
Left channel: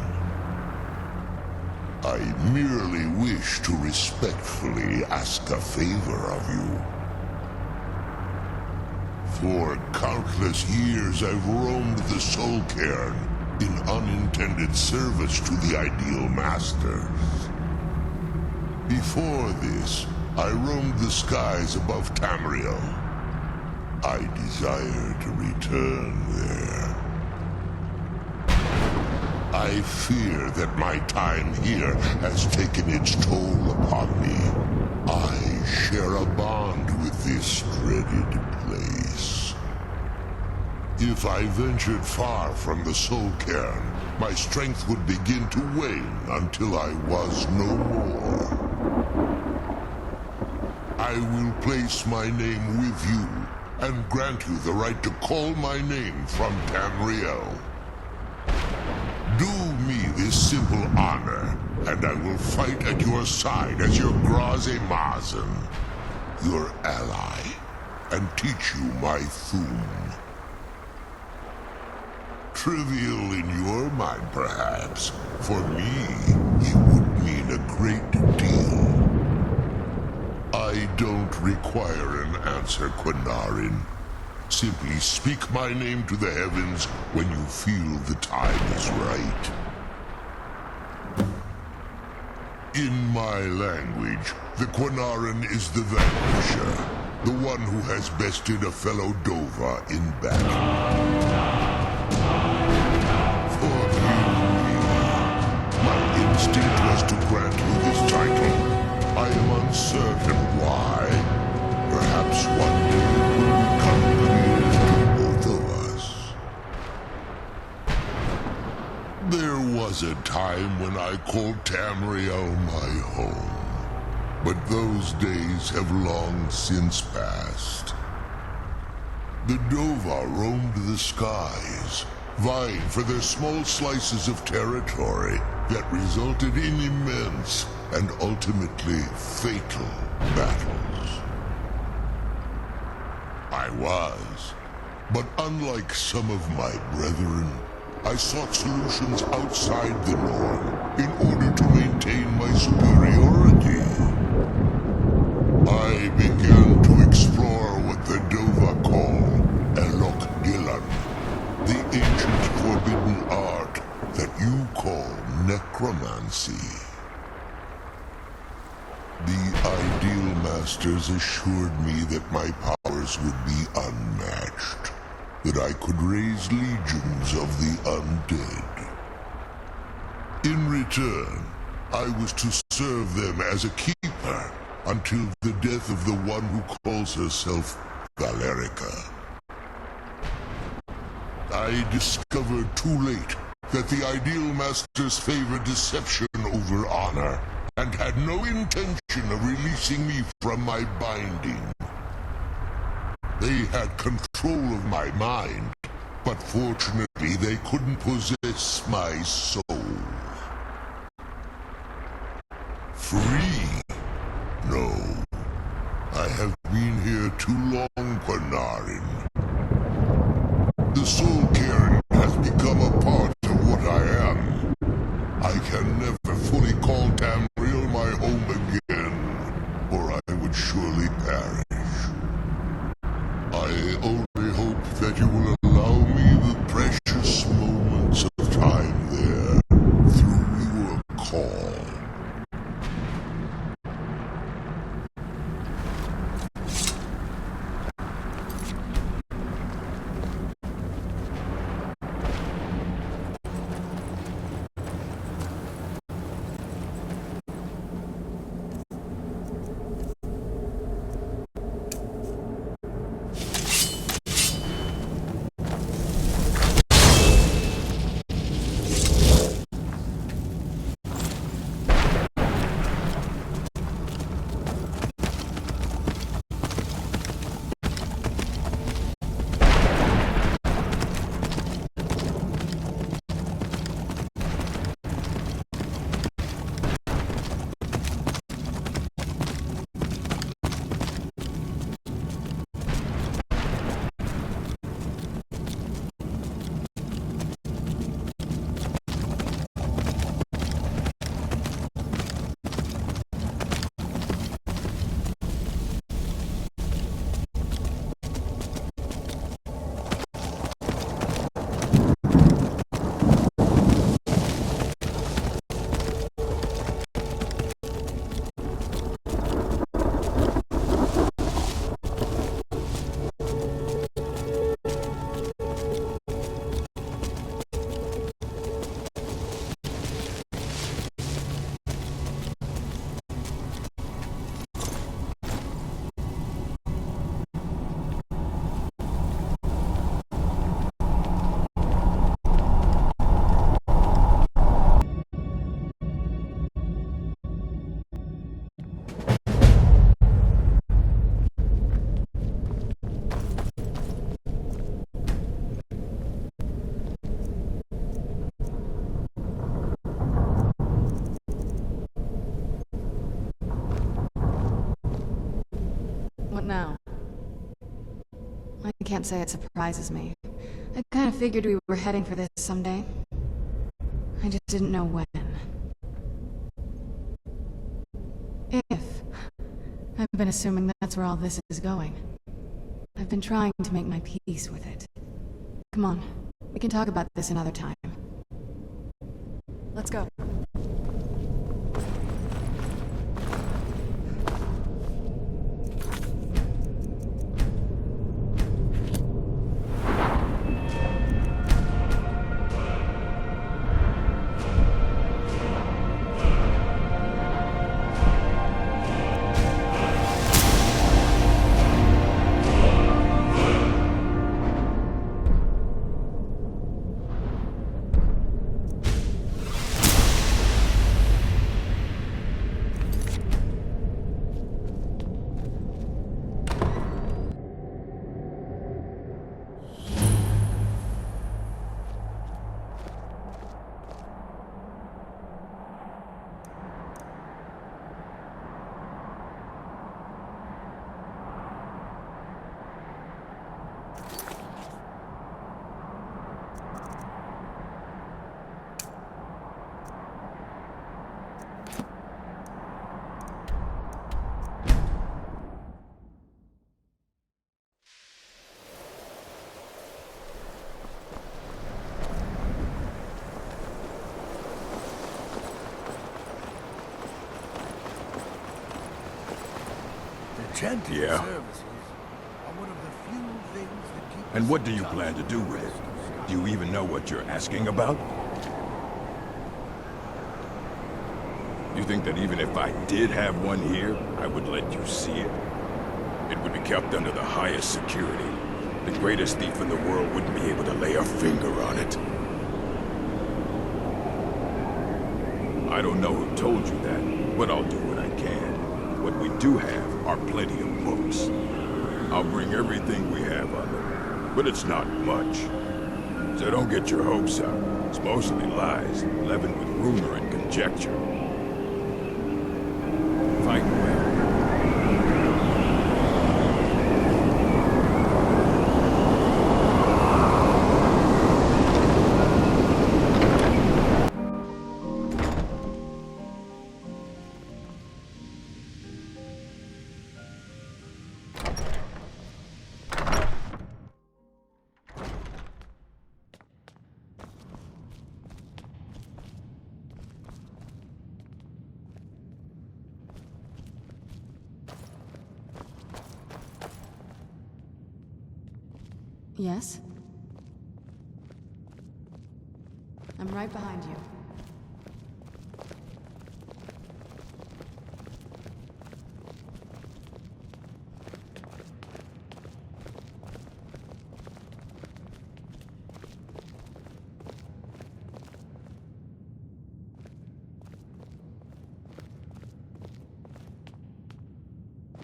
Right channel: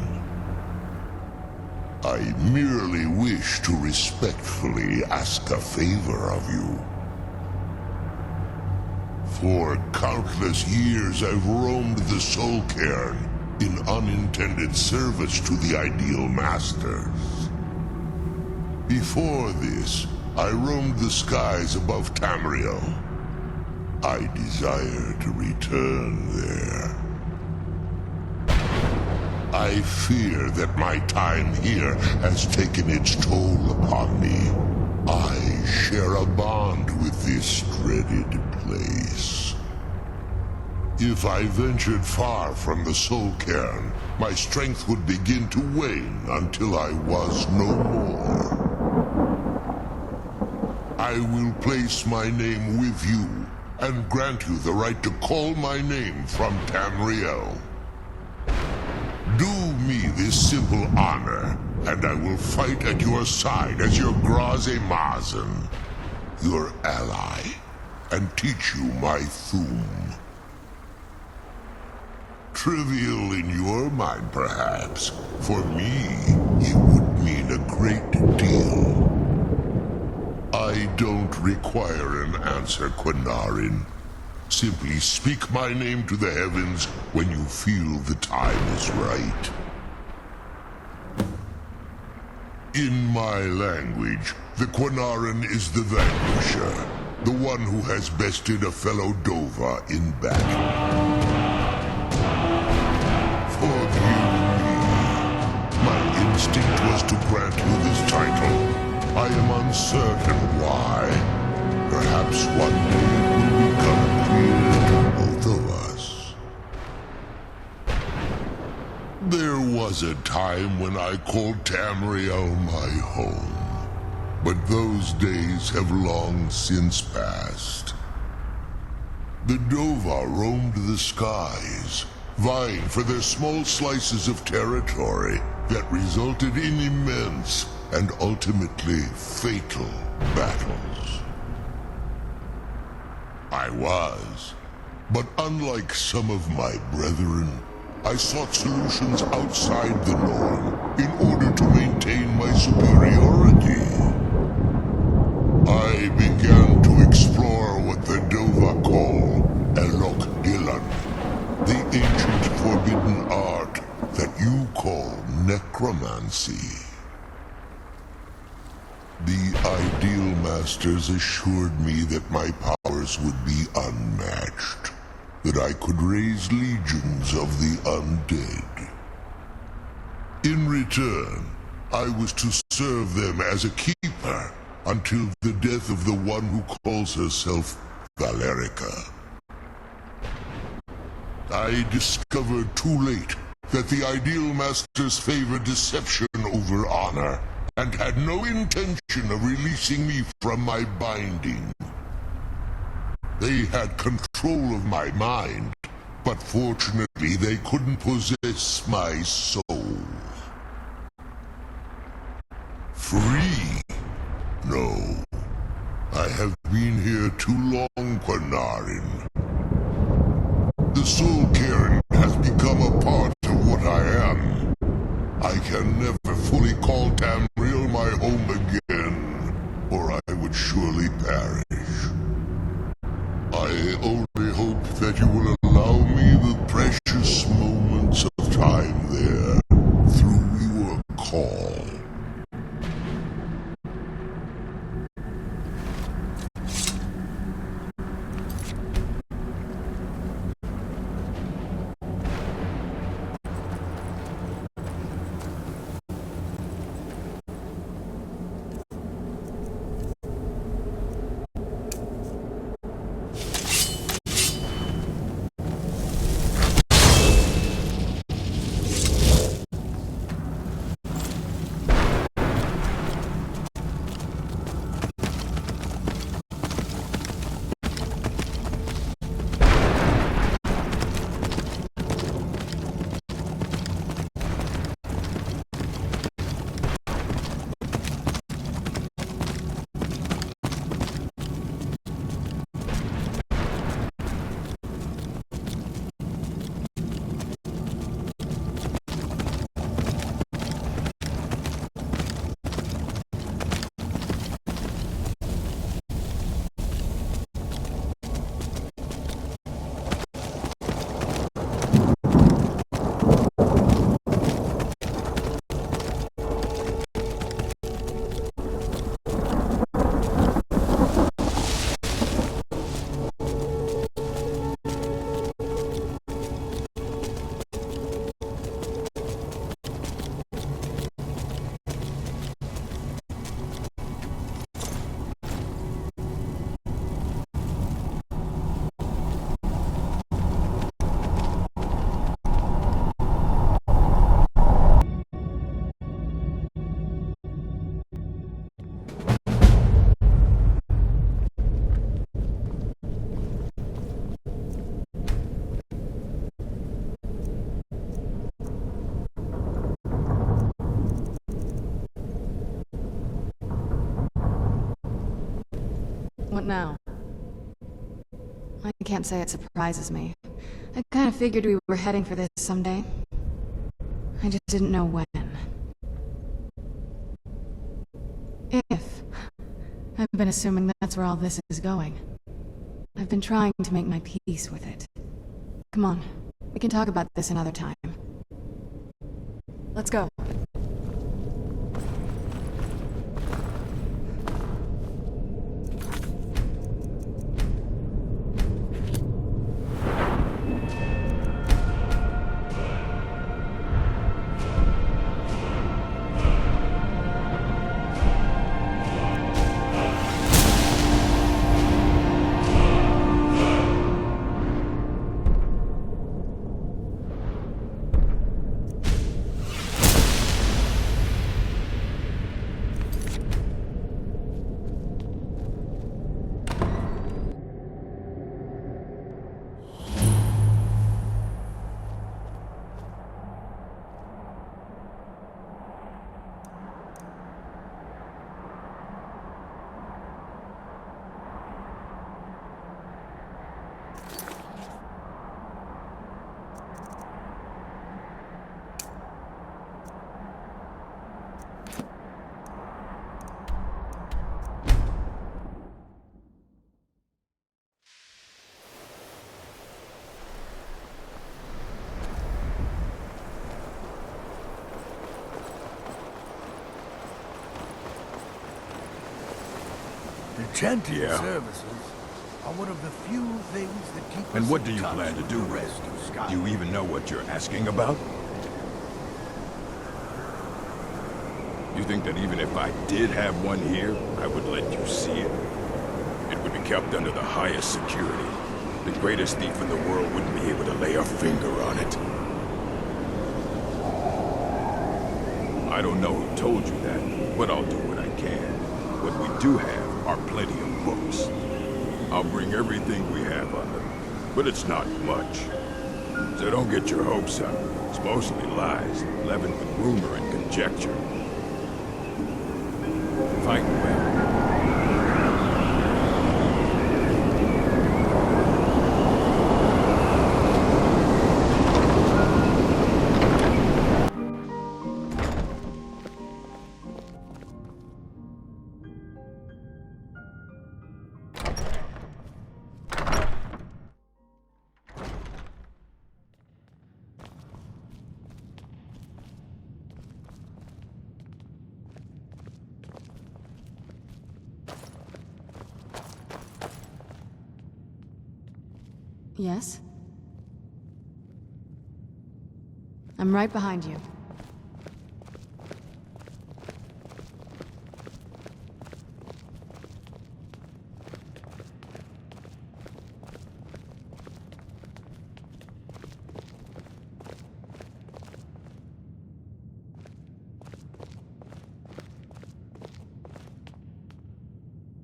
I merely wish to respectfully ask a favor of you. For countless years I've roamed the Soul Cairn in unintended service to the Ideal Masters. Before this, I roamed the skies above Tamriel. I desire to return there. I fear that my time here has taken its toll upon me. I share a bond with this dreaded place. If I ventured far from the Soul Cairn, my strength would begin to wane until I was no more. I will place my name with you, and grant you the right to call my name from Tamriel. Do me this simple honor, and I will fight at your side as your Graze Mazen, your ally, and teach you my Thum. Trivial in your mind, perhaps. For me, it would mean a great deal. I don't require an answer, Quinarin. Simply speak my name to the heavens when you feel the time is right. In my language, the Quinarin is the Vanquisher, the one who has bested a fellow Dova in battle. Forgive me. My instinct was to grant you this title. I am uncertain why. Perhaps one day it will become clear to both of us. There was a time when I called Tamriel my home. but those days have long since passed. The Dova roamed the skies, vying for their small slices of territory that resulted in immense and ultimately fatal battles. I was, but unlike some of my brethren, I sought solutions outside the norm in order to maintain my superiority. I began to explore what the Dova call Elok Dylan, the ancient forbidden art that you call necromancy. The Ideal Masters assured me that my powers would be unmatched, that I could raise legions of the undead. In return, I was to serve them as a keeper until the death of the one who calls herself Valerica. I discovered too late that the Ideal Masters favor deception over honor, and had no intention of releasing me from my binding. They had control of my mind, but fortunately they couldn't possess my soul. Free? No. I have been here too long, Quanarin. The Soul Cairn has become a part of what I am. I can never fully call Tamriel my home again, or I would surely perish. I only hope that you will allow me the precious moments of time there, through your call. What now? I can't say it surprises me. I kind of figured we were heading for this someday. I just didn't know when. If. I've been assuming that's where all this is going. I've been trying to make my peace with it. Come on, we can talk about this another time. Let's go. The gentle Yeah. services are one of the few things that keep And us what in do you touch plan to do the with rest of it? Skyrim. Do you even know what you're asking about? You think that even if I did have one here, I would let you see it? It would be kept under the highest security. The greatest thief in the world wouldn't be able to lay a finger on it. I don't know who told you that, but I'll do what I can. What we do have are plenty of books. I'll bring everything we have on them, but it's not much. So don't get your hopes up. It's mostly lies, leavened with rumor and conjecture. Fight well. Yes? I'm right behind you.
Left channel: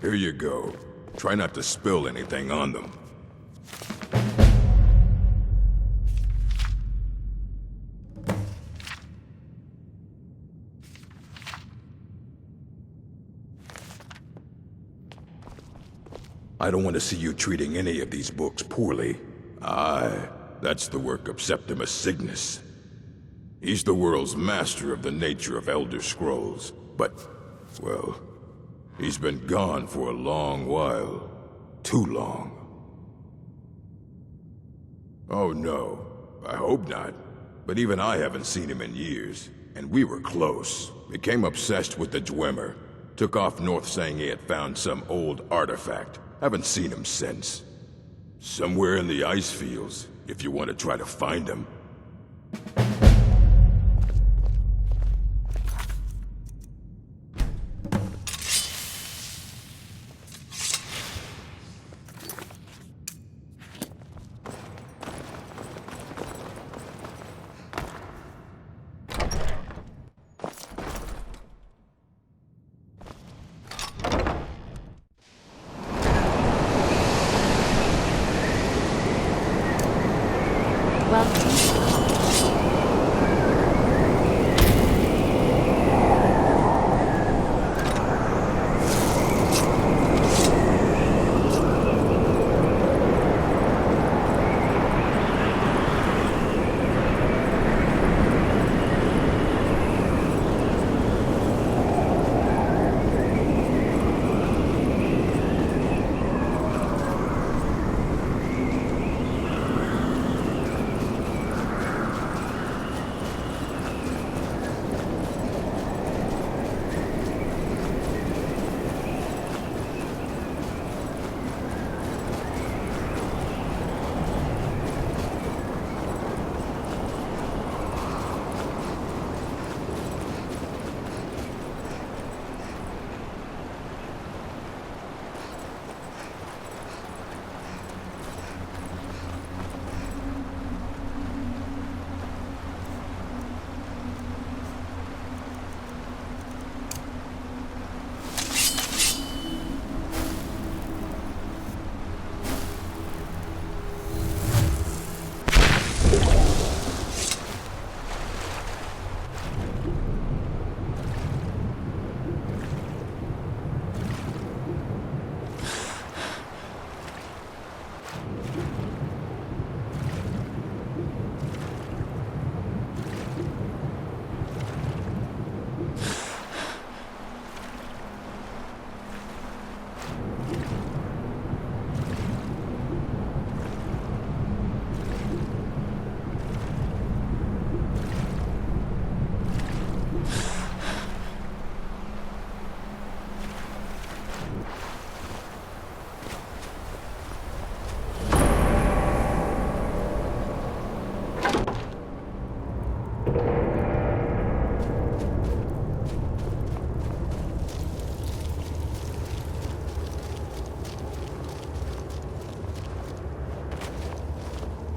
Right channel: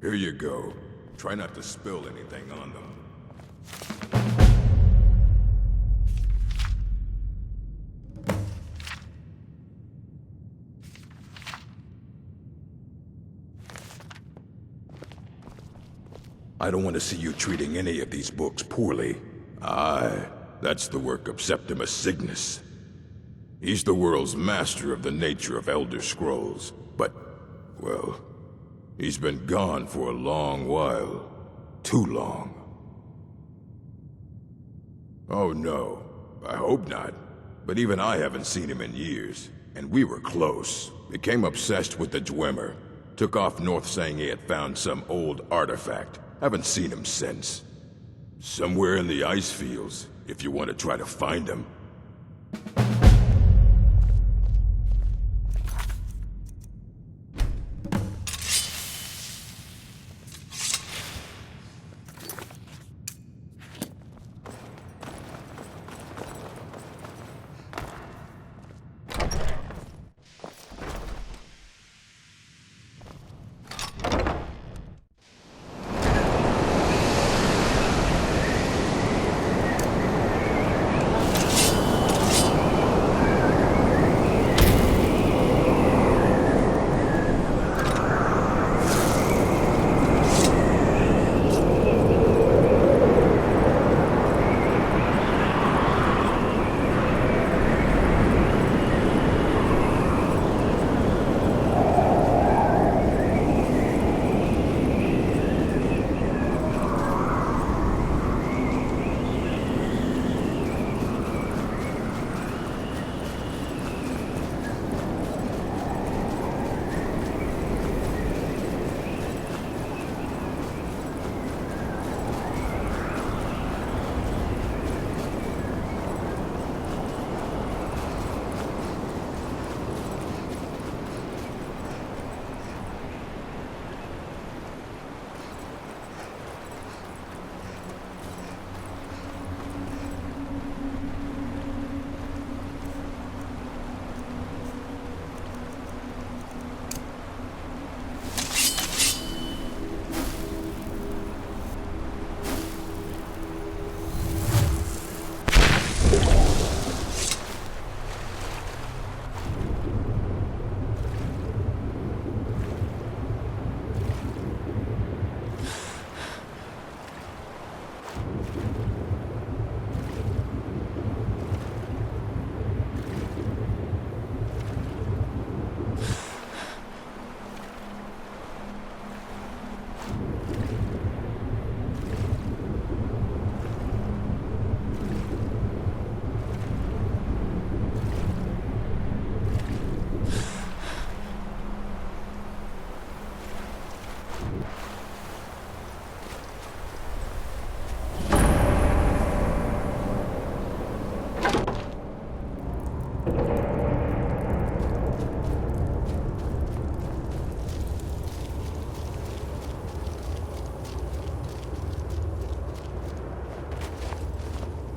Here you go. Try not to spill anything on them. I don't want to see you treating any of these books poorly. Aye, that's the work of Septimus Cygnus. He's the world's master of the nature of Elder Scrolls, but, well, he's been gone for a long while. Too long. Oh no, I hope not. But even I haven't seen him in years, and we were close. Became obsessed with the Dwemer. Took off north saying he had found some old artifact. Haven't seen him since. Somewhere in the ice fields, if you want to try to find him.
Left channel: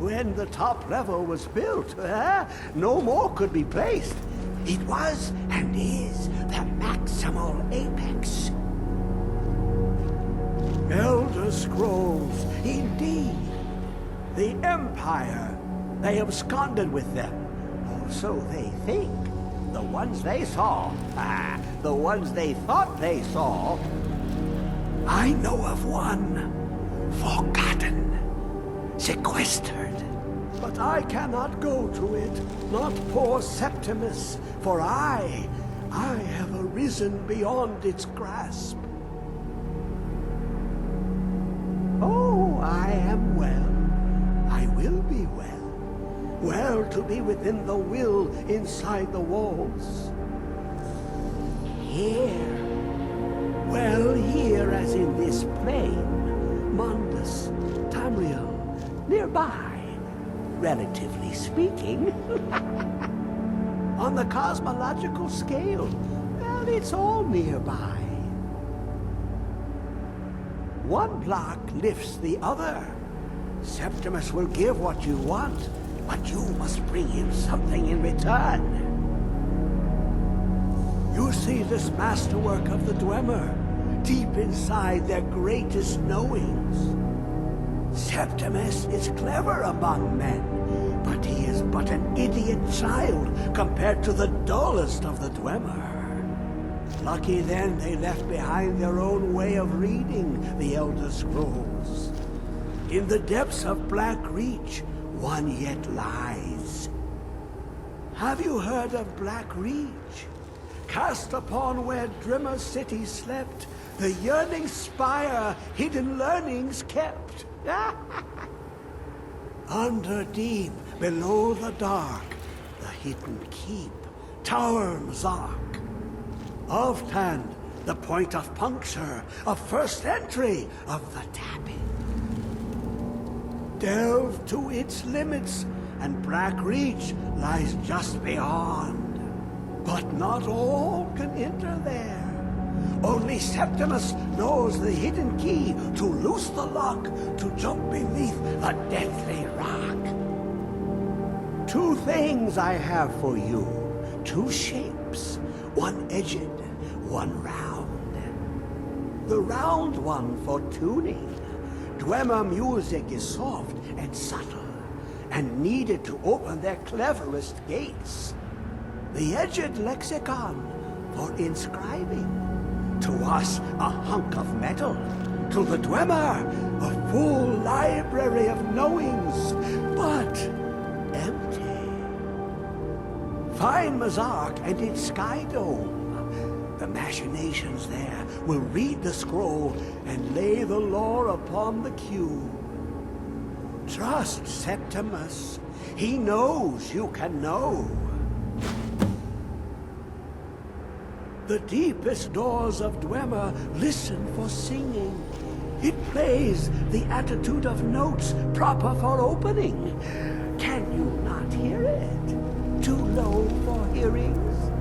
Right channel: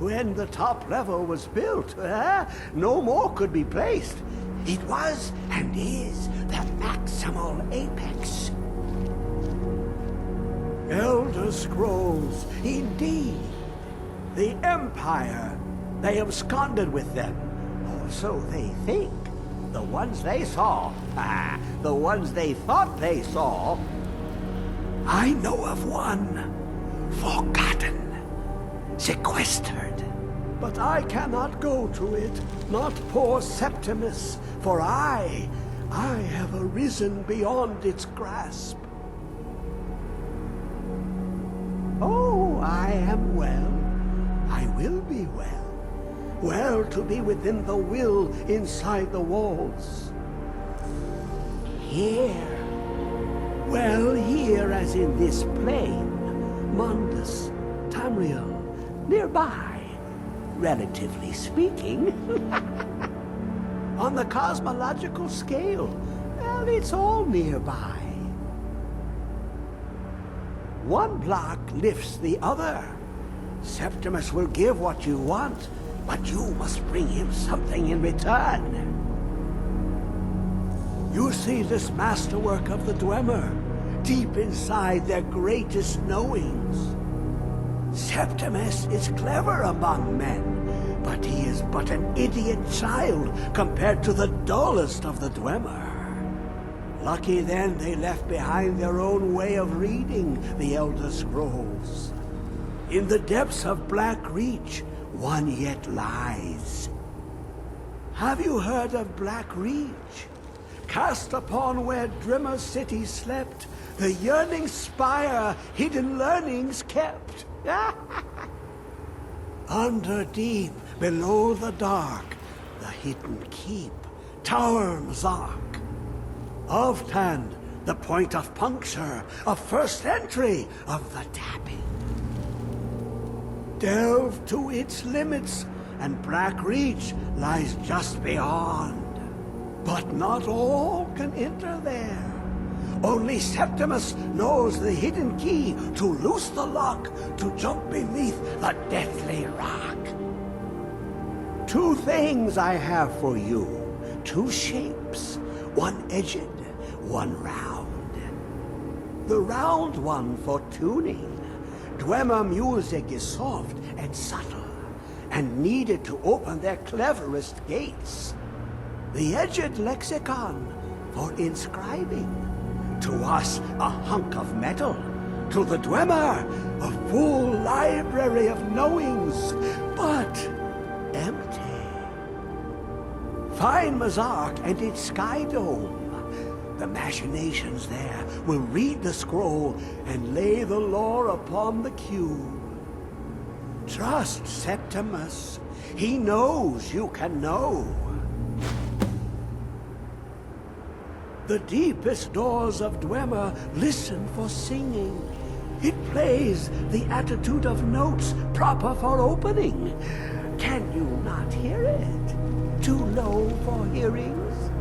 When the top level was built, no more could be placed. It was and is the maximal apex. Elder Scrolls, indeed. The Empire. They absconded with them. Or so they think. The ones they saw. The ones they thought they saw. I know of one. Forgotten. Sequestered. But I cannot go to it, not poor Septimus, for I have arisen beyond its grasp. Oh, I am well. I will be well. Well to be within the will inside the walls. Here. Well, here as in this plane. Mundus, Tamriel, nearby. Relatively speaking. On the cosmological scale, well, it's all nearby. One block lifts the other. Septimus will give what you want, but you must bring him something in return. You see this masterwork of the Dwemer, deep inside their greatest knowings. Septimus is clever among men, but he is but an idiot child compared to the dullest of the Dwemer. Lucky then they left behind their own way of reading the Elder Scrolls. In the depths of Black Reach, one yet lies. Have you heard of Black Reach? Cast upon where Drimmer City slept, the yearning spire hidden learnings kept. Under deep, below the dark, the hidden keep, Tower Mzark. Of Tand, the point of puncture, of first entry of the tapping. Delve to its limits, and Black Reach lies just beyond. But not all can enter there. Only Septimus knows the hidden key to loose the lock, to jump beneath the deathly rock. Two things I have for you, two shapes, one edged, one round. The round one for tuning. Dwemer music is soft and subtle, and needed to open their cleverest gates. The edged lexicon for inscribing. To us, a hunk of metal. To the Dwemer, a full library of knowings, but empty. Find Mzark and its sky dome. The machinations there will read the scroll and lay the lore upon the cube. Trust Septimus. He knows you can know. The deepest doors of Dwemer listen for singing. It plays the attitude of notes proper for opening. Can you not hear it? Too low for hearings?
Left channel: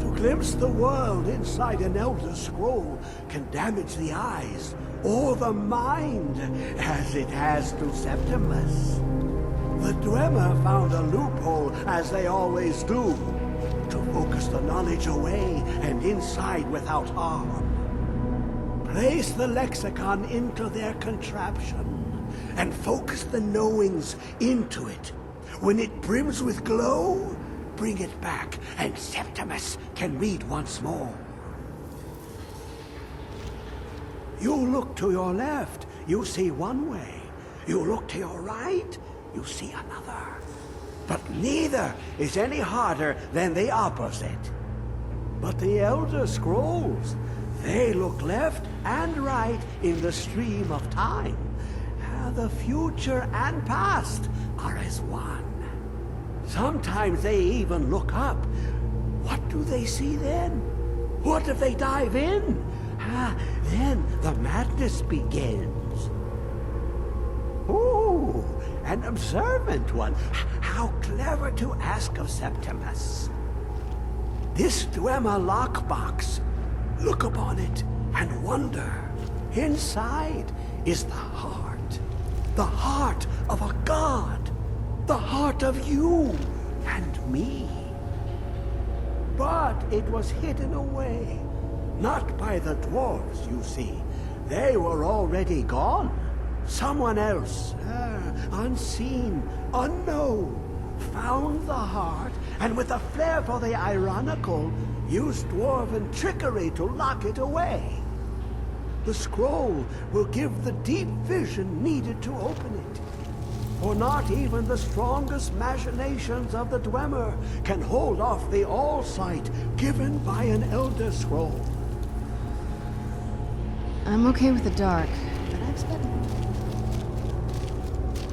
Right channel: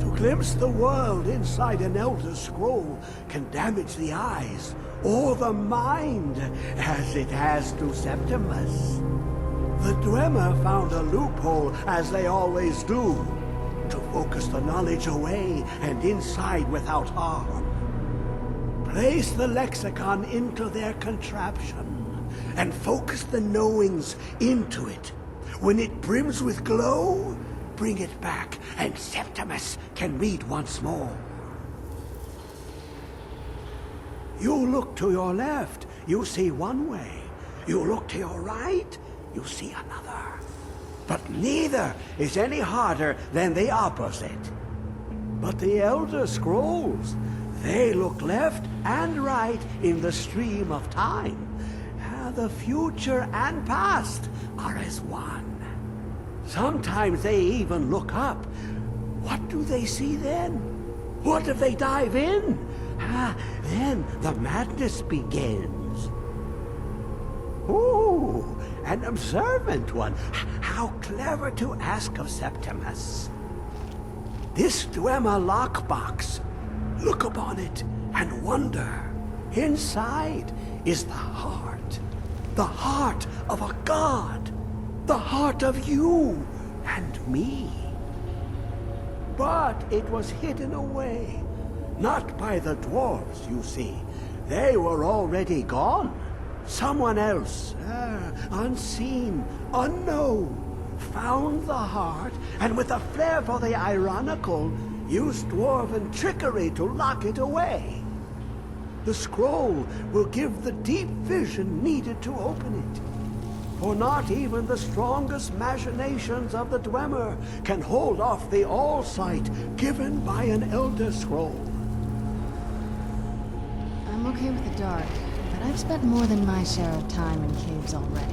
To glimpse the world inside an Elder Scroll can damage the eyes or the mind, as it has to Septimus. The Dwemer found a loophole, as they always do, to focus the knowledge away and inside without harm. Place the lexicon into their contraption, and focus the knowings into it. When it brims with glow, bring it back, and Septimus can read once more. You look to your left, you see one way. You look to your right, you see another. But neither is any harder than the opposite. But the Elder Scrolls, they look left and right in the stream of time. The future and past are as one. Sometimes they even look up. What do they see then? What if they dive in? Then the madness begins. Ooh, an observant one. How clever to ask of Septimus. This Dwemer lockbox. Look upon it and wonder. Inside is the heart. The heart of a god. The heart of you and me. But it was hidden away. Not by the dwarves, you see. They were already gone. Someone else, unseen, unknown, found the heart, and with a flair for the ironical, used dwarven trickery to lock it away. The scroll will give the deep vision needed to open it. For not even the strongest machinations of the Dwemer can hold off the all-sight given by an Elder Scroll. I'm okay with the dark, but I've spent more than my share of time in caves already.